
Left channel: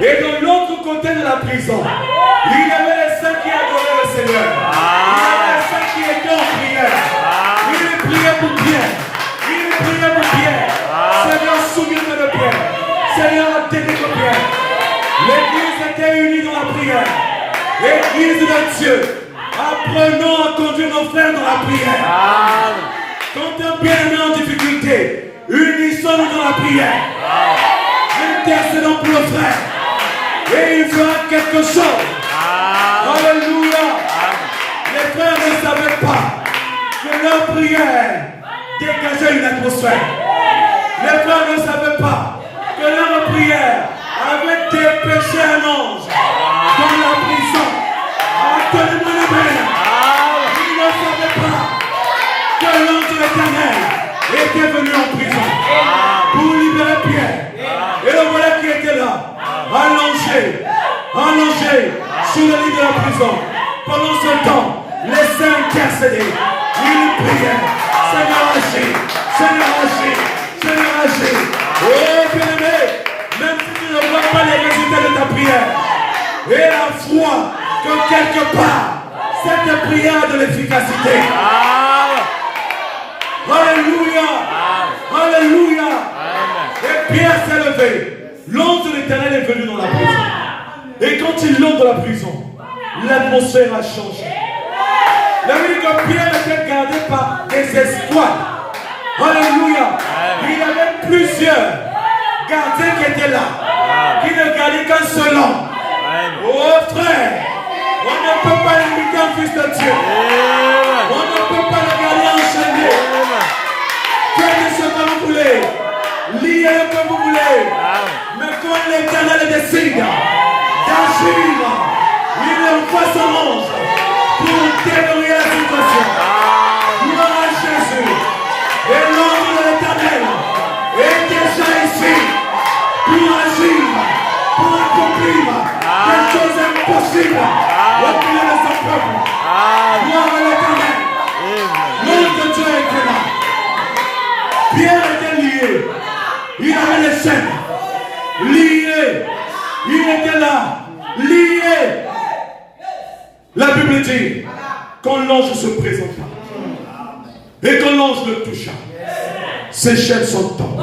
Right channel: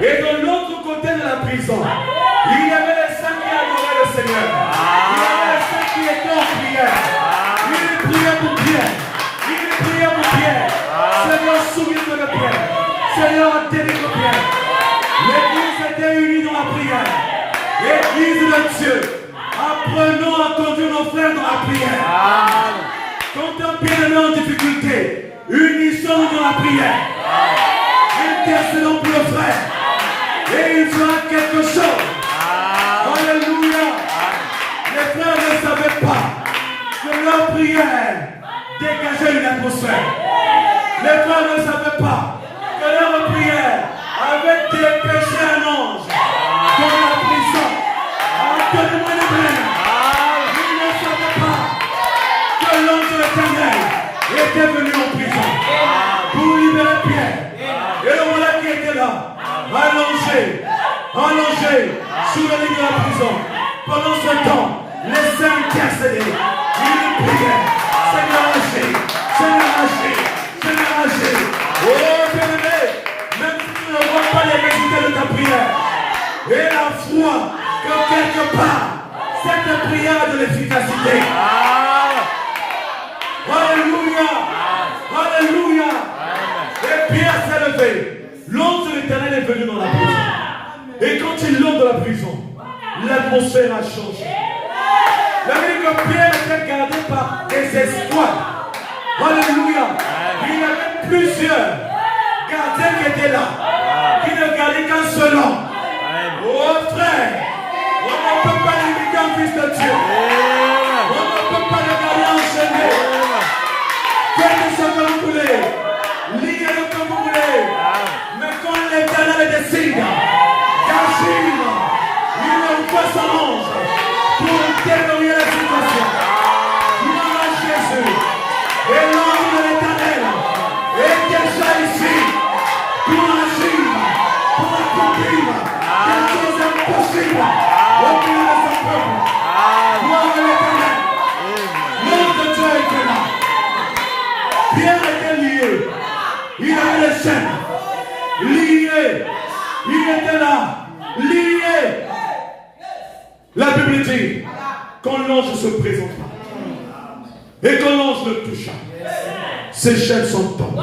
Et de l'autre côté de la prison, il y avait les saints qui adoraient le Seigneur. Il y avait les saints qui étaient en prière. Il priait pour Pierre. Il priait pour Pierre. Seigneur, souviens-toi de Pierre. Seigneur, délivre Pierre. L'église était unie dans la prière. L'église de Dieu. Apprenons à conduire nos frères dans la prière. Quand un bien-aimé en difficulté, unissons-nous dans la prière. Intercédons pour nos frères. Et il fera quelque chose. Alléluia. Les frères ne savaient pas que leur prière dégageait une atmosphère. Les frères ne savaient pas que leur prière avait dépêché un ange dans la prison. Attendez-moi les frères. Ils ne savaient pas que l'ange de l'Éternel était venu en prison pour libérer Pierre. Et le voilà qui était là, allongé sur le lit de la prison. Pendant ce temps, les saints intercédaient. Ils priaient. Seigneur, agis. Seigneur, agis. Seigneur, agis. Oh, bien-aimé, même si tu ne vois pas les résultats de ta prière, et la foi que quelque part, cette prière a de l'efficacité. Alléluia. Alléluia. Et Pierre s'est levé. L'ange de l'Éternel est venu dans la prison. Et quand il entre dans la prison, l'atmosphère a changé. La vie que Pierre était gardé par des escouades. Alléluia. Il y avait plusieurs gardiens qui étaient là, qui ne gardaient qu'un seul homme. Oh frère, on ne peut pas limiter un fils de Dieu. On ne peut pas le garder enchaîné. Faites ce que vous voulez. Liez-le comme vous voulez. Mais quand l'Éternel décide d'agir, il envoie son ange pour déverrouiller la situation. Gloire à Jésus. Et l'ange de l'Éternel est déjà ici pour agir, pour accomplir des choses impossibles au milieu de son peuple. Gloire à l'Éternel. L'ange de Dieu était là. Pierre était lié. Il avait les chaînes. Lié. Il était là. Lié. La Bible dit Quand l'ange se présenta et quand l'ange le toucha, ses chaînes sont tombées.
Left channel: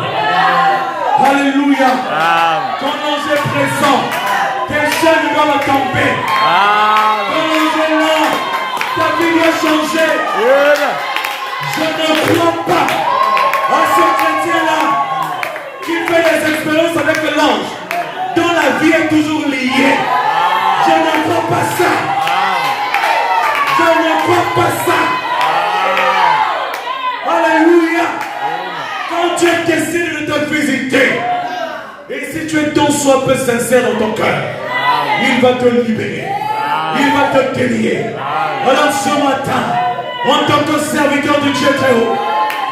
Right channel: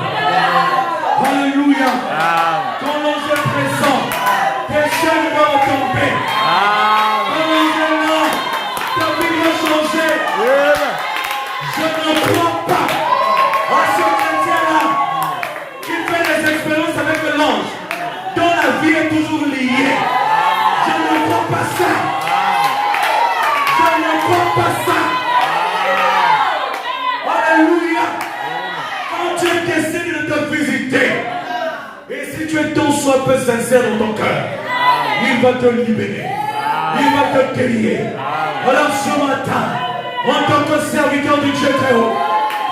Alléluia. Quand l'ange est présent, tes chaînes doivent tomber. Quand l'ange est là, ta vie va changer. Je ne crois pas à ce chrétien-là qui fait des expériences avec l'ange, dont la vie est toujours liée. Je ne crois pas ça. Je ne crois pas ça. Alléluia. Quand Dieu décide de te visiter, et si tu es tant soit peu sincère dans ton cœur, il va te libérer. Il va te délier. Alors ce matin, en tant que serviteur de Dieu très haut,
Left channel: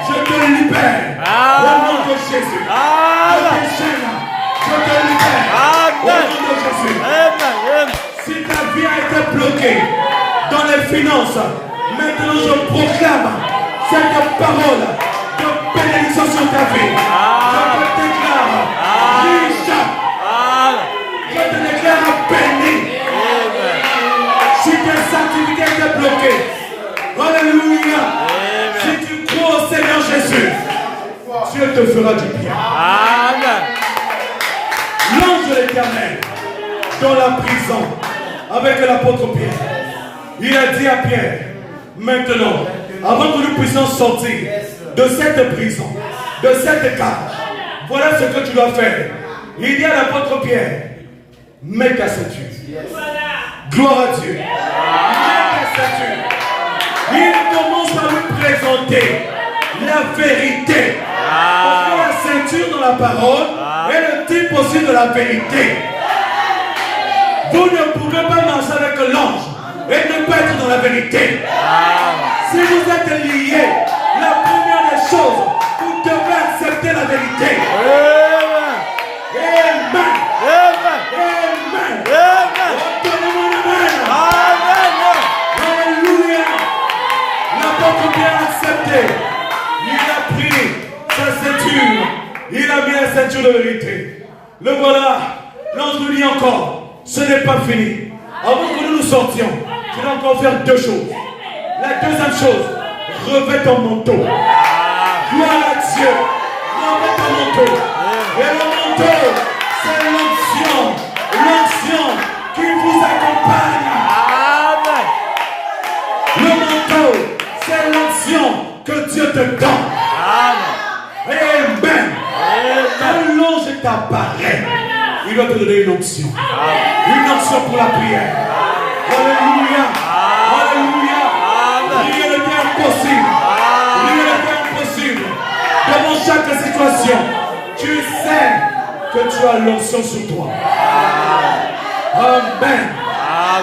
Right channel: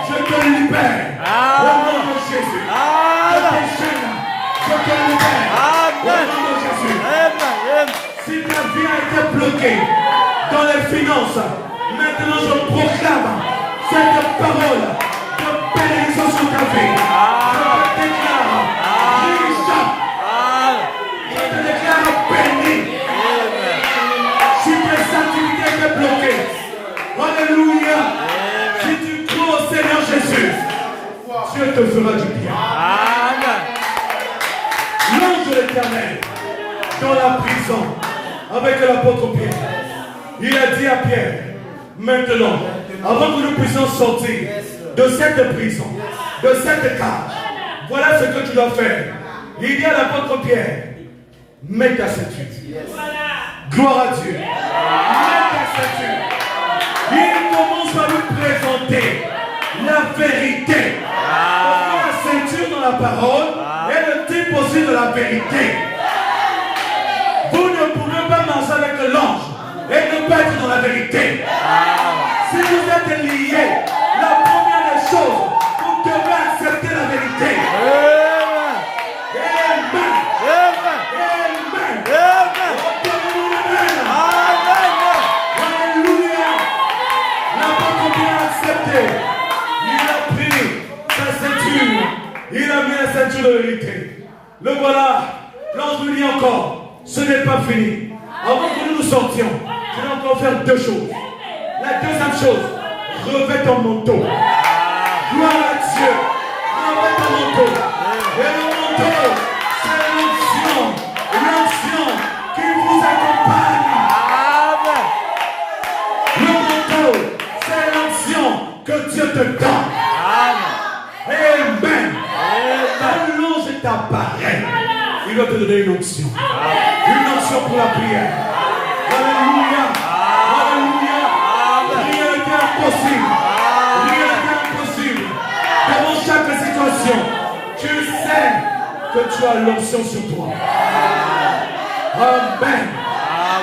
je te libère au nom de Jésus. Je te libère au nom de Jésus. Si ta vie a été bloquée dans les finances, maintenant je proclame cette parole de bénédiction sur ta vie. Je te déclare riche. Je te déclare béni. Si tes activités étaient bloquées, alléluia. Si tu crois au Seigneur Jésus, Dieu te fera du bien. L'ange de l'Éternel, dans la prison, avec l'apôtre Pierre, il a dit à Pierre, maintenant, avant que nous puissions sortir de cette prison, de cette cage, voilà ce que tu dois faire. Il dit à l'apôtre Pierre, mets ta ceinture. Gloire à Dieu. Mets ta ceinture. Il commence par lui présenter la vérité. Parce que la ceinture dans la parole est le type aussi de la vérité. Vous ne pouvez pas marcher avec l'ange et ne pas être dans la vérité. Si vous êtes liés, la première des choses, vous devez accepter la vérité. Amen. Alléluia. L'apôtre Pierre a accepté. Il a pris sa ceinture. Il a mis la ceinture de vérité. Le voilà. L'ange nous dit encore, ce n'est pas fini. Avant que nous nous sortions, je vais encore faire deux choses. La deuxième chose, revêt ton manteau. Gloire à Dieu. Revêt ton manteau. Et le manteau, c'est l'onction. L'onction qui vous accompagne. Le manteau, c'est l'onction que Dieu te donne. Amen. Quand l'ange t'apparaît, il va te donner une onction. Une onction pour la prière. Alléluia. Alléluia. Rien n'est impossible. Rien n'est impossible. Devant chaque situation, tu sais que tu as l'onction sur toi. Amen.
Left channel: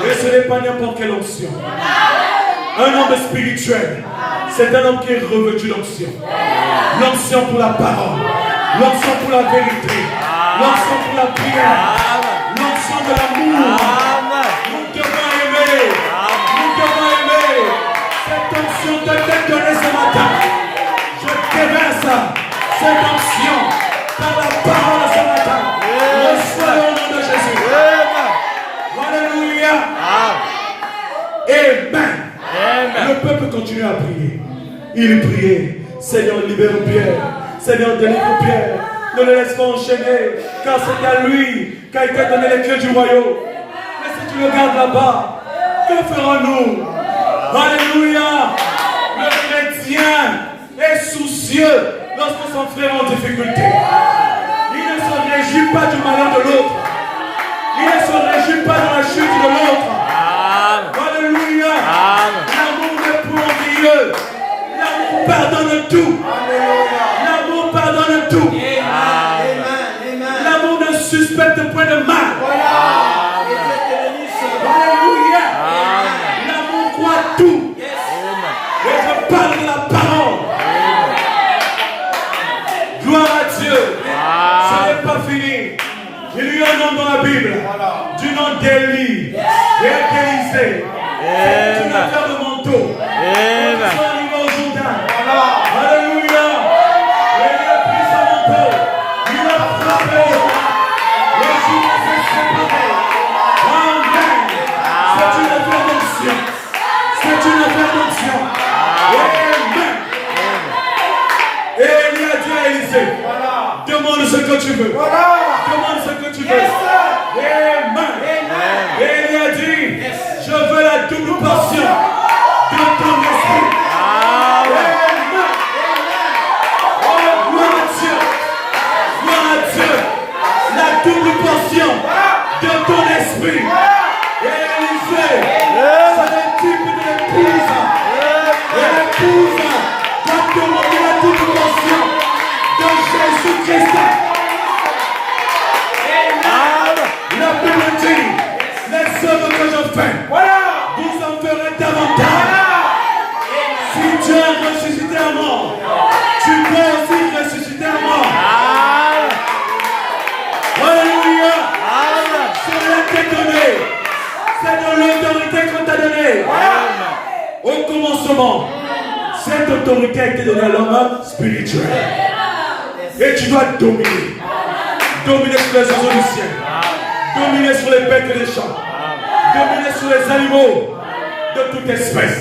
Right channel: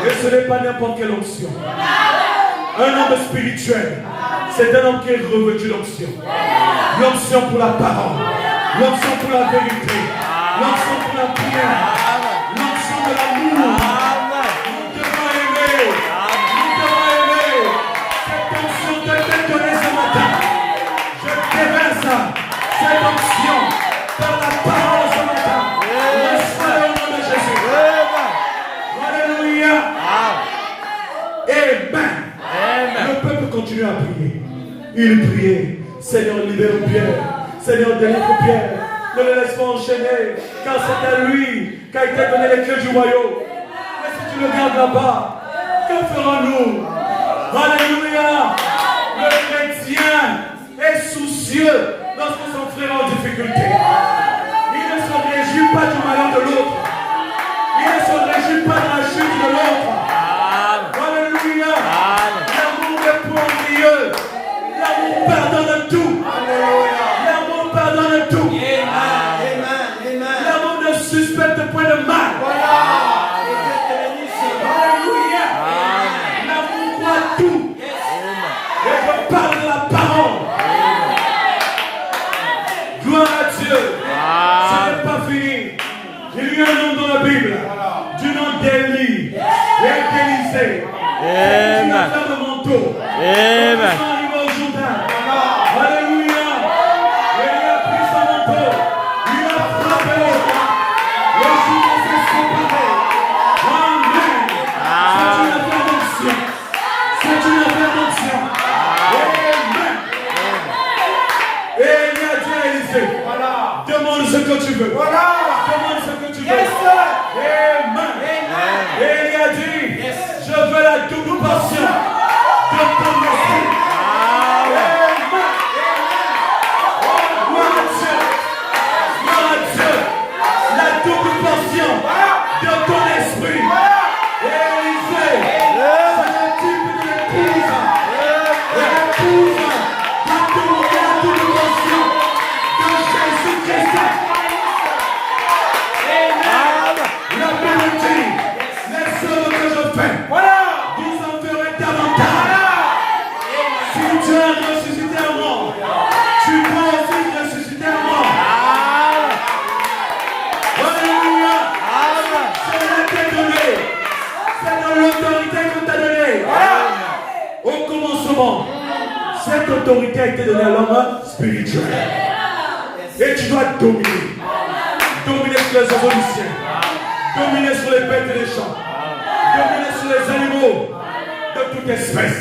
Et ce n'est pas n'importe quelle onction. Un homme spirituel, c'est un homme qui est revêtu d'onction. L'onction pour la parole. L'onction pour la vérité. L'onction pour la prière. L'onction de l'amour. Nous devons aimer. Nous devons aimer. Cette onction de t'être donnée ce matin. Je déverse cette onction par la parole ce matin. Reçois au nom de Jésus. Alléluia. Amen. Le peuple continue à prier. Il priait. Seigneur, libère Pierre. Seigneur, délivre Pierre. Ne le laisse pas enchaîner. Car c'est à lui qu'a été donné les clés du royaume. Mais si tu le gardes là-bas, que ferons-nous? Alléluia. Le chrétien est soucieux lorsque son frère est en difficulté. Il ne se réjouit pas du malheur de l'autre. Il ne se réjouit pas de la chute de l'autre. Alléluia. L'amour est pointilleux. L'amour pardonne tout. L'amour pardonne tout. L'amour ne suspecte point de mal. Alléluia. L'amour croit tout. Et je parle de la parole. Gloire à Dieu. Ce n'est pas fini. Il y a un nom dans la Bible. Du nom d'Élie. Élisée. C'est une affaire de manteau. Alléluia. Et il a pris son manteau. Il a frappé. Le jour s'est séparé. Amen. C'est une affaire d'onction. C'est une affaire onction. Amen. Et il a dit à Élisée, demande ce que tu veux. Demande ce que tu veux. Amen. Et il a dit, je veux la double portion de ton esprit. Amen. Oh, gloire à Dieu. Gloire à Dieu. La double portion de ton esprit. Et Élisée, c'est le type de l'épouse. Et l'épouse va demander la double portion de Jésus-Christ. La Bible dit, les œuvres que je fais, vous en ferez davantage. Si tu as ressuscité à mort, tu peux aussi ressusciter à mort. Alléluia. Ça t'a été donné. C'est dans l'autorité qu'on t'a donnée. Au commencement, cette autorité a été donnée à l'homme spirituel. Et tu dois dominer. Dominer sur les oiseaux du ciel. Dominer sur les bêtes et les champs. Dominer sur les animaux de toute espèce.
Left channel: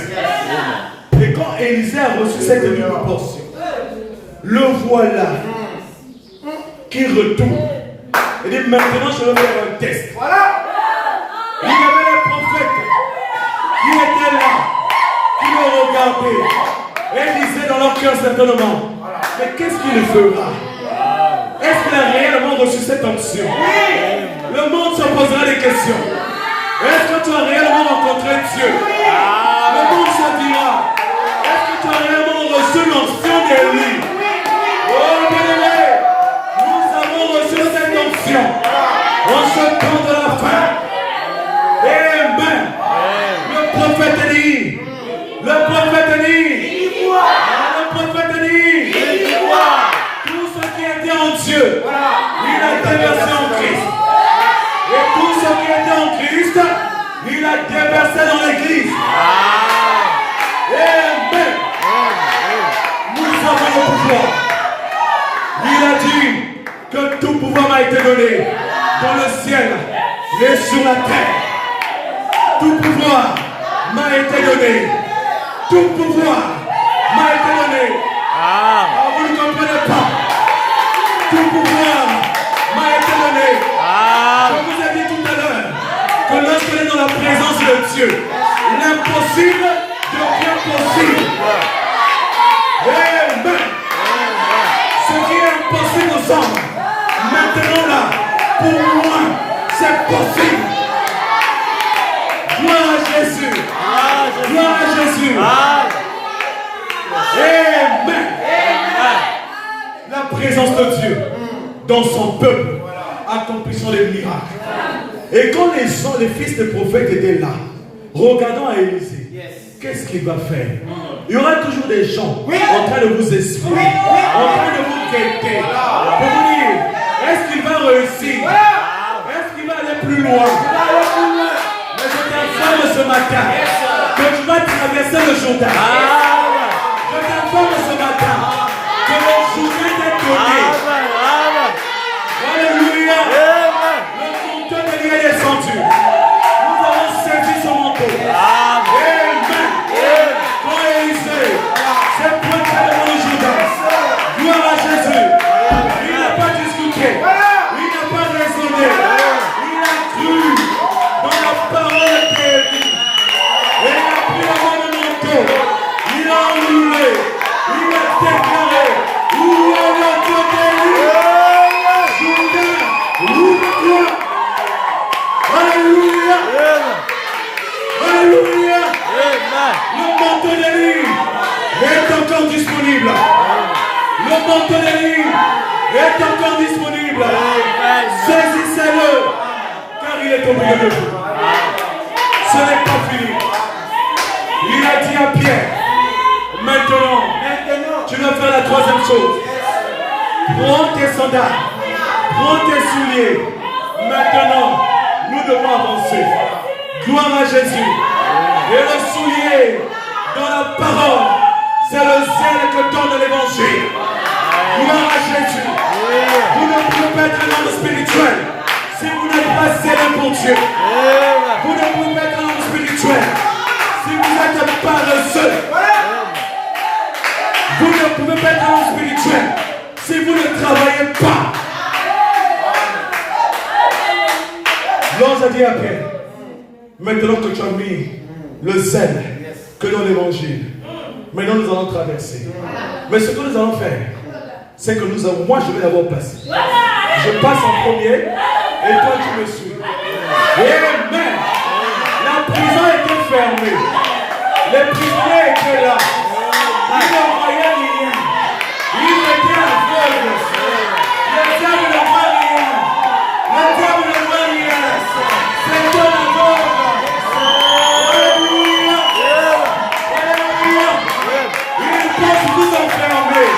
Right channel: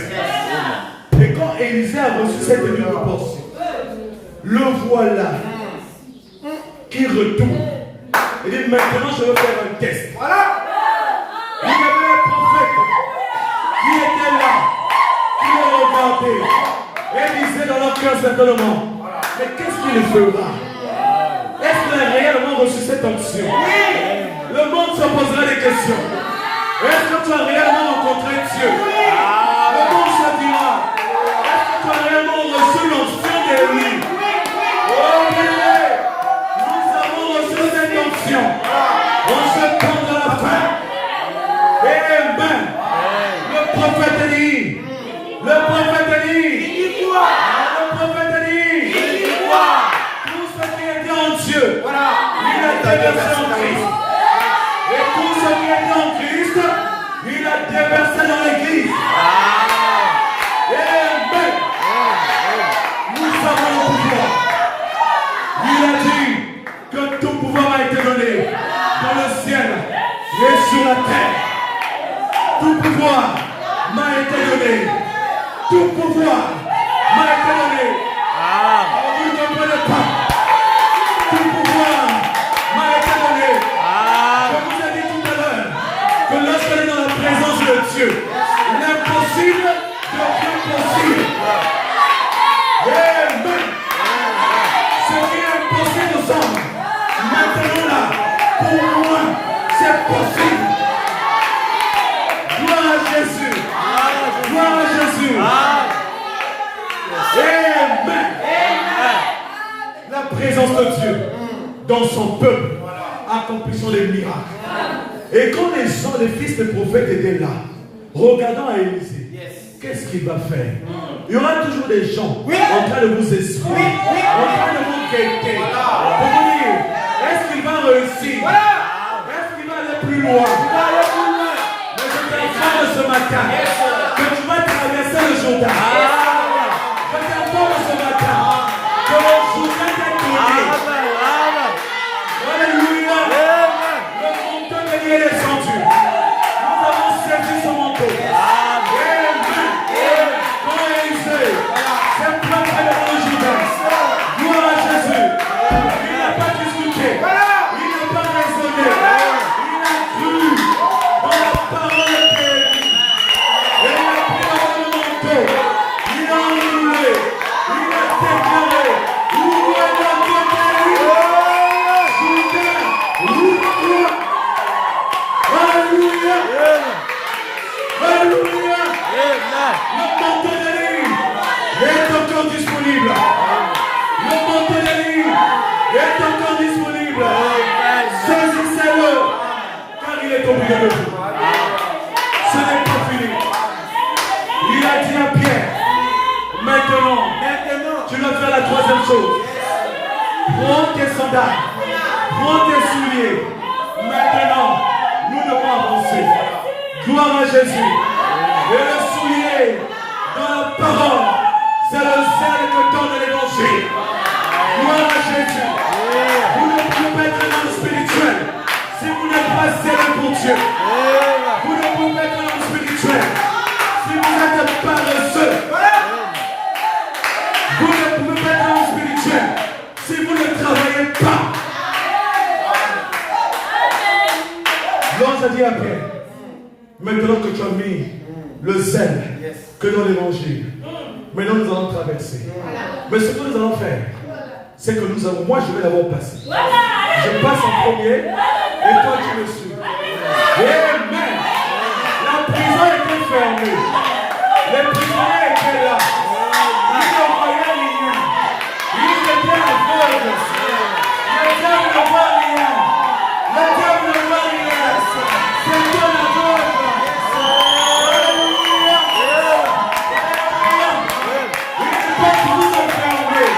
Et quand Élisée a reçu cette double portion, le voilà qui retourne. Il dit maintenant je vais faire un test. Il y avait les prophètes qui étaient là, qui le regardaient et disaient dans leur cœur certainement, mais qu'est-ce qu'il fera? Est-ce qu'il a réellement reçu cette onction? Le monde se posera des questions. Est-ce que tu as réellement rencontré Dieu? Le monde se dira, est-ce que tu as réellement reçu l'onction d'Élie? Oh bien, nous avons reçu cette onction. On se prend de la fin. Amen. Le prophète dit, le prophète dit, tout ce qui était en Dieu, il a déversé en Christ. Et tout ce qui était en Christ, il a déversé dans l'Église. Amen. Nous avons le pouvoir. Il a dit que tout pouvoir m'a été donné dans le ciel et sur la terre. Tout pouvoir m'a été donné. Tout pouvoir m'a été donné. Vous ne comprenez pas. Tout pouvoir m'a été donné. Je vous ai dit tout à l'heure que lorsqu'on est dans la présence de Dieu, l'impossible devient possible. Amen. Ce qui est impossible aux hommes, maintenant là, pour moi, c'est possible. Gloire à Jésus. Gloire à Jésus. Amen. La présence de Dieu dans son peuple accomplissant les miracles. Et quand les fils des prophètes étaient là, regardant à Élisée, qu'est-ce qu'il va faire? Il y aura toujours des gens en train de vous espérer, en train de vous guetter, pour vous dire, est-ce qu'il va réussir? Est-ce qu'il va aller plus loin? Mais je t'informe ce matin que tu vas traverser le Jourdain. Je t'informe ce matin que le Jourdain t'est donné. Alléluia. Le manteau d'Élie est descendu. Nous avons saisi son manteau. Amen. Quand Élisée s'est pointé devant le Jourdain, gloire à Jésus. Il n'a pas discuté. Il n'a pas raisonné. Il a cru dans la parole de Dieu. Et il a pris le manteau. Il a enroulé. Il a déclaré. Où est notre Dieu? Jourdain, alléluia. Alléluia. Le manteau d'Élie est encore disponible. Le manteau d'Élie est encore disponible. Saisissez-le, car il est au milieu de vous. Ce n'est pas fini. Il a dit à Pierre, maintenant, tu vas faire la troisième chose. Prends tes sandales, prends tes souliers. Maintenant, nous devons avancer. Gloire à Jésus. Et le soulier dans la parole, c'est le zèle que donne l'évangile. Gloire à Jésus. Vous ne pouvez pas être dans le spirituel si vous n'êtes pas zélé pour Dieu. Vous ne pouvez pas être dans le spirituel si vous êtes paresseux. Vous ne pouvez pas être un spirituel si vous ne travaillez pas. L'ange a dit après, maintenant que tu as mis le zèle que dans l'évangile, maintenant nous allons traverser. Mais ce que nous allons faire, c'est que moi je vais d'abord passer. Je passe en premier et toi tu me suis. Amen. La prison était fermée. Les prisonniers étaient là. Ils ne voyaient rien. Ils étaient aveugles. Le diable ne voit rien. Le diable ne voit rien. C'est un aveugle. Alléluia. Alléluia. Ils pensent vous enfermer.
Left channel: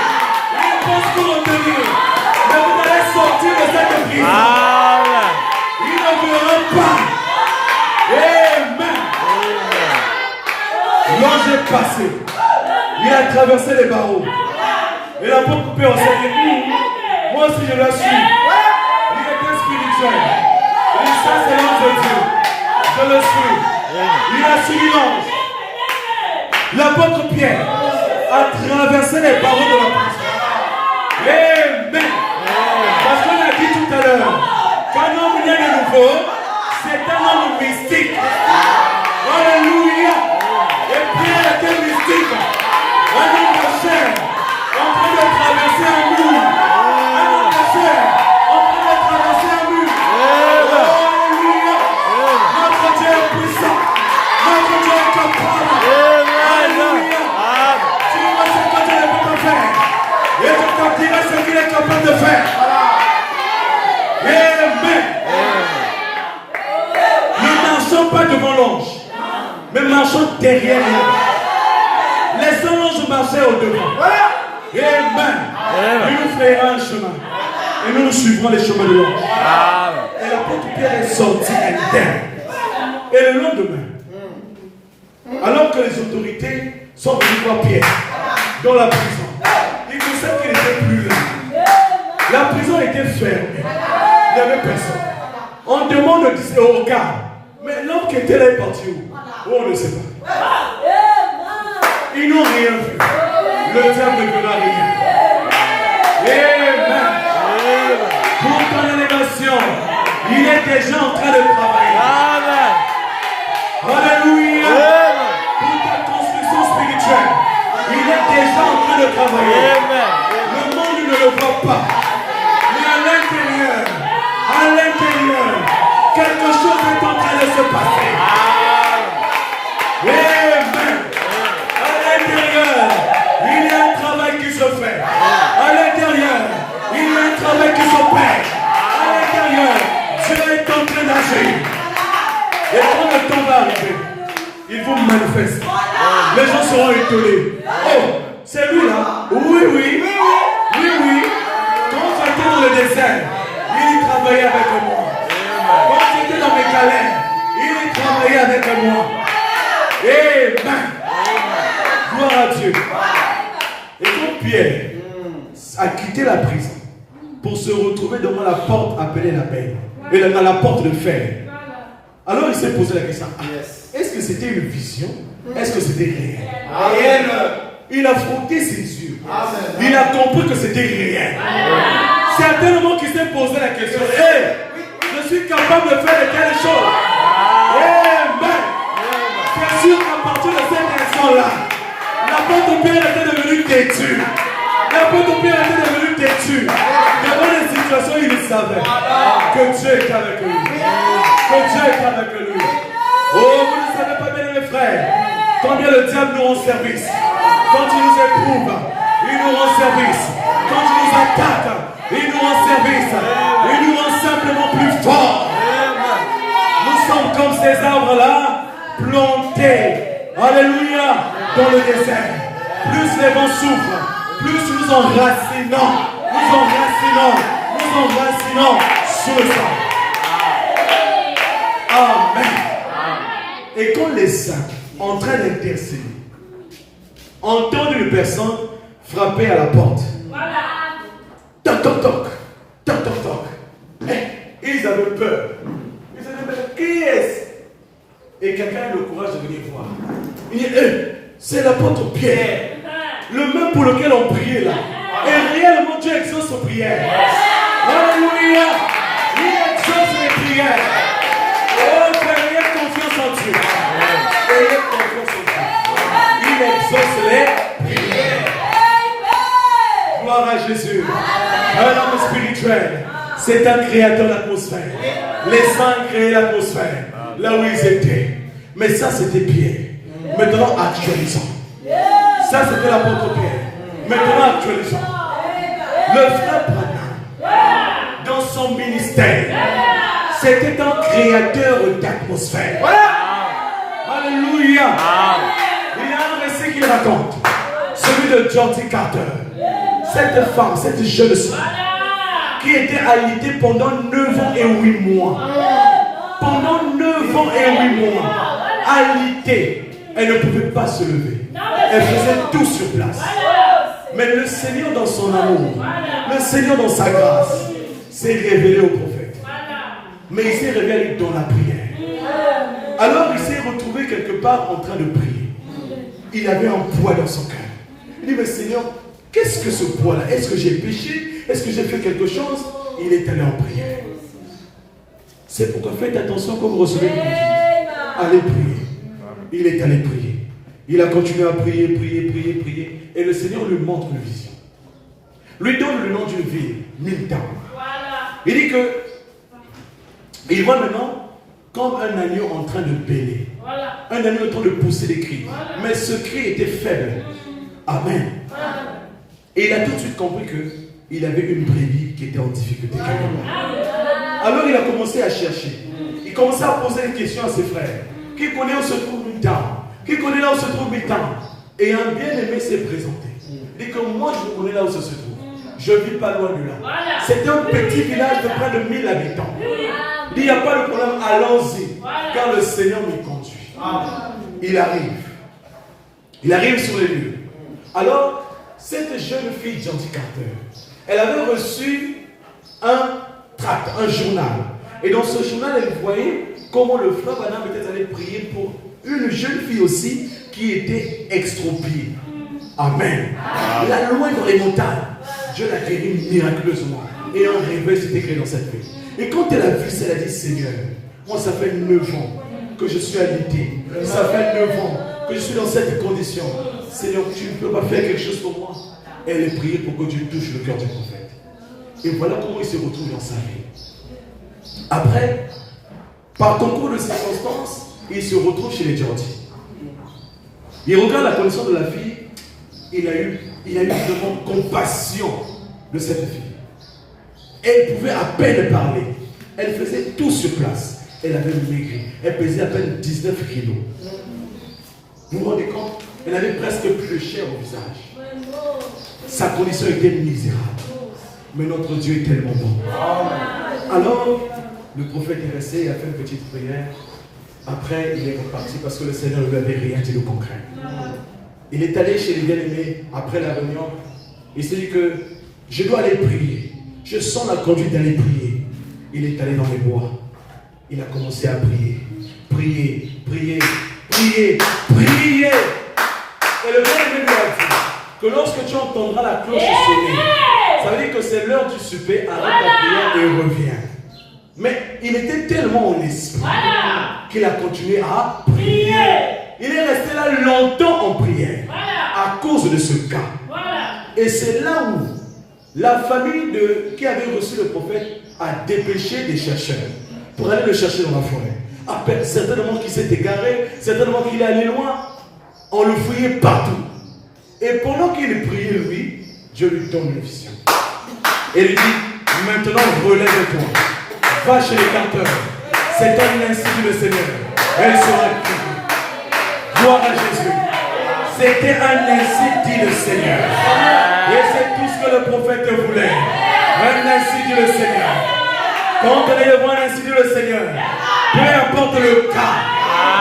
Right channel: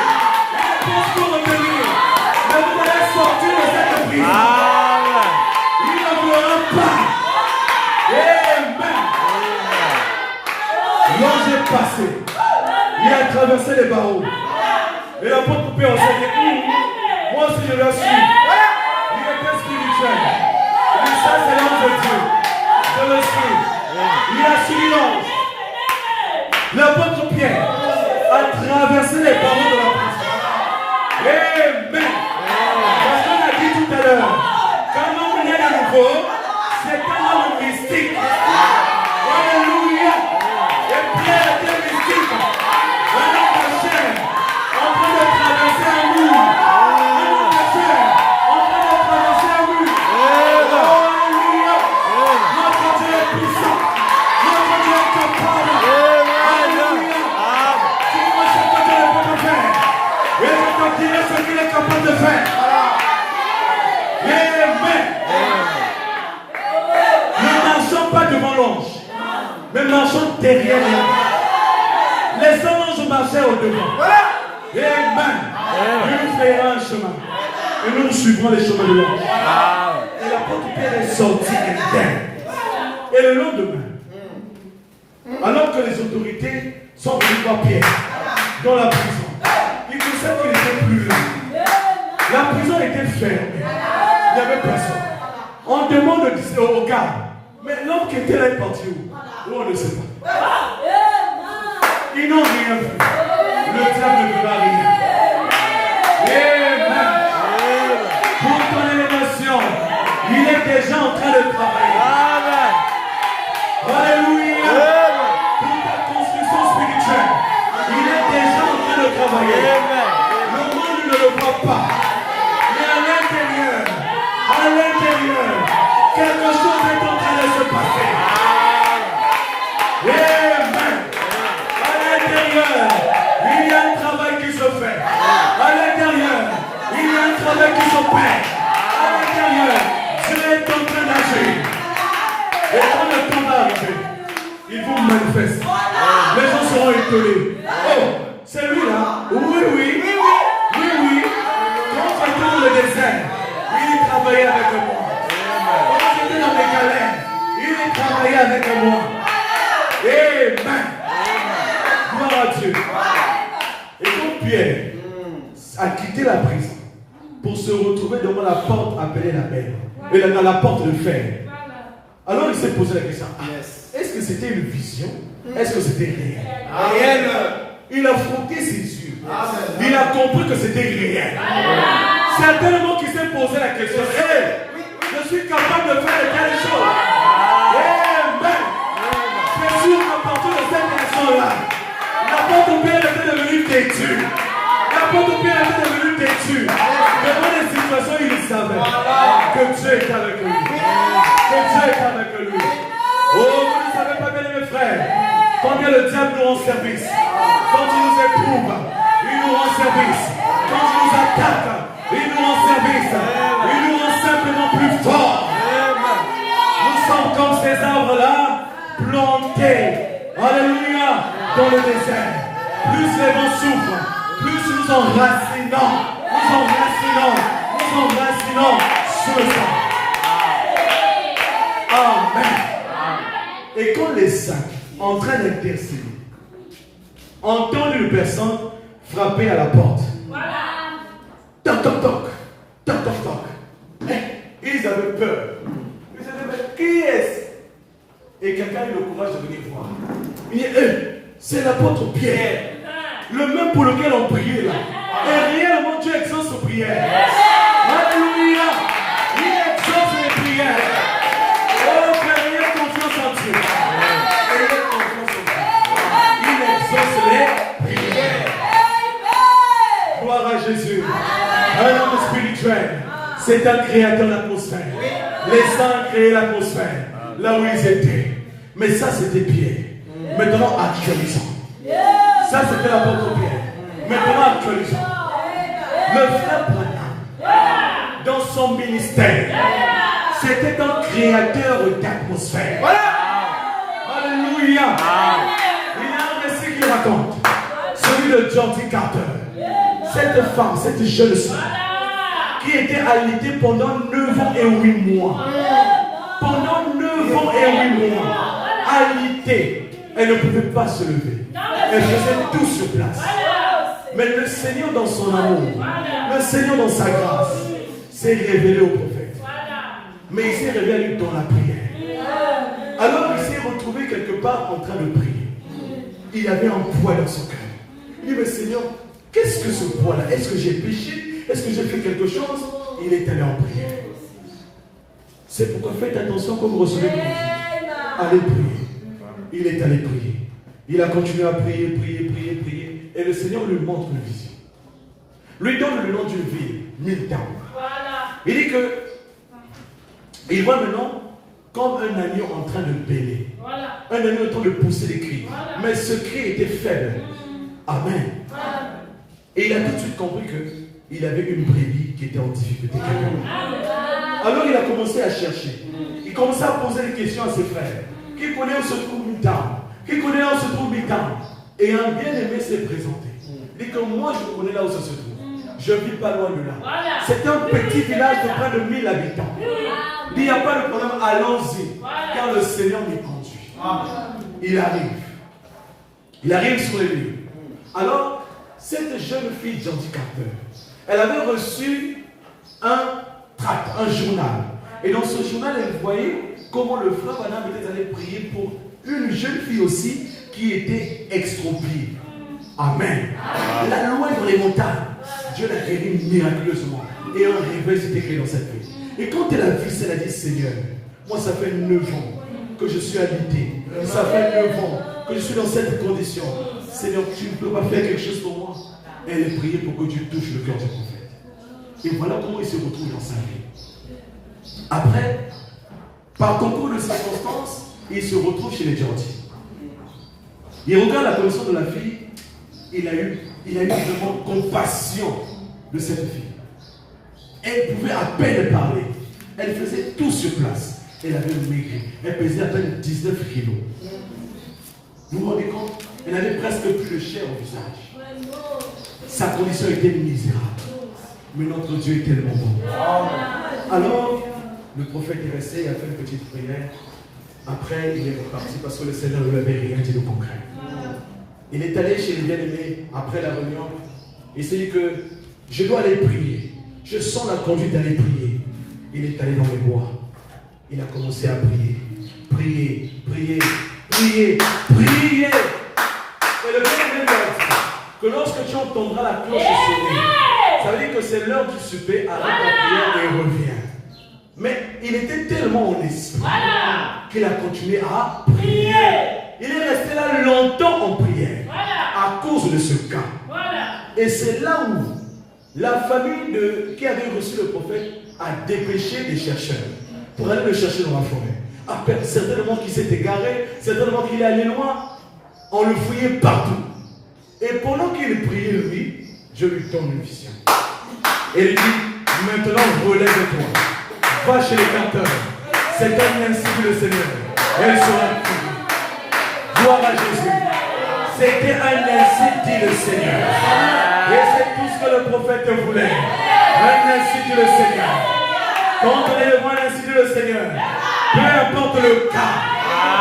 Ils pensent vous retenir. Mais vous allez sortir de cette prison. Ils ne verront pas. Amen. L'ange est passé. Il a traversé les barreaux. Et l'apôtre Pierre s'est dit, moi aussi je le suis. Il était spirituel. Il dit, ça c'est l'ange de Dieu. Je le suis. Il a suivi l'ange. L'apôtre Pierre a traversé les barreaux de la prison. Amen. Parce qu'on a dit tout à l'heure, quand un homme vient à nouveau, c'est un homme mystique. Alléluia. Et Pierre était mystique. Un homme de chair, en train de traverser un mur. Un homme de chair, en train de traverser un mur. Alléluia. Notre Dieu est puissant. Notre Dieu est capable. Alléluia. Tu vois ce que Dieu est capable de faire. Et je te dirai ce qu'il est capable de faire. Amen. Ne marchons pas devant l'ange, mais marchons derrière l'ange. Les anges marchaient au devant. Amen. Il nous fera un chemin. Et nous suivrons les chemins de l'ange. Et l'apôtre Pierre est sorti indemne. Et le lendemain, alors que les autorités sont venues voir Pierre dans la prison, ils constatent qu'il n'était plus là. La prison était fermée. Il n'y avait personne. On demande au gars, mais l'homme qui était là est parti où? On ne sait pas. Ils n'ont rien vu. Le diable ne verra rien. Amen. Pour ton élévation, il est déjà en train de travailler. Alléluia. Pour ta construction spirituelle, il est déjà en train de travailler. Le monde ne le voit pas. Mais à l'intérieur, quelque chose est en train de se passer. Amen. À l'intérieur, il y a un travail qui se fait. À l'intérieur, il y a un travail qui s'opère. À l'intérieur, Dieu est en train d'agir. Et quand le temps va arriver, il vous manifeste. Les gens seront étonnés. Oh, c'est lui là? Oui. Quand j'étais dans le désert, il travaillait avec moi. Quand j'étais dans mes galères, il travaillait avec moi. Amen. Gloire à Dieu. Et quand Pierre a quitté la prison pour se retrouver devant la porte appelée la belle, et dans la porte de fer, alors il s'est posé la question, est-ce que c'était une vision? Est-ce que c'était réel? Il a frotté ses yeux. Il a compris que c'était réel. C'est à tel moment qu'il s'est posé la question, je suis capable de faire de telles choses. Amen. C'est sûr qu'à partir de cet instant-là, l'apôtre Pierre était devenu têtu. L'apôtre Pierre était devenu têtu. Devant les situations, il savait que Dieu est avec lui. Que Dieu est avec lui. Oh, vous ne savez pas, bien mes frères, combien le diable nous rend service. Quand il nous éprouve, il nous rend service. Quand il nous attaque, il nous rend service. Il nous rend simplement plus forts. Nous sommes comme ces arbres-là, plantés, alléluia, dans le désert. Plus les vents souffrent, plus nous enracinons sous le sang. Amen. Et quand les saints, en train d'intercéder, entendent une personne frapper à la porte. Toc, toc, toc. Toc, toc, toc. Ils avaient peur. Ils se disaient, mais qui est-ce? Et quelqu'un a eu le courage de venir voir. Il dit, C'est l'apôtre Pierre. Le même pour lequel on priait là. Et réellement, Dieu exauce nos prières. Alléluia. Il exauce les prières. Oh, ayez confiance en Dieu. Ayez confiance en Dieu. Il exauce les prières. Gloire à Jésus. Un homme spirituel. C'est un créateur d'atmosphère. Les saints créaient l'atmosphère. Là où ils étaient. Mais ça, c'était Pierre. Maintenant, actualisons. Ça, c'était l'apôtre Pierre. Maintenant, actualisons. Le frère Branham, dans son ministère, c'était un créateur d'atmosphère. Voilà. Alléluia. Il y a un récit qu'il raconte. Celui de Georgie Carter. Cette femme, cette jeune soeur, qui était alitée pendant 9 ans et 8 mois. Pendant 9 ans et 8 mois. Alitée. Elle ne pouvait pas se lever. Elle faisait tout sur place. Mais le Seigneur dans son amour, le Seigneur dans sa grâce, s'est révélé au prophète. Mais il s'est révélé dans la prière. Alors il s'est retrouvé quelque part en train de prier. Il avait un poids dans son cœur. Il dit, mais Seigneur, qu'est-ce que ce poids-là? Est-ce que j'ai péché? Est-ce que j'ai fait quelque chose? Il est allé en prière. C'est pourquoi faites attention quand vous recevez une vie. Allez prier. Il est allé prier. Il a continué à prier, prier. Et le Seigneur lui montre une vision. Lui donne le nom d'une ville, Milltown. Il dit que il voit maintenant comme un agneau en train de bêler. Un agneau en train de pousser des cris. Mais ce cri était faible. Amen. Et il a tout de suite compris qu'il avait une brebis qui était en difficulté. Alors il a commencé à chercher. Il commençait à poser des questions à ses frères. Qui connaît où se trouve Milltown? Qui connaît là où se trouve Milltown? Et un bien-aimé s'est présenté. Il dit que moi je connais là où ça se trouve. Je ne vis pas loin de là. C'est un petit village de près de 1000 habitants. Il dit, il n'y a pas de problème, allons-y. Car le Seigneur m'y conduit. Il arrive. Il arrive sur les lieux. Alors, cette jeune fille, Georgie Carter, elle avait reçu un tract, un journal. Et dans ce journal, elle voyait comment le frère Branham était allé prier pour une jeune fille aussi qui était extropiée. Amen. Là, loin dans les montagnes, Dieu l'a guéri miraculeusement. Et un réveil s'est écrit dans cette vie. Et quand elle a vu ça, elle a dit, Seigneur, moi ça fait 9 ans que je suis alité. Ça fait 9 ans que je suis dans cette condition. Seigneur, tu ne peux pas faire quelque chose pour moi. Elle a prié pour que Dieu touche le cœur du prophète. Et voilà comment il se retrouve dans sa vie. Après, par concours de circonstances, il se retrouve chez les Georgie. Il regarde la condition de la fille. Il a eu vraiment compassion de cette fille. Elle pouvait à peine parler. Elle faisait tout sur place. Elle avait maigri. Elle pesait à peine 19 kilos. Vous vous rendez compte? Elle avait presque plus de chair au visage. Sa condition était misérable. Mais notre Dieu est tellement bon. Alors, le prophète est resté, il a fait une petite prière. Après, il est reparti parce que le Seigneur ne lui avait rien dit de concret. Il est allé chez les bien-aimés après la réunion. Il s'est dit que je dois aller prier. Je sens la conduite d'aller prier. Il est allé dans les bois. Il a commencé à prier. Prier, prier, prier, prier. Et le bien-aimé lui a dit que lorsque tu entendras la cloche sonner, ça veut dire que c'est l'heure du souper, arrête la prière et reviens. Mais il était tellement en esprit qu'il a continué à prier. Il est resté là longtemps en prière à cause de ce cas. Et c'est là où la famille qui avait reçu le prophète a dépêché des chercheurs pour aller le chercher dans la forêt. Certainement qu'il s'est égaré, certainement qu'il est allé loin. On le fouillait partout. Et pendant qu'il priait lui, Dieu lui donne une vision. Et il lui dit, maintenant relève-toi. Va chez les canteurs. C'est un ainsi dit le Seigneur. Elle sera priée. Gloire à Jésus. C'était un ainsi dit le Seigneur. Et c'est tout ce que le prophète voulait. Un ainsi dit le Seigneur. Quand on est devant un ainsi dit le Seigneur, peu importe le cas,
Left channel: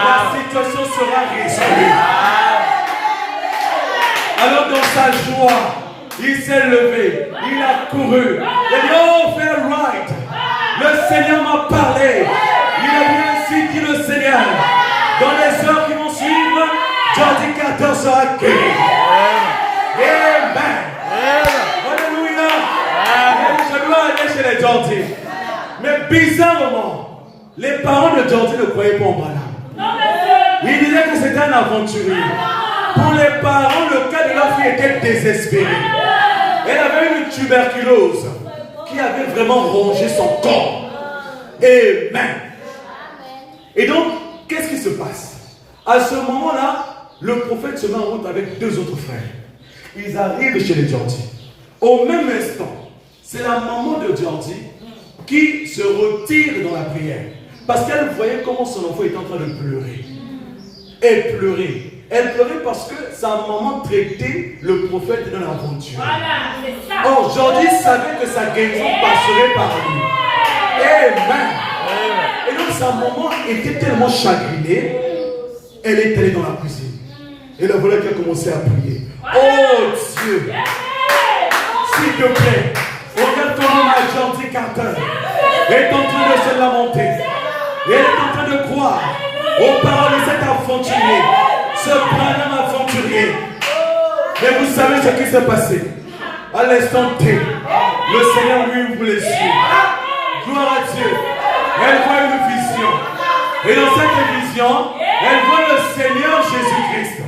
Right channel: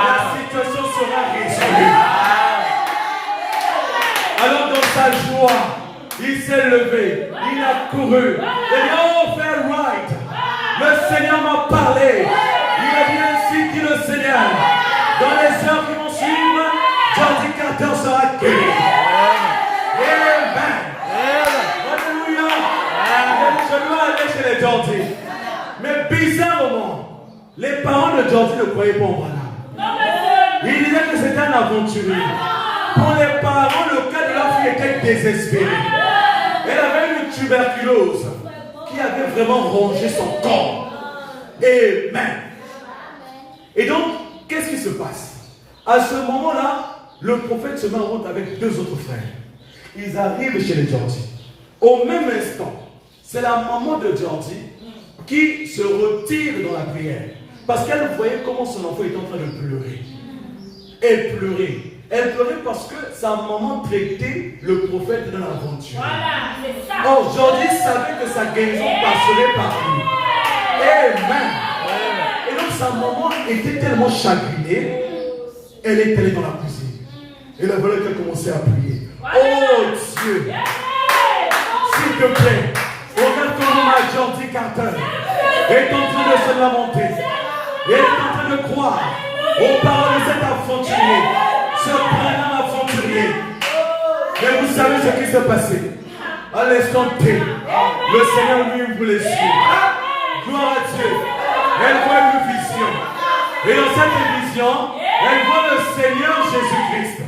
la situation sera résolue. Alors dans sa joie, il s'est levé, il a couru. Et oh, faire right. Le Seigneur m'a parlé. Il a dit ainsi dit le Seigneur. Dans les heures qui vont suivre, Jordi Carter sera guéri. Amen. Alléluia. Je dois aller chez les Jordi. Mais bizarrement, les parents de Jordi ne croyaient pas en Branham. Ils disaient que c'était un aventurier. Pour les parents, le cas de leur fille était désespéré. Elle avait une tuberculose qui avait vraiment rongé son corps. Amen. Et donc, qu'est-ce qui se passe? À ce moment-là, le prophète se met en route avec deux autres frères. Ils arrivent chez les Jordi. Au même instant, c'est la maman de Jordi qui se retire dans la prière. Parce qu'elle voyait comment son enfant était en train de pleurer. Elle pleurait. Elle pleurait parce que sa maman traitait le prophète d'un aventure. Voilà, c'est ça. Or, Jordi savait que sa guérison passerait par lui. Amen. Et donc, sa maman était tellement chagrinée, elle est allée dans la cuisine. Et la voilà qu'elle a commencé à prier. Oh Dieu! S'il te plaît, regarde comment ma Jordi Carter est en train de se lamenter. Elle est en train de croire aux paroles de cet aventurier, ce Branham aventurier. Mais vous savez ce qui s'est passé? À l'instant T, le Seigneur lui ouvre les yeux. Gloire à Dieu. Elle voit une vision. Et dans cette vision, elle voit le Seigneur Jésus-Christ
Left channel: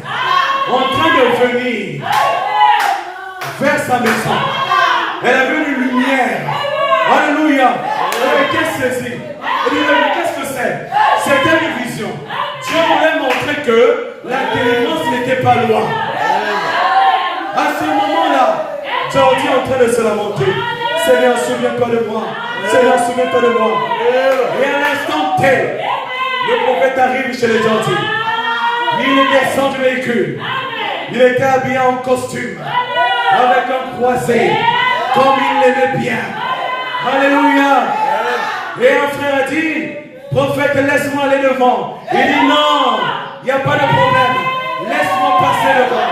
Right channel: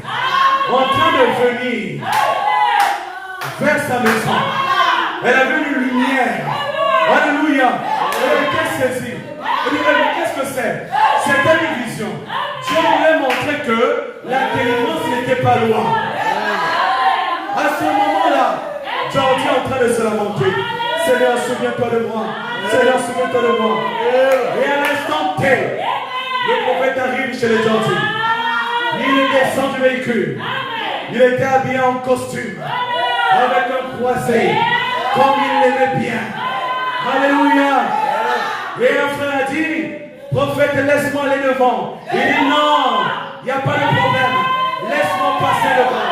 en train de venir vers sa maison. Elle avait une lumière. Alléluia. Elle était saisie. Elle dit, qu'est-ce que c'est? C'était une vision. Dieu voulait montrer que la délivrance n'était pas loin. À ce moment-là, Jordi est en train de se lamenter. Seigneur, souviens-toi de moi. Seigneur, souviens-toi de moi. Et à l'instant T, le prophète arrive chez les Jordi. Il descend du véhicule. Il était habillé en costume, avec un croisé, comme il l'aimait bien. Alléluia. Et un frère a dit, prophète, laisse-moi aller devant. Il dit non, il n'y a pas de problème. Laisse-moi passer devant.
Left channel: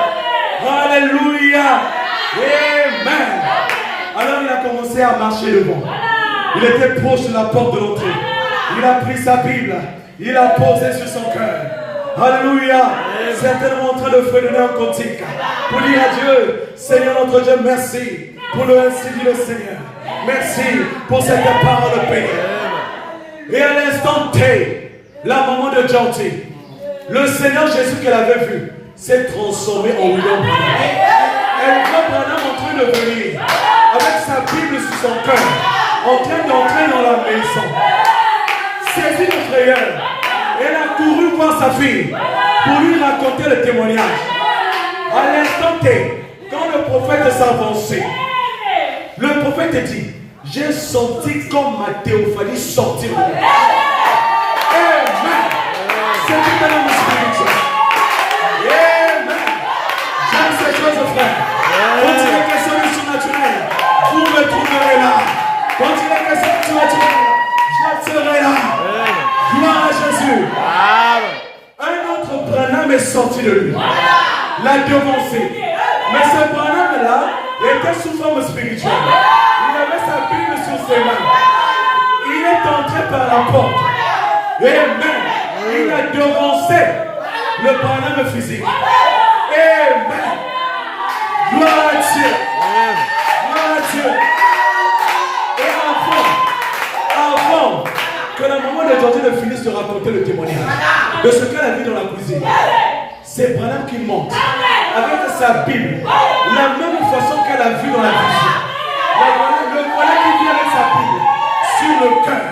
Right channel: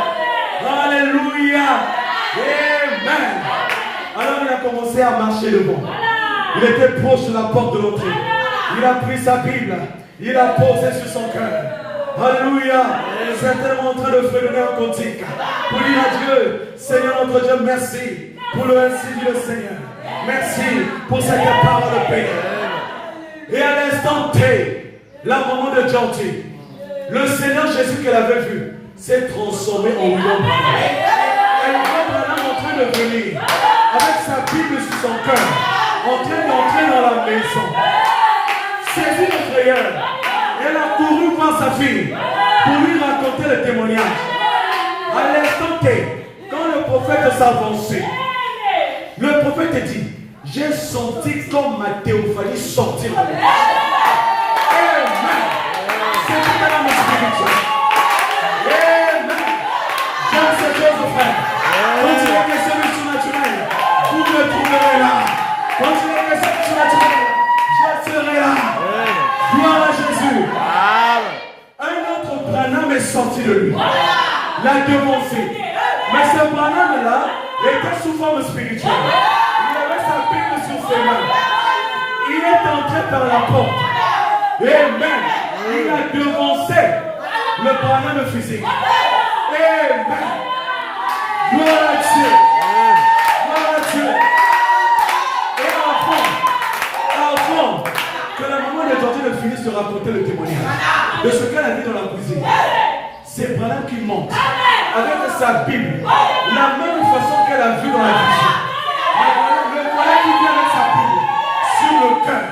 Alléluia. Amen. Alors il a commencé à marcher devant. Il était proche de la porte de l'entrée. Il a pris sa Bible. Il a posé sur son cœur. Alléluia. Certainement en train de fredonner un cantique pour dire à Dieu, Seigneur notre Dieu, merci pour le ainsi dit le Seigneur. Merci pour cette parole de paix. Et à l'instant T, la maman de Jordi, le Seigneur Jésus qu'elle avait vu, s'est transformé en William Branham. Elle voit Branham en train de venir avec sa Bible sur son cœur, en train d'entrer dans la maison. Saisie de frayeur, elle a couru voir sa fille pour lui raconter le témoignage. À l'instant T, quand le prophète s'avançait, le prophète dit, j'ai senti comme ma théophanie sortir de moi. Amen. C'est tout un homme spirituel. Amen. J'aime ces choses, frère. Quand il y a question du surnaturel, vous me trouverez là. Quand il y a question du surnaturel, je serai là. Gloire à Jésus. Un autre Branham est sorti de lui. L'a devancé. Mais ce Branham-là était sous forme spirituelle. Il avait sa Bible sur ses mains. Il est entré par la porte. Amen. Il a devancé le Branham physique. Amen. Gloire à Dieu. Gloire à Dieu. Et avant que la maman de Jordi ne finisse de raconter le témoignage de ce qu'elle a vu dans la cuisine, c'est Branham qui monte avec sa Bible, la même façon qu'elle a vu dans la vision. Le voilà qui vient avec sa Bible sur le cœur.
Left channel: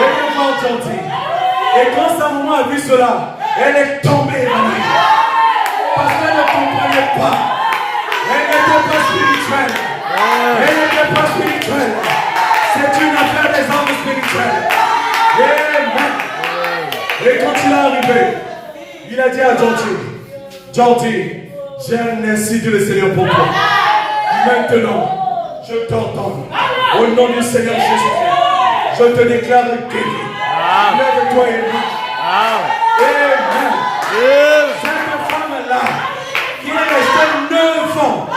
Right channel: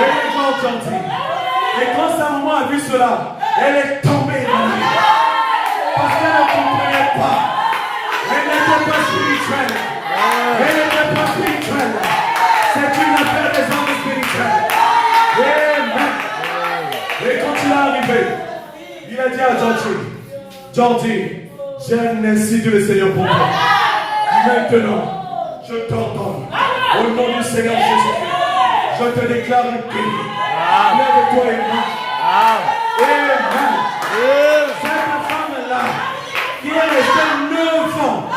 Et elle va entendre. Et quand sa maman a vu cela, elle est tombée évanouie. Parce qu'elle ne comprenait pas. Elle n'était pas spirituelle. Elle n'était pas spirituelle. C'est une affaire des hommes spirituels. Amen. Et quand il est arrivé, il a dit à Jordi, j'ai un ainsi dit le Seigneur pour toi. Maintenant, je t'entends. Au nom du Seigneur Jésus, je te déclare guéri. Lève-toi et vis. Amen. Cette femme-là, qui est restée 9 ans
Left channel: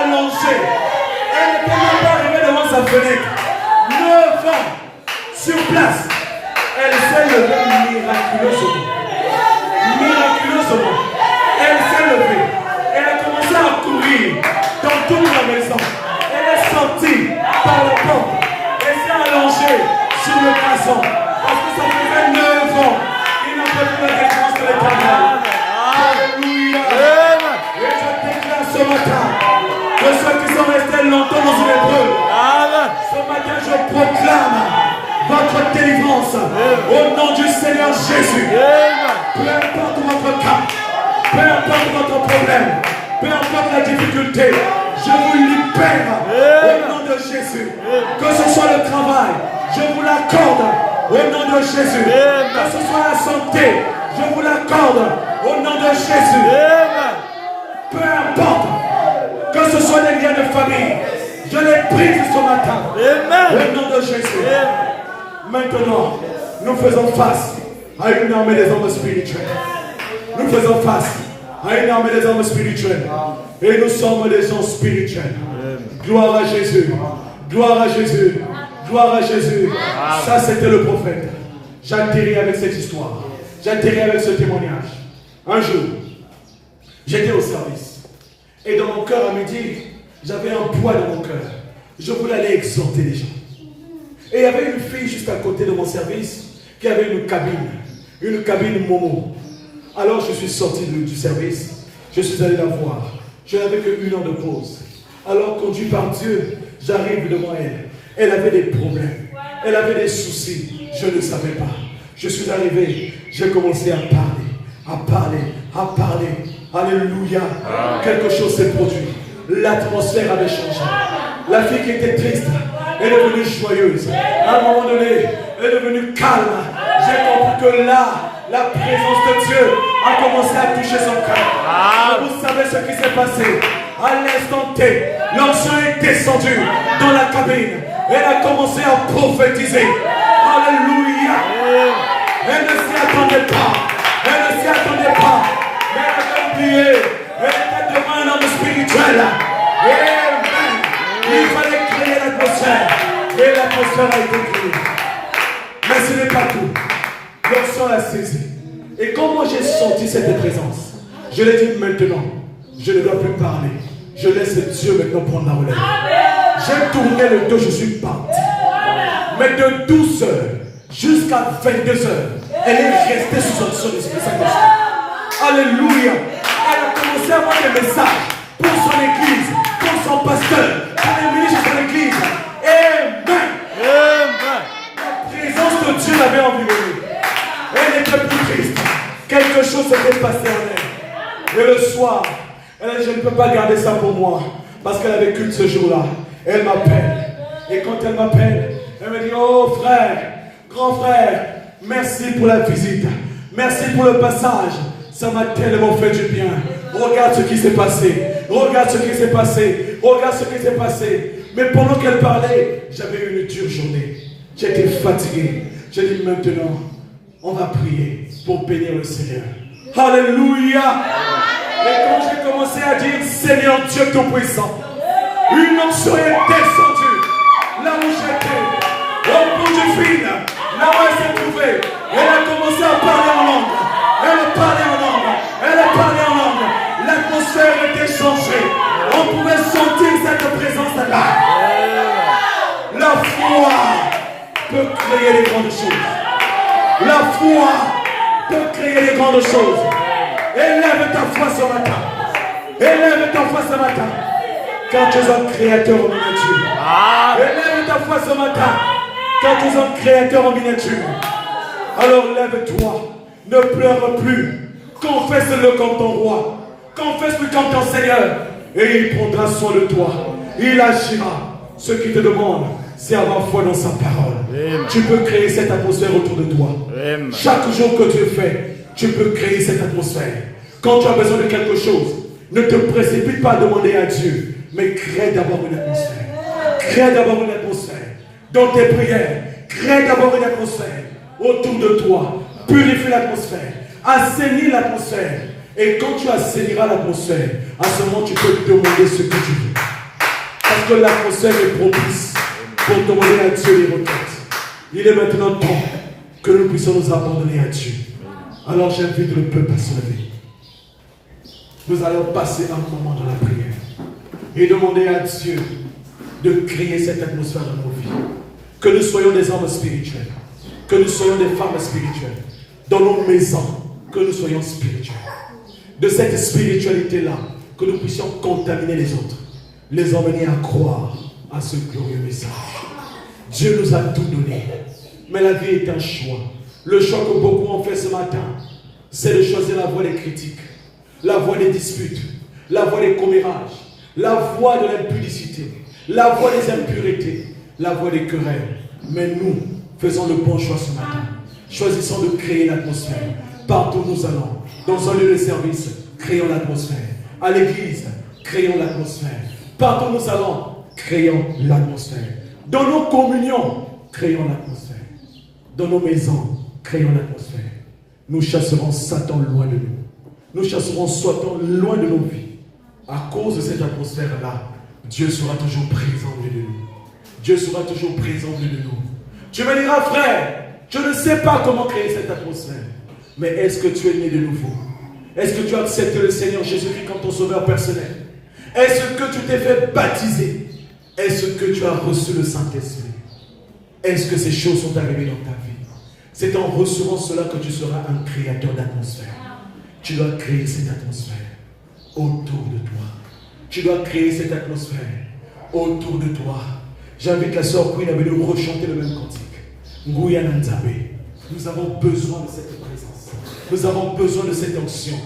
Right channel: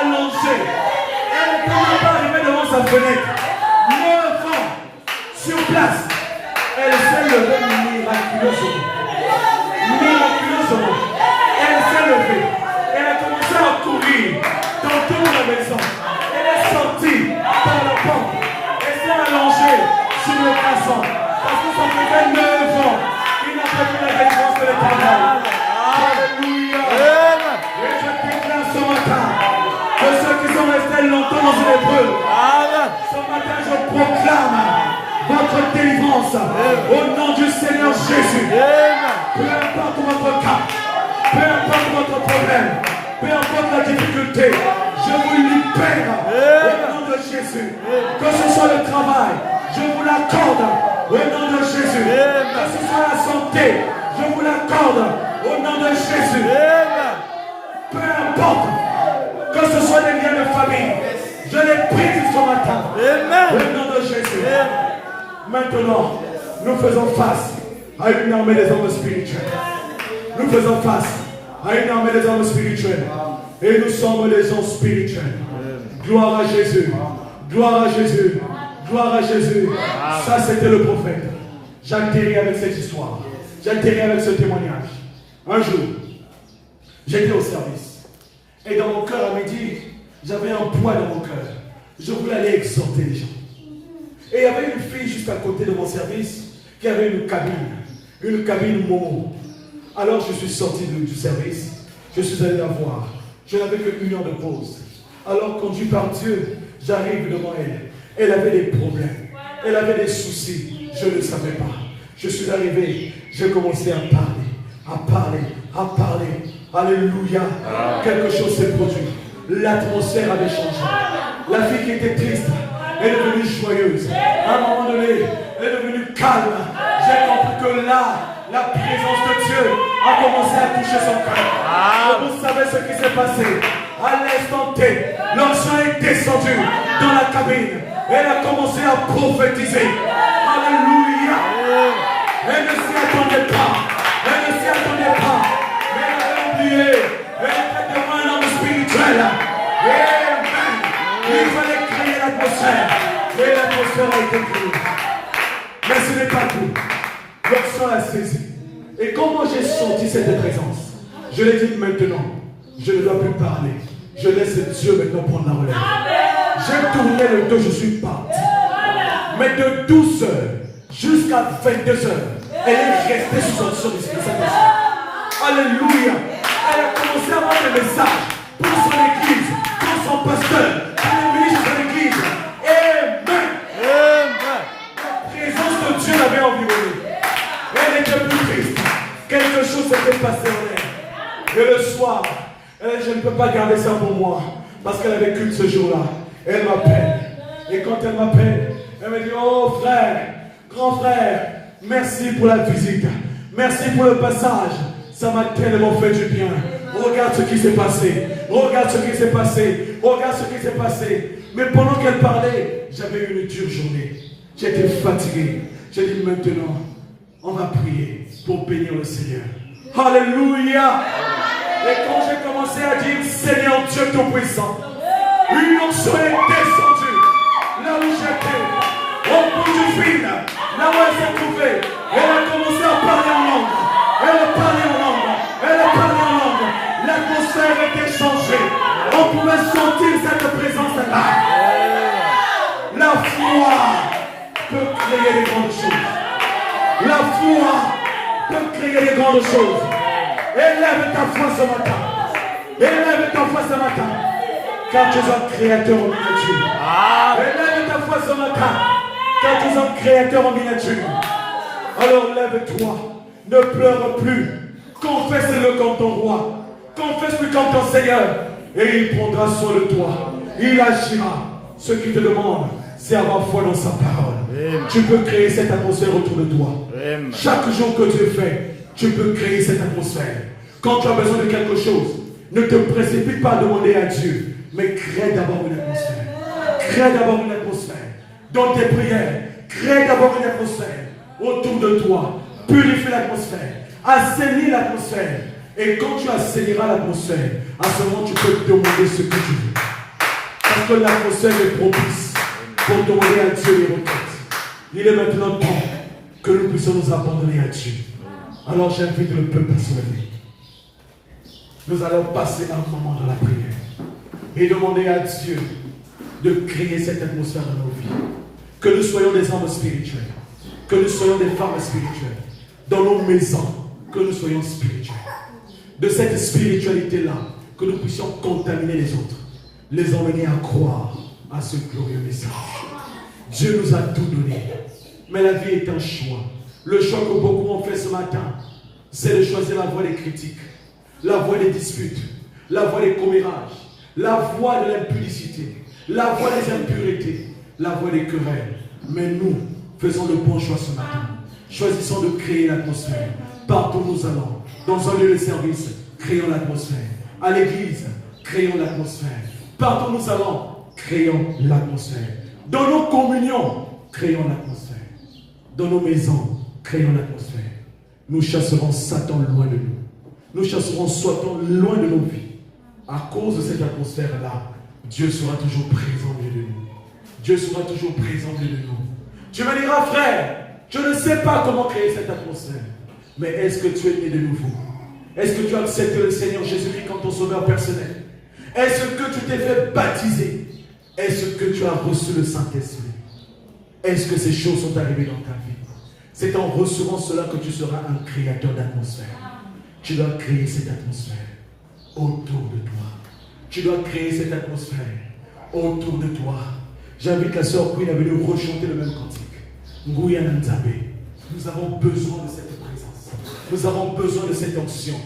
allongée, elle ne peut même pas arriver devant sa fenêtre. 9 ans sur place, elle fait le miraculeux sur nous. qu'elle l'entende dans une épreuve. Amen. Ce matin, je proclame votre délivrance au nom du Seigneur Jésus. Amen. Peu importe votre cas, peu importe votre problème, peu importe la difficulté, je vous libère au nom de Jésus. Que ce soit le travail, je vous l'accorde au nom de Jésus. Que ce soit la santé, je vous l'accorde au nom de Jésus. Amen. Peu importe, que ce soit des liens de famille, je les prie ce matin. Amen. Au nom de Jésus. Maintenant, nous faisons face à une armée des hommes spirituels. Nous faisons face à une armée des hommes spirituels. Et nous sommes des gens spirituels. Gloire à Jésus. Gloire à Jésus. Gloire à Jésus. Ça, c'était le prophète. J'atterris avec cette histoire. J'atterris avec ce témoignage. Un jour, j'étais au service. Et dans mon cœur, à midi, j'avais un poids dans mon cœur. Je voulais aller exhorter les gens. Et il y avait une fille juste à côté de mon service qui avait une cabine Momo. Alors je suis sorti du service, je suis allé la voir. Je n'avais qu'une heure de pause. Alors conduit par Dieu, j'arrive devant elle. Elle avait des problèmes, elle avait des soucis, je ne savais pas. Je suis arrivé, j'ai commencé à parler. Alléluia. Quelque chose s'est produit. L'atmosphère avait changé. La fille qui était triste, elle est devenue joyeuse. À un moment donné, elle est devenue calme. J'ai compris que là, la présence de Dieu a commencé à toucher son cœur. Vous savez ce qui s'est passé. À l'instant T, l'onction est descendue dans la cabine. Elle a commencé à prophétiser. Alléluia. Elle ne s'y attendait pas. Mais elle avait oublié. Elle était devant un homme spirituel. Amen. Il fallait créer l'atmosphère. Et l'atmosphère a été créée. Mais ce n'est pas tout. L'onction l'a saisi. Et quand moi j'ai senti cette présence, je l'ai dit maintenant, je ne dois plus parler. Je laisse Dieu maintenant prendre la relève. J'ai tourné le dos, je suis parti. Mais de 12h jusqu'à 22h, elle est restée sous son esprit. Alléluia. Elle a commencé à avoir des messages pour son église, pour son pasteur, pour les ministres de son église. Amen. La présence de Dieu l'avait environnée. Elle n'était plus triste. Quelque chose s'était passé en elle. Et le soir, elle a dit, je ne peux pas garder ça pour moi. Parce qu'elle avait culte ce jour-là. Elle m'appelle. Et quand elle m'appelle, elle me dit, oh frère, grand frère, merci pour la visite. Merci pour le passage. Ça m'a tellement fait du bien. Regarde ce qui s'est passé. Regarde ce qui s'est passé. Regarde ce qui s'est passé. Mais pendant qu'elle parlait, j'avais une dure journée. J'étais fatigué. J'ai dit maintenant, on va prier pour bénir le Seigneur. Alléluia. Et quand j'ai commencé à dire, Seigneur Dieu Tout-Puissant, une onction est descendue là où j'étais, au bout du fil, là où elle s'est trouvée. Elle a commencé à parler en langue. Elle a parlé en langue. L'atmosphère était changée. On pouvait sentir cette présence là. La foi peut créer les grandes choses. La foi peut créer les grandes choses. Élève ta foi ce matin. Élève ta foi ce matin. Car tu es un créateur en miniature. Élève ta foi ce matin. Car tu es un créateur en miniature. Alors lève-toi. Ne pleure plus. Confesse-le comme ton roi. Confesse-le comme ton Seigneur. Et il prendra soin de toi. Il agira. Ce qu'il te demande, c'est avoir foi dans sa parole. Amen. Tu peux créer cette atmosphère autour de toi. Amen. Chaque jour que Dieu fait, tu peux créer cette atmosphère. Quand tu as besoin de quelque chose, ne te précipite pas à demander à Dieu, mais crée d'abord une atmosphère. Crée d'abord une atmosphère. Dans tes prières, crée d'abord une atmosphère autour de toi. Purifie l'atmosphère. Assainis l'atmosphère. Et quand tu assainiras l'atmosphère, à ce moment tu peux demander ce que tu veux. Parce que l'atmosphère est propice pour demander à Dieu les requêtes. Il est maintenant temps que nous puissions nous abandonner à Dieu. Alors j'invite le peuple à se lever. Nous allons passer un moment dans la prière et demander à Dieu de créer cette atmosphère dans nos vies. Que nous soyons des hommes spirituels, que nous soyons des femmes spirituelles, dans nos maisons, que nous soyons spirituels. De cette spiritualité-là, que nous puissions contaminer les autres. les emmener à croire à ce glorieux message. Dieu nous a tout donné. Mais la vie est un choix. Le choix que beaucoup ont fait ce matin, c'est de choisir la voie des critiques, la voie des disputes, la voie des commérages, la voie de l'impudicité, la voie des impuretés, la voie des querelles. Mais nous faisons le bon choix ce matin. Choisissons de créer l'atmosphère. Partout où nous allons, dans un lieu de service, créons l'atmosphère. À l'église, créons l'atmosphère. Partout où nous allons, créons l'atmosphère. Dans nos communions, créons l'atmosphère. Dans nos maisons, créons l'atmosphère. Nous chasserons Satan loin de nous. Nous chasserons Satan loin de nos vies. À cause de cette atmosphère-là, Dieu sera toujours présent au milieu de nous. Dieu sera toujours présent au milieu de nous. Tu me diras, frère, je ne sais pas comment créer cette atmosphère. Mais est-ce que tu es né de nouveau? Est-ce que tu as accepté le Seigneur Jésus-Christ comme ton sauveur personnel? Est-ce que tu t'es fait baptiser? Est-ce que tu as reçu le Saint-Esprit? Est-ce que ces choses sont arrivées dans ta vie? C'est en recevant cela que tu seras un créateur d'atmosphère. Tu dois créer cette atmosphère autour de toi. Tu dois créer cette atmosphère autour de toi. J'invite la sœur Queen à venir rechanter le même cantique. Nguya Nanzabe. Nous avons besoin de cette présence. Nous avons besoin de cette onction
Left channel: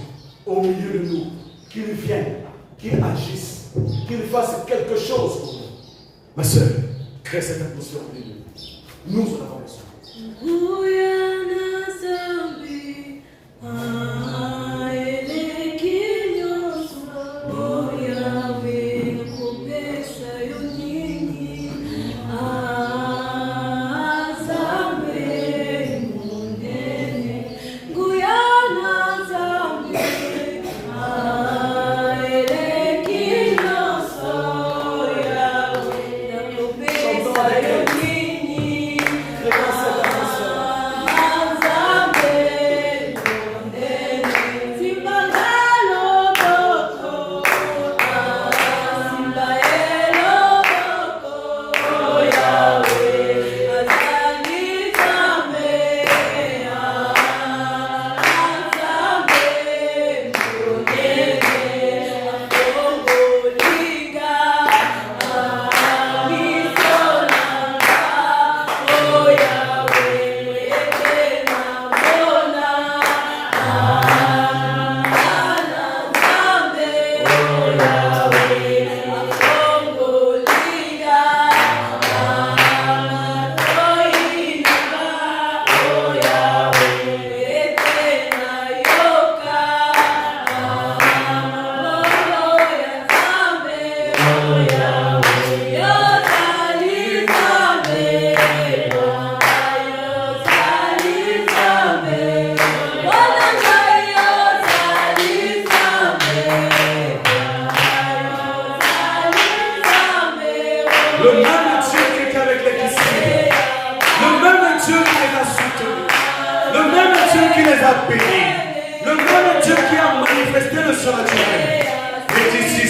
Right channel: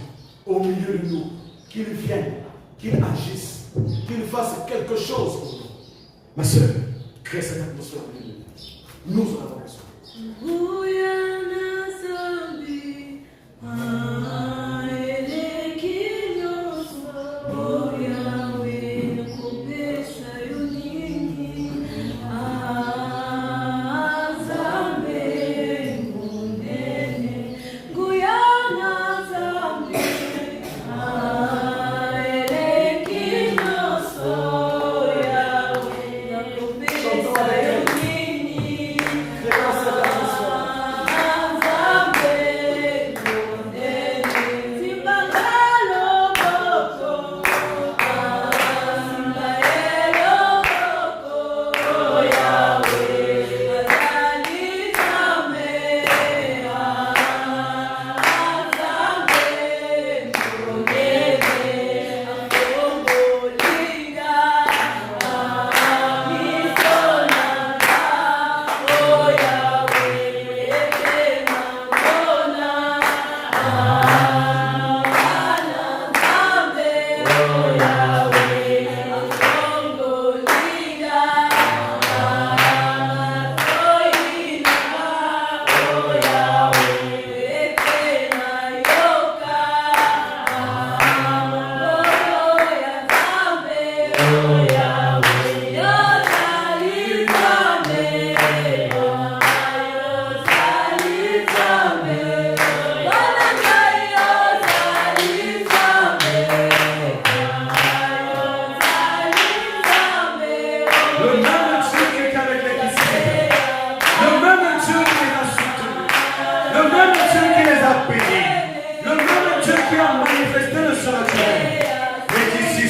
au milieu de nous. Qu'il vienne, qu'il agisse, qu'il fasse quelque chose pour nous. Ma sœur, crée cette atmosphère au milieu de nous. Nous en avons besoin.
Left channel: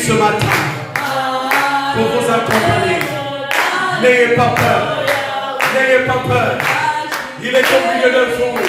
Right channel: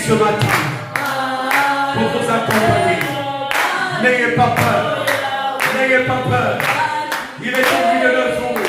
Ce matin, pour vous accompagner. N'ayez pas peur. N'ayez pas peur. Il est au milieu de vous.